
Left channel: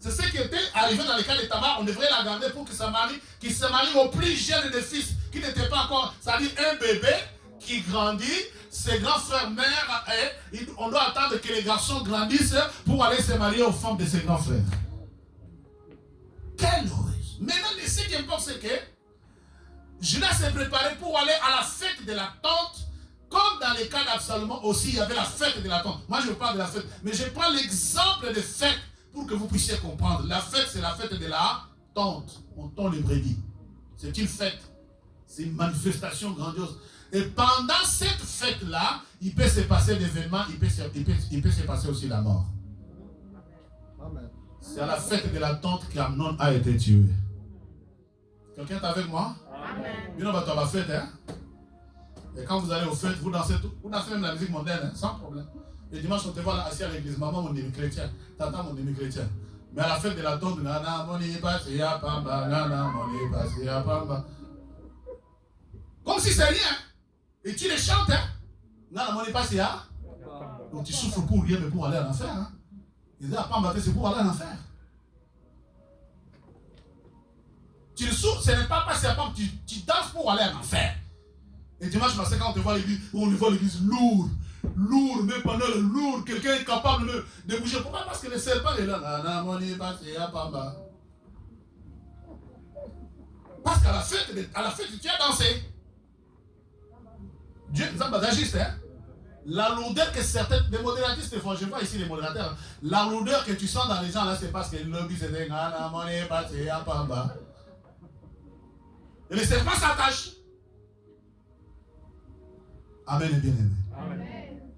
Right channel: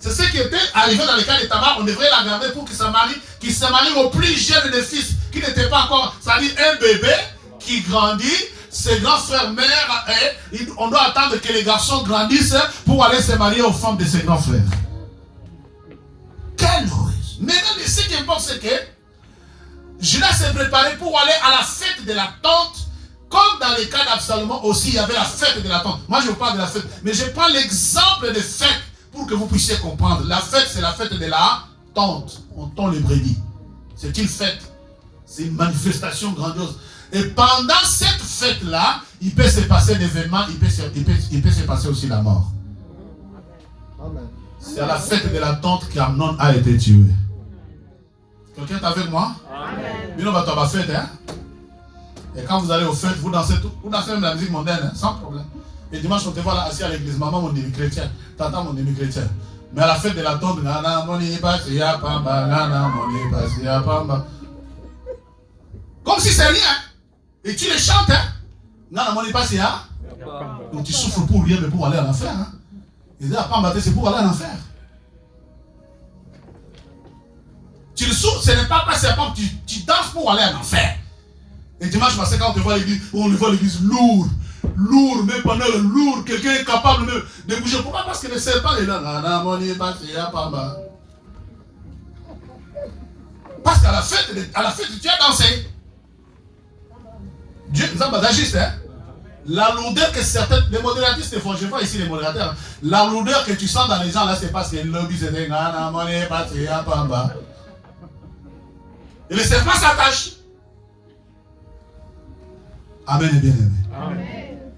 C'est ce qui était arrivé dans le cas de Tamar. On devrait la garder pour qu'il se marie au plus jeune des fils, qui n'était pas encore, c'est-à-dire un bébé qui grandit. Ses grands frères mères, on doit attendre que les garçons grandissent pour aller se marier aux femmes de ses grands frères. Quelle ruse! Mais ce qui importe, c'est que Judas s'est préparé pour aller à la fête de la tente. Comme dans le cas d'Absalom aussi, il y avait la fête de la tente. Moi, je vous parle de la fête. Mais je prends l'exemple de fête pour que vous puissiez comprendre. La fête, c'est la fête de la tente. On tond les brebis. C'est une fête. C'est une manifestation grandiose. Et pendant cette fête-là, il peut se passer d'événements, il peut se passer aussi la mort. C'est à la fête de la tente qu'Amnon a été tué. Quelqu'un est avec moi? Amen. On va à la fête, hein? Et quand vous allez aux fêtes, vous dansez même la musique mondaine, hein, sans problème. Et dimanche, on te voit là assis à l'église. Maman, mon demi chrétien. Tata, mon demi chrétien. Mais à la fête de la tombe, nana, moni, pasia, pamba, nana, moni, pasia, pamba. Comme si c'est rien. Et tu les chantes, hein? Nana, moni, pasia. Donc tu souffres pour rien, mais pour aller en enfer, hein? Ils disent, pamba, c'est pour aller en enfer. Tu le souffres, ce n'est pas passer à pamba, tu danses pour aller en enfer. Et dimanche matin, quand on te voit l'église, on voit l'église lourde, même pendant le lourd, quelqu'un est capable de bouger. Pourquoi? Parce que le serpent est là. Parce qu'à la fête, tu as dansé. Dieu nous a bagagiste, hein? La lourdeur que certains, les modératistes font, je vois ici les modérateurs, la lourdeur que tu sens dans les gens là, c'est parce que le lobby c'est des et le serpent s'attache. Amen et bien aimé.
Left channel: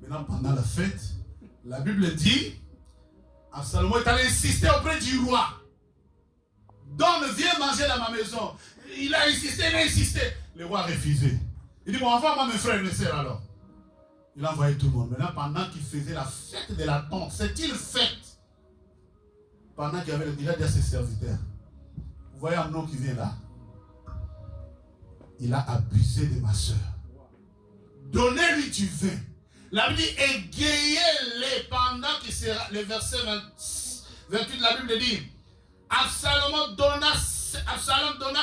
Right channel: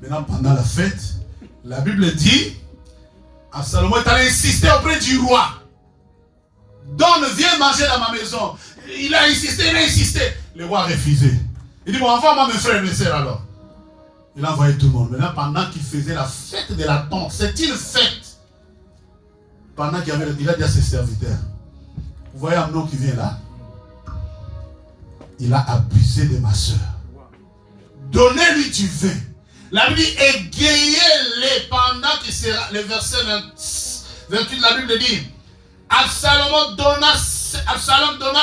Maintenant, pendant la fête, La Bible dit, Absalom est allé insister auprès du roi. Donne, viens manger dans ma maison. Il a insisté. Le roi a refusé. Il dit, bon, envoie-moi mes frères et mes sœurs alors. Il a envoyé tout le monde. Maintenant, pendant qu'il faisait la fête de la tente, c'est une fête. Pendant qu'il il a dit à ses serviteurs, vous voyez Amnon qui vient là? Il a abusé de ma soeur. Donnez-lui du vin. La Bible dit, égayez-les pendant qu'il sera. Le verset 28 de la Bible dit, Absalom donna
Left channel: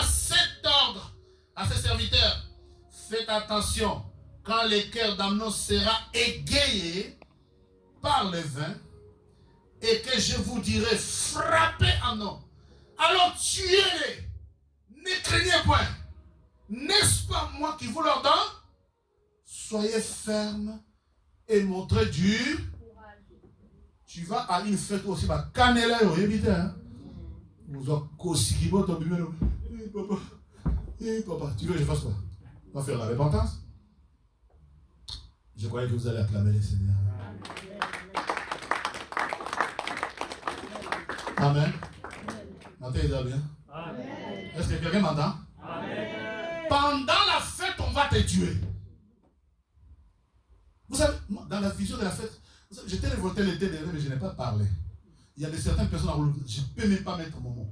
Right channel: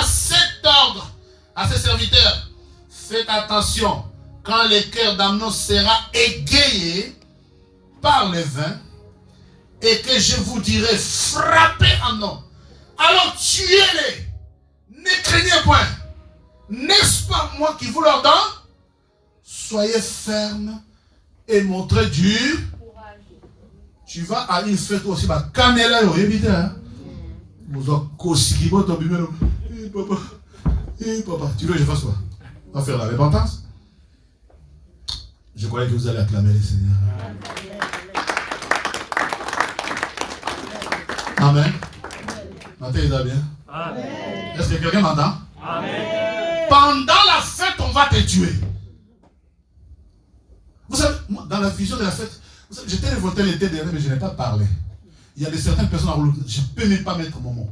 7 ordres à ses serviteurs. Faites attention, quand le cœur d'Amnon sera égayé par le vin, et que je vous dirai, frappez Amnon, alors tuez-les, ne craignez point. N'est-ce pas moi qui vous l'ordonne? Soyez ferme et montrez dur. Tu vas à une fête aussi, bah, Canela, vous avez cossi, papa, tu veux que je fasse quoi? On va faire la repentance. Je croyais que vous allez acclamer le Seigneur. Amen. Matin, il va bien. Est-ce que quelqu'un m'entend? Amen. Pendant la fête, on va te tuer. Vous savez, moi, dans la vision de la fête, j'étais révolté l'été dernier, mais je n'ai pas parlé. Il y a certaines personnes, je ne peux même pas mettre mon mot.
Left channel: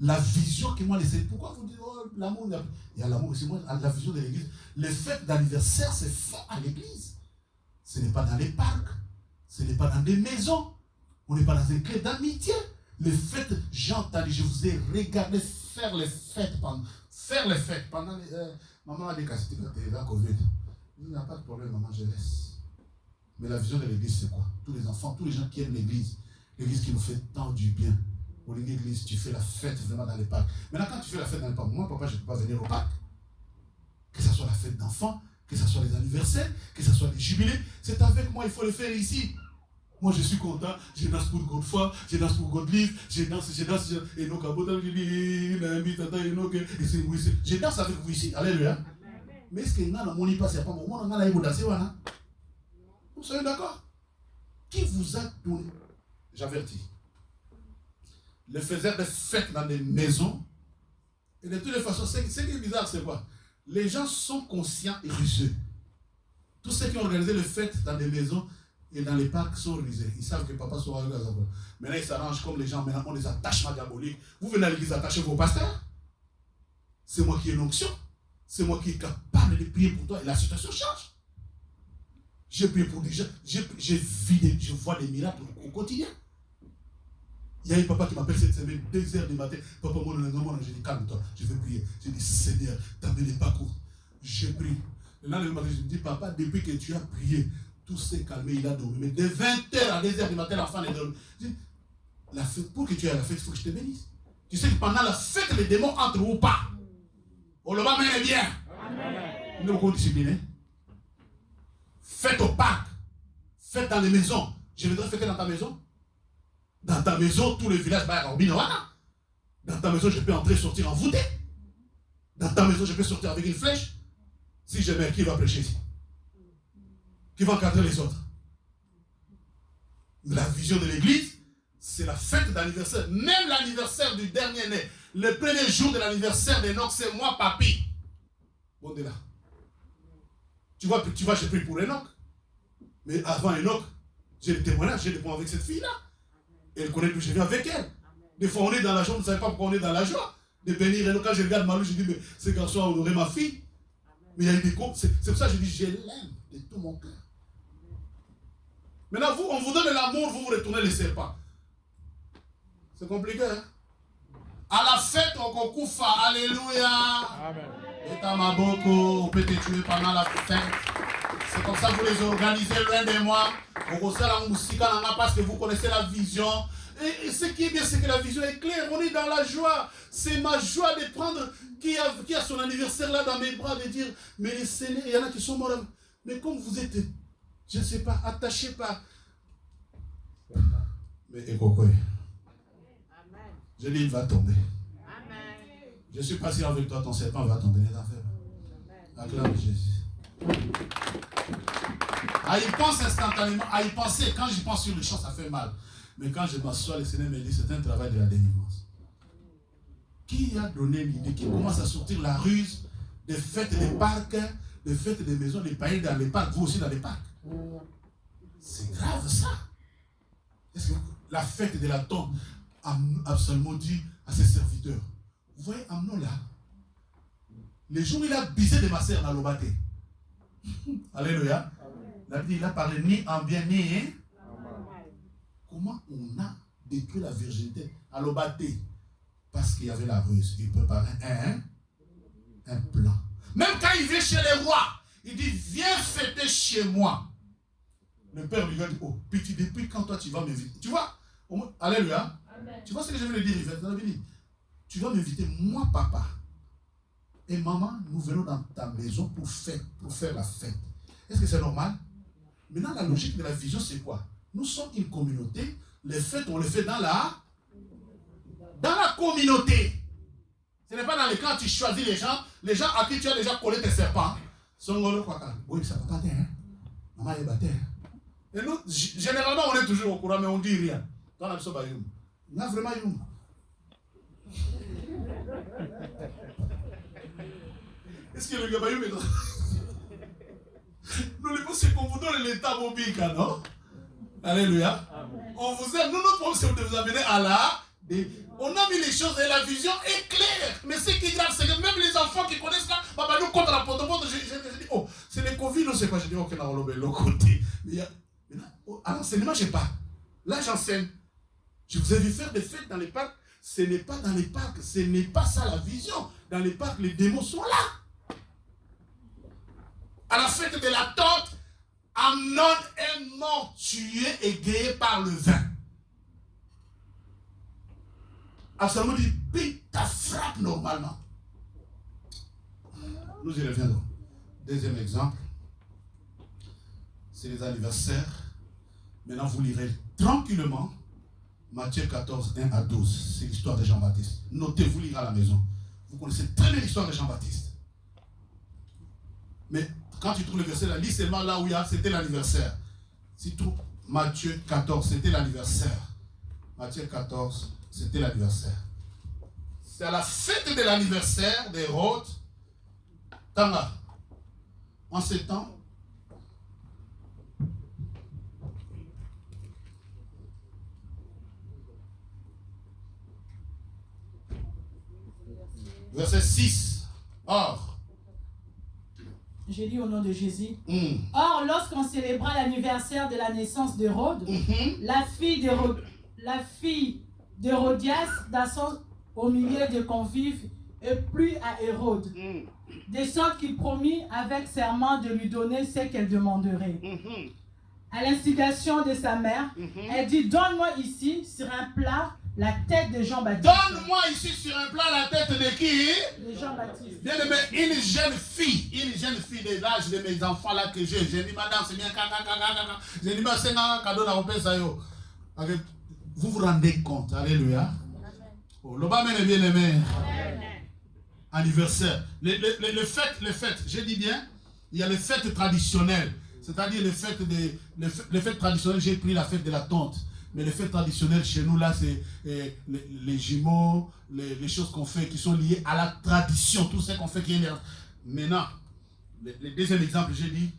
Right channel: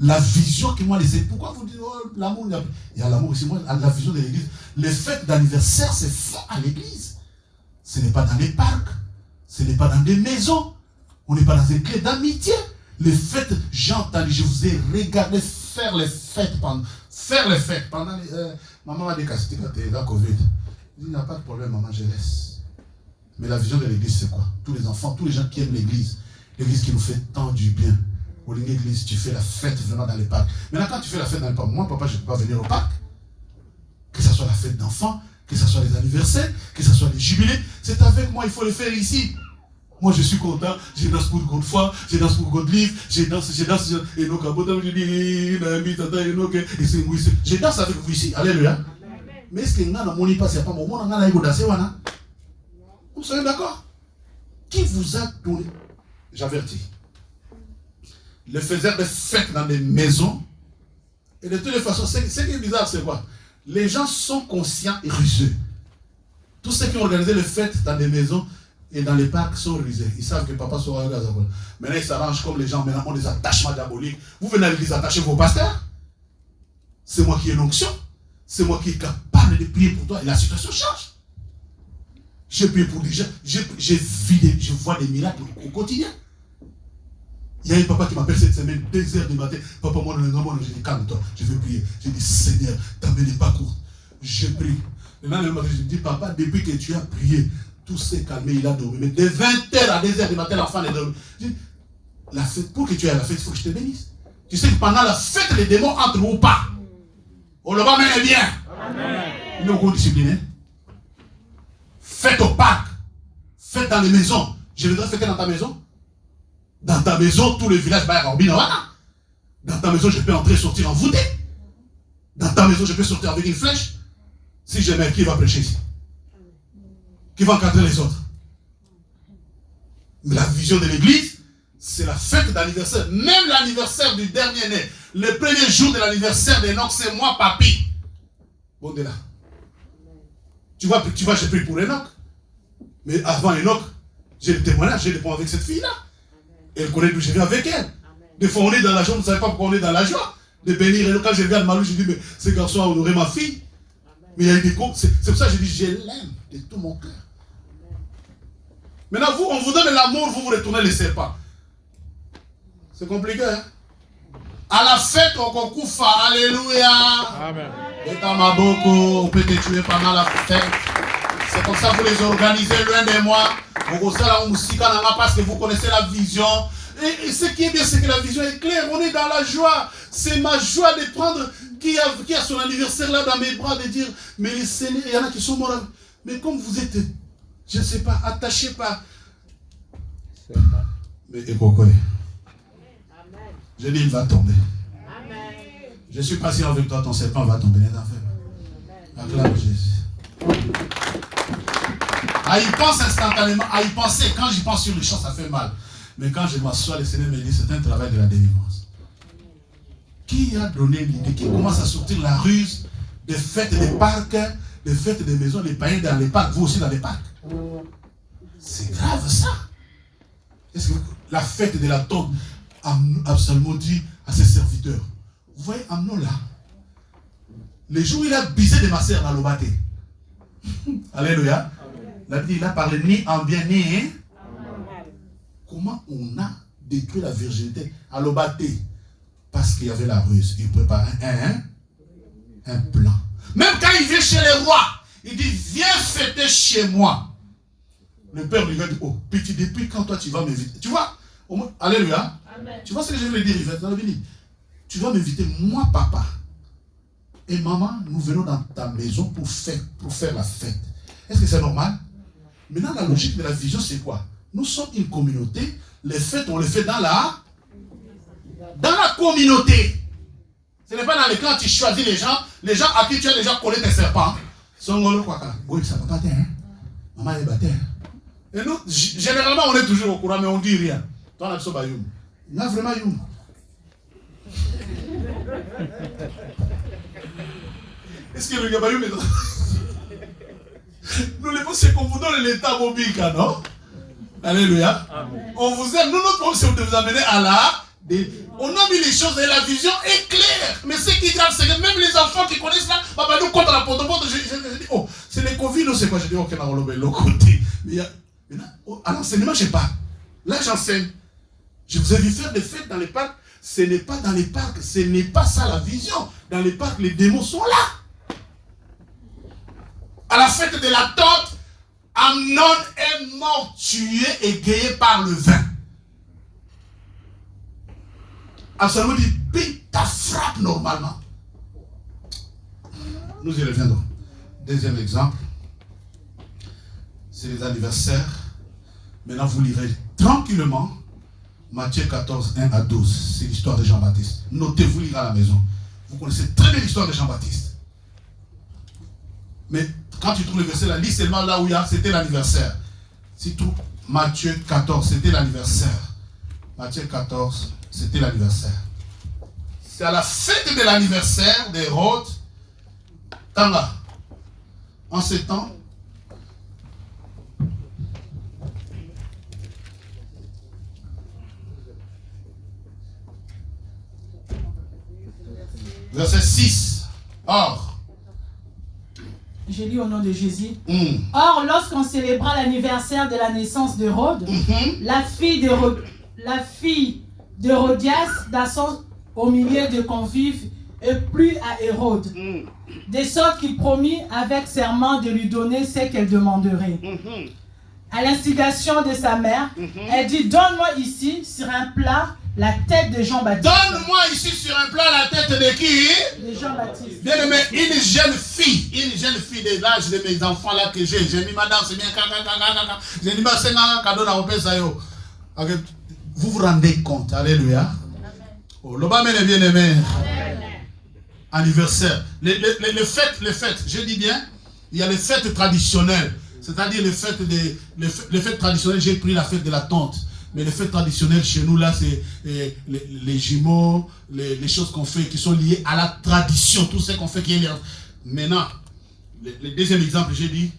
La vision qui m'a laissé. Pourquoi vous dites, oh, l'amour, il y a l'amour aussi. Moi, la vision de l'église. Les fêtes d'anniversaire, c'est fait à l'église. Ce n'est pas dans les parcs. Ce n'est pas dans des maisons. On n'est pas dans une clé d'amitié. Les fêtes, j'ai entendu, je vous ai regardé faire les fêtes pendant. Maman m'a dit qu'à la Covid. Il n'y a pas de problème, maman, je laisse. Mais la vision de l'église, c'est quoi? Tous les enfants, tous les gens qui aiment l'église qui nous fait tant du bien. Au lieu d'église, tu fais la fête vraiment dans les parcs. Maintenant, quand tu fais la fête dans les parcs, moi, papa, je ne peux pas venir au parc. Que ce soit la fête d'enfants, que ce soit les anniversaires, que ce soit les jubilés, c'est avec moi, il faut le faire ici. Moi, je suis content, je danse pour Godefroy, je danse pour Godelive, je danse, et donc, je danse avec vous ici. Alléluia. Mais est-ce que nous n'avons pas, c'est pas mon monde, vous soyez d'accord? Qui vous a donné? J'avertis. Le faiseur de fêtes dans des maisons, et de toutes les façons, ce qui est bizarre, c'est quoi? Les gens sont conscients et rusés. Tous ceux qui ont organisé les fêtes dans des maisons et dans les parcs sont rusés. Ils savent que papa sera là. Maintenant, ils s'arrangent comme les gens maintenant ont des attachements diaboliques. Vous venez à l'église attacher vos pasteurs. C'est moi qui ai l'onction. C'est moi qui est capable de prier pour toi. Et la situation change. Je prie pour des gens. Je vois des miracles au quotidien. Il y a un papa qui m'appelle cette semaine, 2h du matin. Papa, moi, non, je dis, calme-toi, je veux prier. Je dis, Seigneur, ta main n'est pas courte. Je prie. Le lendemain, je dis, papa, depuis que tu as prié, tout s'est calmé, il a dormi. Mais de 20h à 2h du matin, l'enfant est dormi. Je dis, la fête, pour que tu aies la fête, il faut que je te bénisse. Tu sais que pendant la fête, les démons entrent ou pas. On le va mener bien. Amen. Ils sont encore disciplinés. Fête au parc. Fête dans les maisons. Je voudrais fêter dans ta maison. Dans ta maison, tout le village va être dans ta maison, je peux entrer et sortir en voûté. Dans ta maison, je peux sortir avec une flèche. Si je mets, qui va prêcher ici? Qui va encadrer les autres? Mais la vision de l'église, c'est la fête d'anniversaire. Même l'anniversaire du dernier né. Le premier jour de l'anniversaire d'Enoch, c'est moi, papy. Bon, de là. Tu vois, je prie pour Enoch. Mais avant Enoch, j'ai le témoignage, j'ai le point avec cette fille-là. Elle connaît d'où je viens avec elle. Amen. Des fois, on est dans la joie, on ne savait pas pourquoi on est dans la joie. De bénir. Et quand je regarde Malou, je dis, mais ce garçon a honoré ma fille. Amen. Mais il y a eu des comptes. C'est pour ça que je dis, je l'aime de tout mon cœur. Maintenant, vous, on vous donne l'amour, vous retournez les serpents. C'est compliqué, hein? À la fête, on concourt. Alléluia. Amen. Et dans ma boucle, on peut te tuer pendant la fête. C'est comme ça que vous les organisez loin de moi. Parce que vous connaissez la vision. Et ce qui est bien, c'est que la vision est claire. On est dans la joie. C'est ma joie de prendre qui a son anniversaire là dans mes bras, de dire, mais les Seigneurs, il y en a qui sont morts. Mais comme vous êtes, je ne sais pas, attachés par... Mais écoutez, je dis, il va tomber. Je suis patient avec toi, ton serpent va tomber. Acclame Jésus. À y penser instantanément, à y penser, quand j'y pense sur le champ, ça fait mal. Mais quand je m'assois, le Seigneur me dit, c'est un travail de la délivrance. Qui a donné l'idée, qui commence à sortir la ruse des fêtes des parcs, des fêtes des maisons, des païens dans les parcs, vous aussi dans les parcs? C'est grave ça. Est-ce que la fête de la tombe, Absalom dit à ses serviteurs, vous voyez Amnon là, les jours où il a bisé de ma sœur dans le bâté. Alléluia. Il a parlé ni en bien ni en... Comment on a détruit la virginité à l'Obaté? Parce qu'il y avait la ruse. Il prépare un plan. Même quand il vient chez les rois, il dit, viens fêter chez moi. Le père lui va dire, oh, petit, depuis quand toi tu vas m'inviter? Tu vois? Alléluia. Amen. Tu vois ce que je veux lui dire, Yvette? Tu vas m'inviter, moi, papa. Et maman, nous venons dans ta maison pour faire la fête. Est-ce que c'est normal? Maintenant, la logique de la vision, c'est quoi? Nous sommes une communauté. Les fêtes, on les fait dans la communauté. Ce n'est pas dans les camps, tu choisis les gens à qui tu as déjà collé tes serpents. Maman est bâtée. Et nous, généralement, on est toujours au courant, mais on ne dit rien. Toi, on a besoin de youm. Il y a vraiment youm. Est-ce que le gabayou est dans... Nous, les mots, c'est qu'on vous donne l'état bobika, non? Alléluia. Amen. On vous aime. Nous, notre problème, c'est de vous amener à la... On a mis les choses et la vision est claire. Mais ce qui est grave, c'est que même les enfants qui connaissent ça, papa, nous, contre la porte, je dis, oh, c'est les Covid ou c'est quoi? Je dis, ok, on a relové l'autre côté. Mais à l'enseignement, je sais pas. Là, j'enseigne. Je vous ai vu faire des fêtes dans les parcs. Ce n'est pas dans les parcs. Ce n'est pas ça la vision. Dans les parcs, les démons sont là. À la fête de la tente, Amnon est mort, tué, égayé par le vin. Absalom dit, puis ta frappe normalement. Nous y reviendrons. Deuxième exemple, c'est les anniversaires. Maintenant, vous lirez tranquillement Matthieu 14, 1 à 12. C'est l'histoire de Jean-Baptiste. Notez-vous, lire à la maison. Vous connaissez très bien l'histoire de Jean-Baptiste. Mais quand tu trouves le verset là, lis seulement là où il y a, c'était l'anniversaire. Si tu trouves Matthieu 14, c'était l'anniversaire. Matthieu 14, c'était l'anniversaire. C'est à la fête de l'anniversaire d'Hérode, Tanga, en ces temps, verset 6. Or, je lis au nom de Jésus. Or, lorsqu'on célébra l'anniversaire de la naissance d'Hérode, la fille d'Hérodias, d'assaut au milieu de convives, et plut à Hérode, de sorte qu'il promit avec serment de lui donner ce qu'elle demanderait. À l'instigation de sa mère, elle dit, donne-moi ici, sur un plat, la tête de Jean-Baptiste. Donne-moi ici sur un plat la tête de qui? De Jean-Baptiste. Bien aimé, une jeune fille de l'âge de mes enfants là que j'ai mis madame, c'est bien, j'ai dit, c'est un cadeau à Opesayo. Vous vous rendez compte, alléluia. Oh, l'Obama est bien aimé. Anniversaire. Les fêtes, je dis bien, il y a les fêtes traditionnelles. C'est-à-dire les fêtes traditionnelles, j'ai pris la fête de la tente. Mais les fêtes traditionnelles chez nous, là, c'est les jumeaux, les choses qu'on fait qui sont liées à la tradition, tout ce qu'on fait qui est lié. Maintenant, le deuxième exemple, j'ai dit,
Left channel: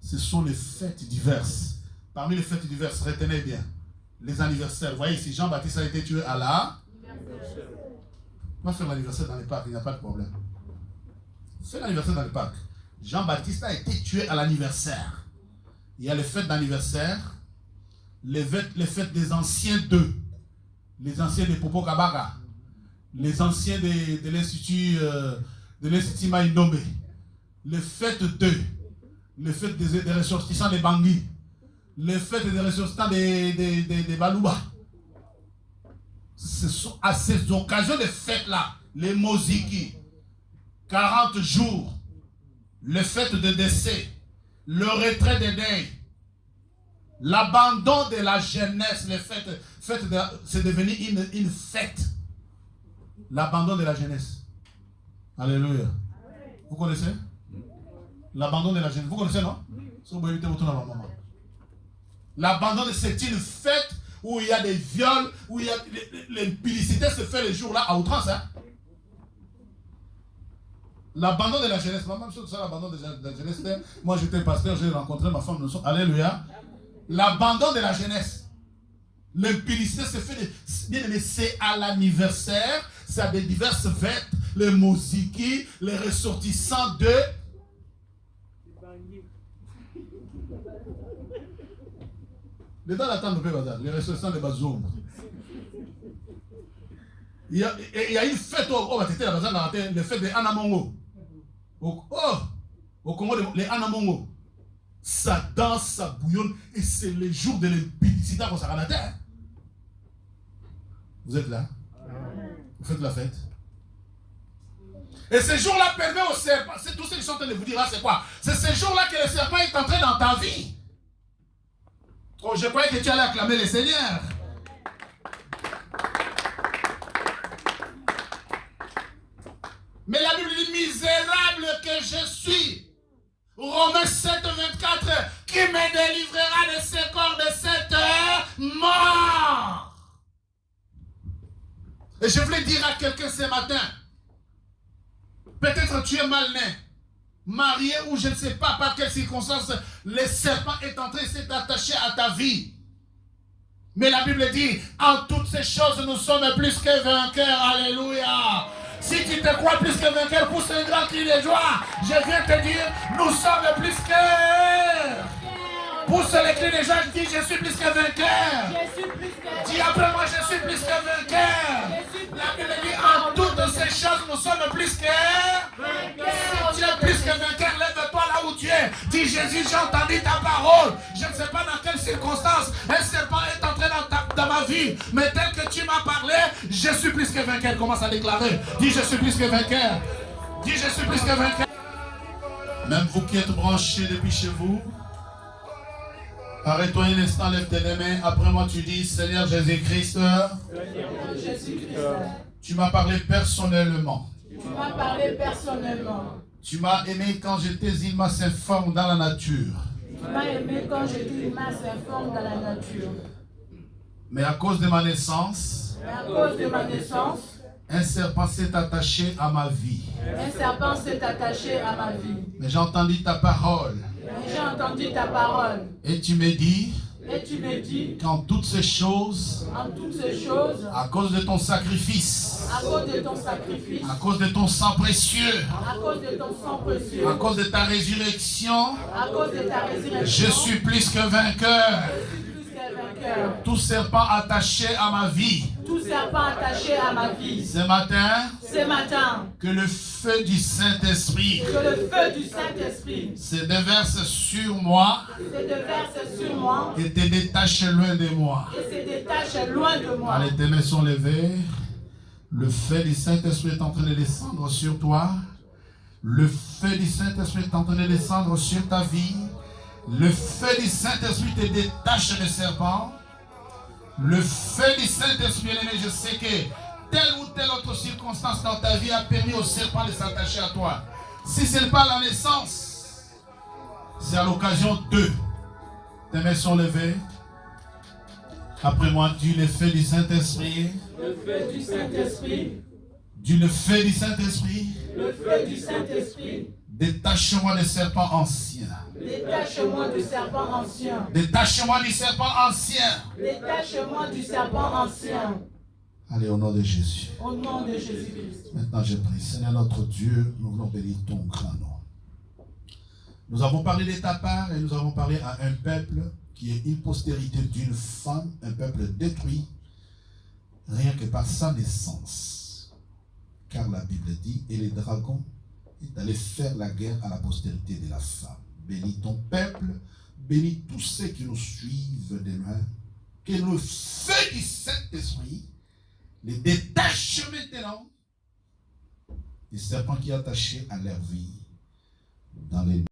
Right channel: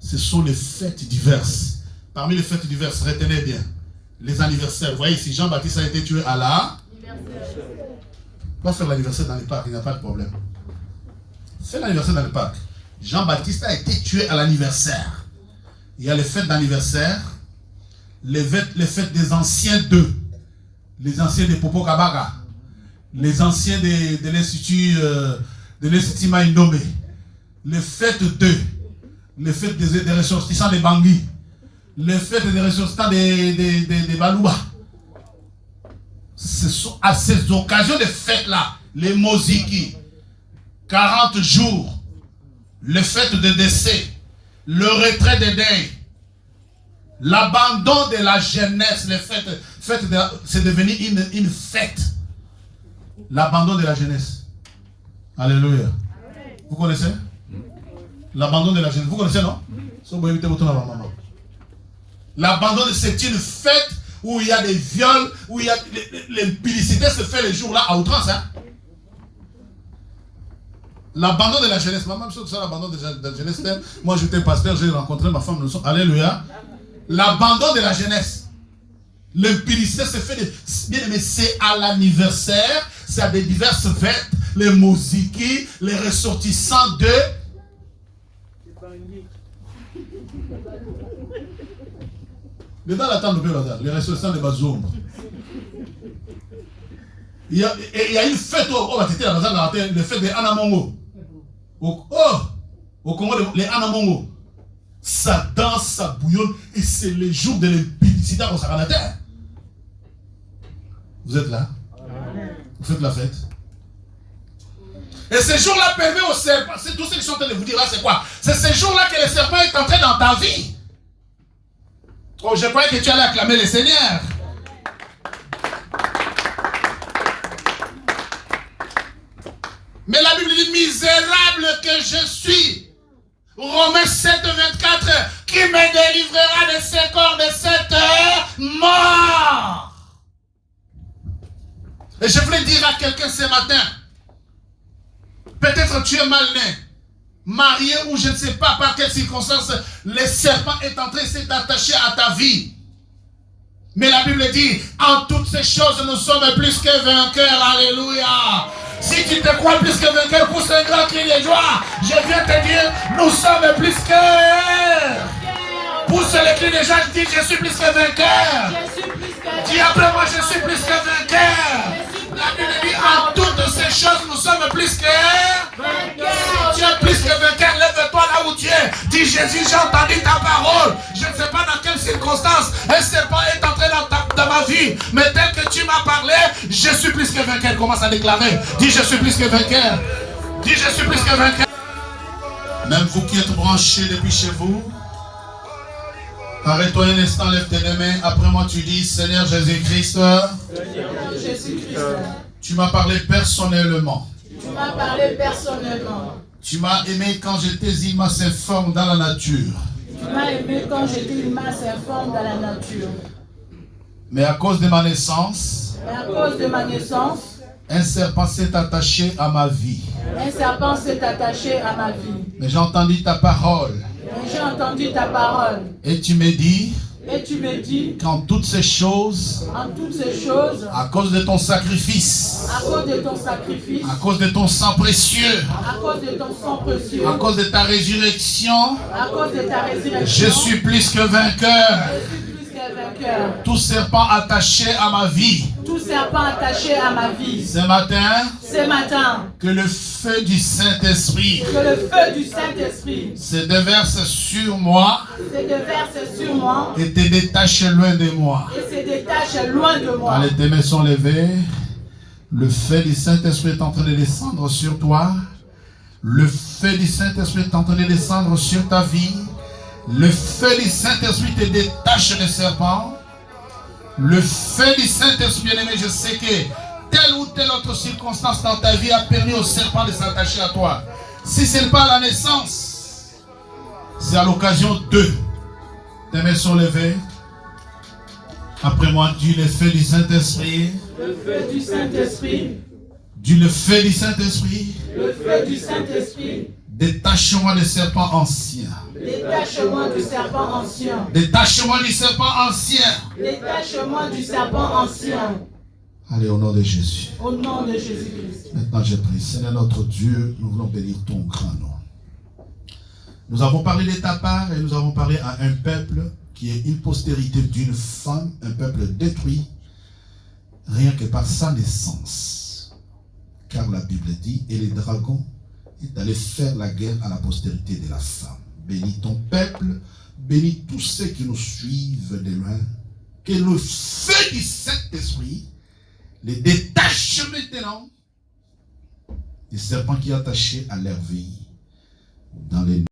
ce sont les fêtes diverses. Parmi les fêtes diverses, retenez bien, les anniversaires. Vous voyez, si Jean-Baptiste a été tué à la... On va faire l'anniversaire dans les parcs, il n'y a pas de problème. Fais l'anniversaire dans les parcs. Jean-Baptiste a été tué à l'anniversaire. Il y a les fêtes d'anniversaire, les fêtes des anciens d'eux, les anciens de Popo Kabaka, les anciens de l'Institut Maïndomé, les fêtes d'eux, les fêtes des ressortissants de Bangui, les fêtes des ressortissants de Balouba. Ce sont à ces occasions de fêtes-là, les Moziki, 40 jours, les fêtes de décès, le retrait des deuils, l'abandon de la jeunesse, les fêtes c'est devenu une fête. L'abandon de la jeunesse. Alléluia. Vous connaissez? L'abandon de la jeunesse. Vous connaissez, non? L'abandon, c'est une fête où il y a des viols, où il y a l'impudicité se fait les jours-là à outrance. Hein? L'abandon de la jeunesse, même chose que ça, l'abandon de la jeunesse. Moi, j'étais pasteur, j'ai rencontré ma femme, alléluia. L'abandon de la jeunesse. L'impudicité se fait, bien aimé, c'est à l'anniversaire, c'est à des diverses fêtes, les musiques, les ressortissants de... Dans la tente de Bazar, les ressortissants de Bazoum. Il y a une fête au Bazar, le fête des Anamongo. Au Congo, les Anamongo. Ça danse, ça bouillonne, et c'est le jour de l'impudicité au Saranataire. Vous êtes là? Vous faites la fête. Et ce jour-là permet au serpent, c'est tout ce que je suis en train de vous dire là, c'est quoi? C'est ce jour-là que le serpent est entré dans ta vie. Oh, je croyais que tu allais acclamer le Seigneur. Mais la Bible dit, misérable que je suis. Romains 7, 24, qui me délivrera de ce corps, de cette mort. Et je voulais dire à quelqu'un ce matin, peut-être tu es mal né, marié ou je ne sais pas par quelles circonstances, le serpent est entré, s'est attaché à ta vie. Mais la Bible dit, en toutes ces choses, nous sommes plus que vainqueurs. Alléluia. Si tu te crois plus que vainqueur, pousse un grand cri de joie. Je viens te dire, nous sommes plus que... Pousse le cri de joie, je dis, je suis plus que vainqueur. Dis après moi, je suis plus que vainqueur. La Bible dit, en toutes ces choses, nous sommes plus que... Si tu es plus que vainqueur, lève-toi là où tu es. Dis, Jésus, j'ai entendu ta parole. Je ne sais pas dans quelles circonstances un serpent est entré dans ma vie. Mais tel que tu m'as parlé, je suis plus que vainqueur. Commence à déclarer. Dis, je suis plus que vainqueur. Dis, je suis plus que vainqueur. Même vous qui êtes branchés depuis chez vous, arrête-toi un instant, lève tes mains. Après moi, tu dis, Seigneur Jésus-Christ, tu m'as parlé personnellement. Tu m'as parlé personnellement. Tu m'as aimé quand j'étais immense informe dans la nature. Tu m'as aimé quand j'étais immense informe dans la nature. Mais à cause de ma naissance, un serpent s'est attaché à ma vie. Un serpent s'est attaché à ma vie. Mais j'ai entendu ta parole. J'ai entendu ta parole. Et tu me dis, qu'en toutes ces choses, à cause de ton sacrifice, à cause de ton sacrifice, à cause de ton sang précieux, à cause de ta résurrection, je je suis plus que vainqueur. Tout serpent attaché à ma vie. Ce matin, que le feu du Saint-Esprit se déverse sur moi et te détache loin de moi. Allez, tes mains sont levées. Le feu du Saint-Esprit est en train de descendre sur toi. Le feu du Saint-Esprit est en train de descendre sur ta vie. Le feu du Saint-Esprit te détache des serpents. Le feu du Saint-Esprit, bien aimé, je sais que telle ou telle autre circonstance dans ta vie a permis au serpent de s'attacher à toi. Si ce n'est pas la naissance, c'est à l'occasion de. Tes mains sont levées. Après moi, dis le feu du Saint-Esprit. Le feu du Saint-Esprit. Dis le feu du Saint-Esprit. Le feu du Saint-Esprit. Détache-moi des serpents anciens. Détache-moi du serpent ancien. Détache-moi du serpent ancien. Détache-moi du serpent ancien. Allez, au nom de Jésus. Au nom de Jésus-Christ. Maintenant, je prie. Seigneur notre Dieu, nous voulons bénir ton grand nom. Nous avons parlé de ta part et nous avons parlé à un peuple qui est une postérité d'une femme, un peuple détruit, rien que par sa naissance. Car la Bible dit, et les dragons est allé faire la guerre à la postérité de la femme. Bénis ton peuple, bénis tous ceux qui nous suivent de loin. Que le feu du Saint-Esprit les détache maintenant des serpents qui sont attachés à leur vie dans les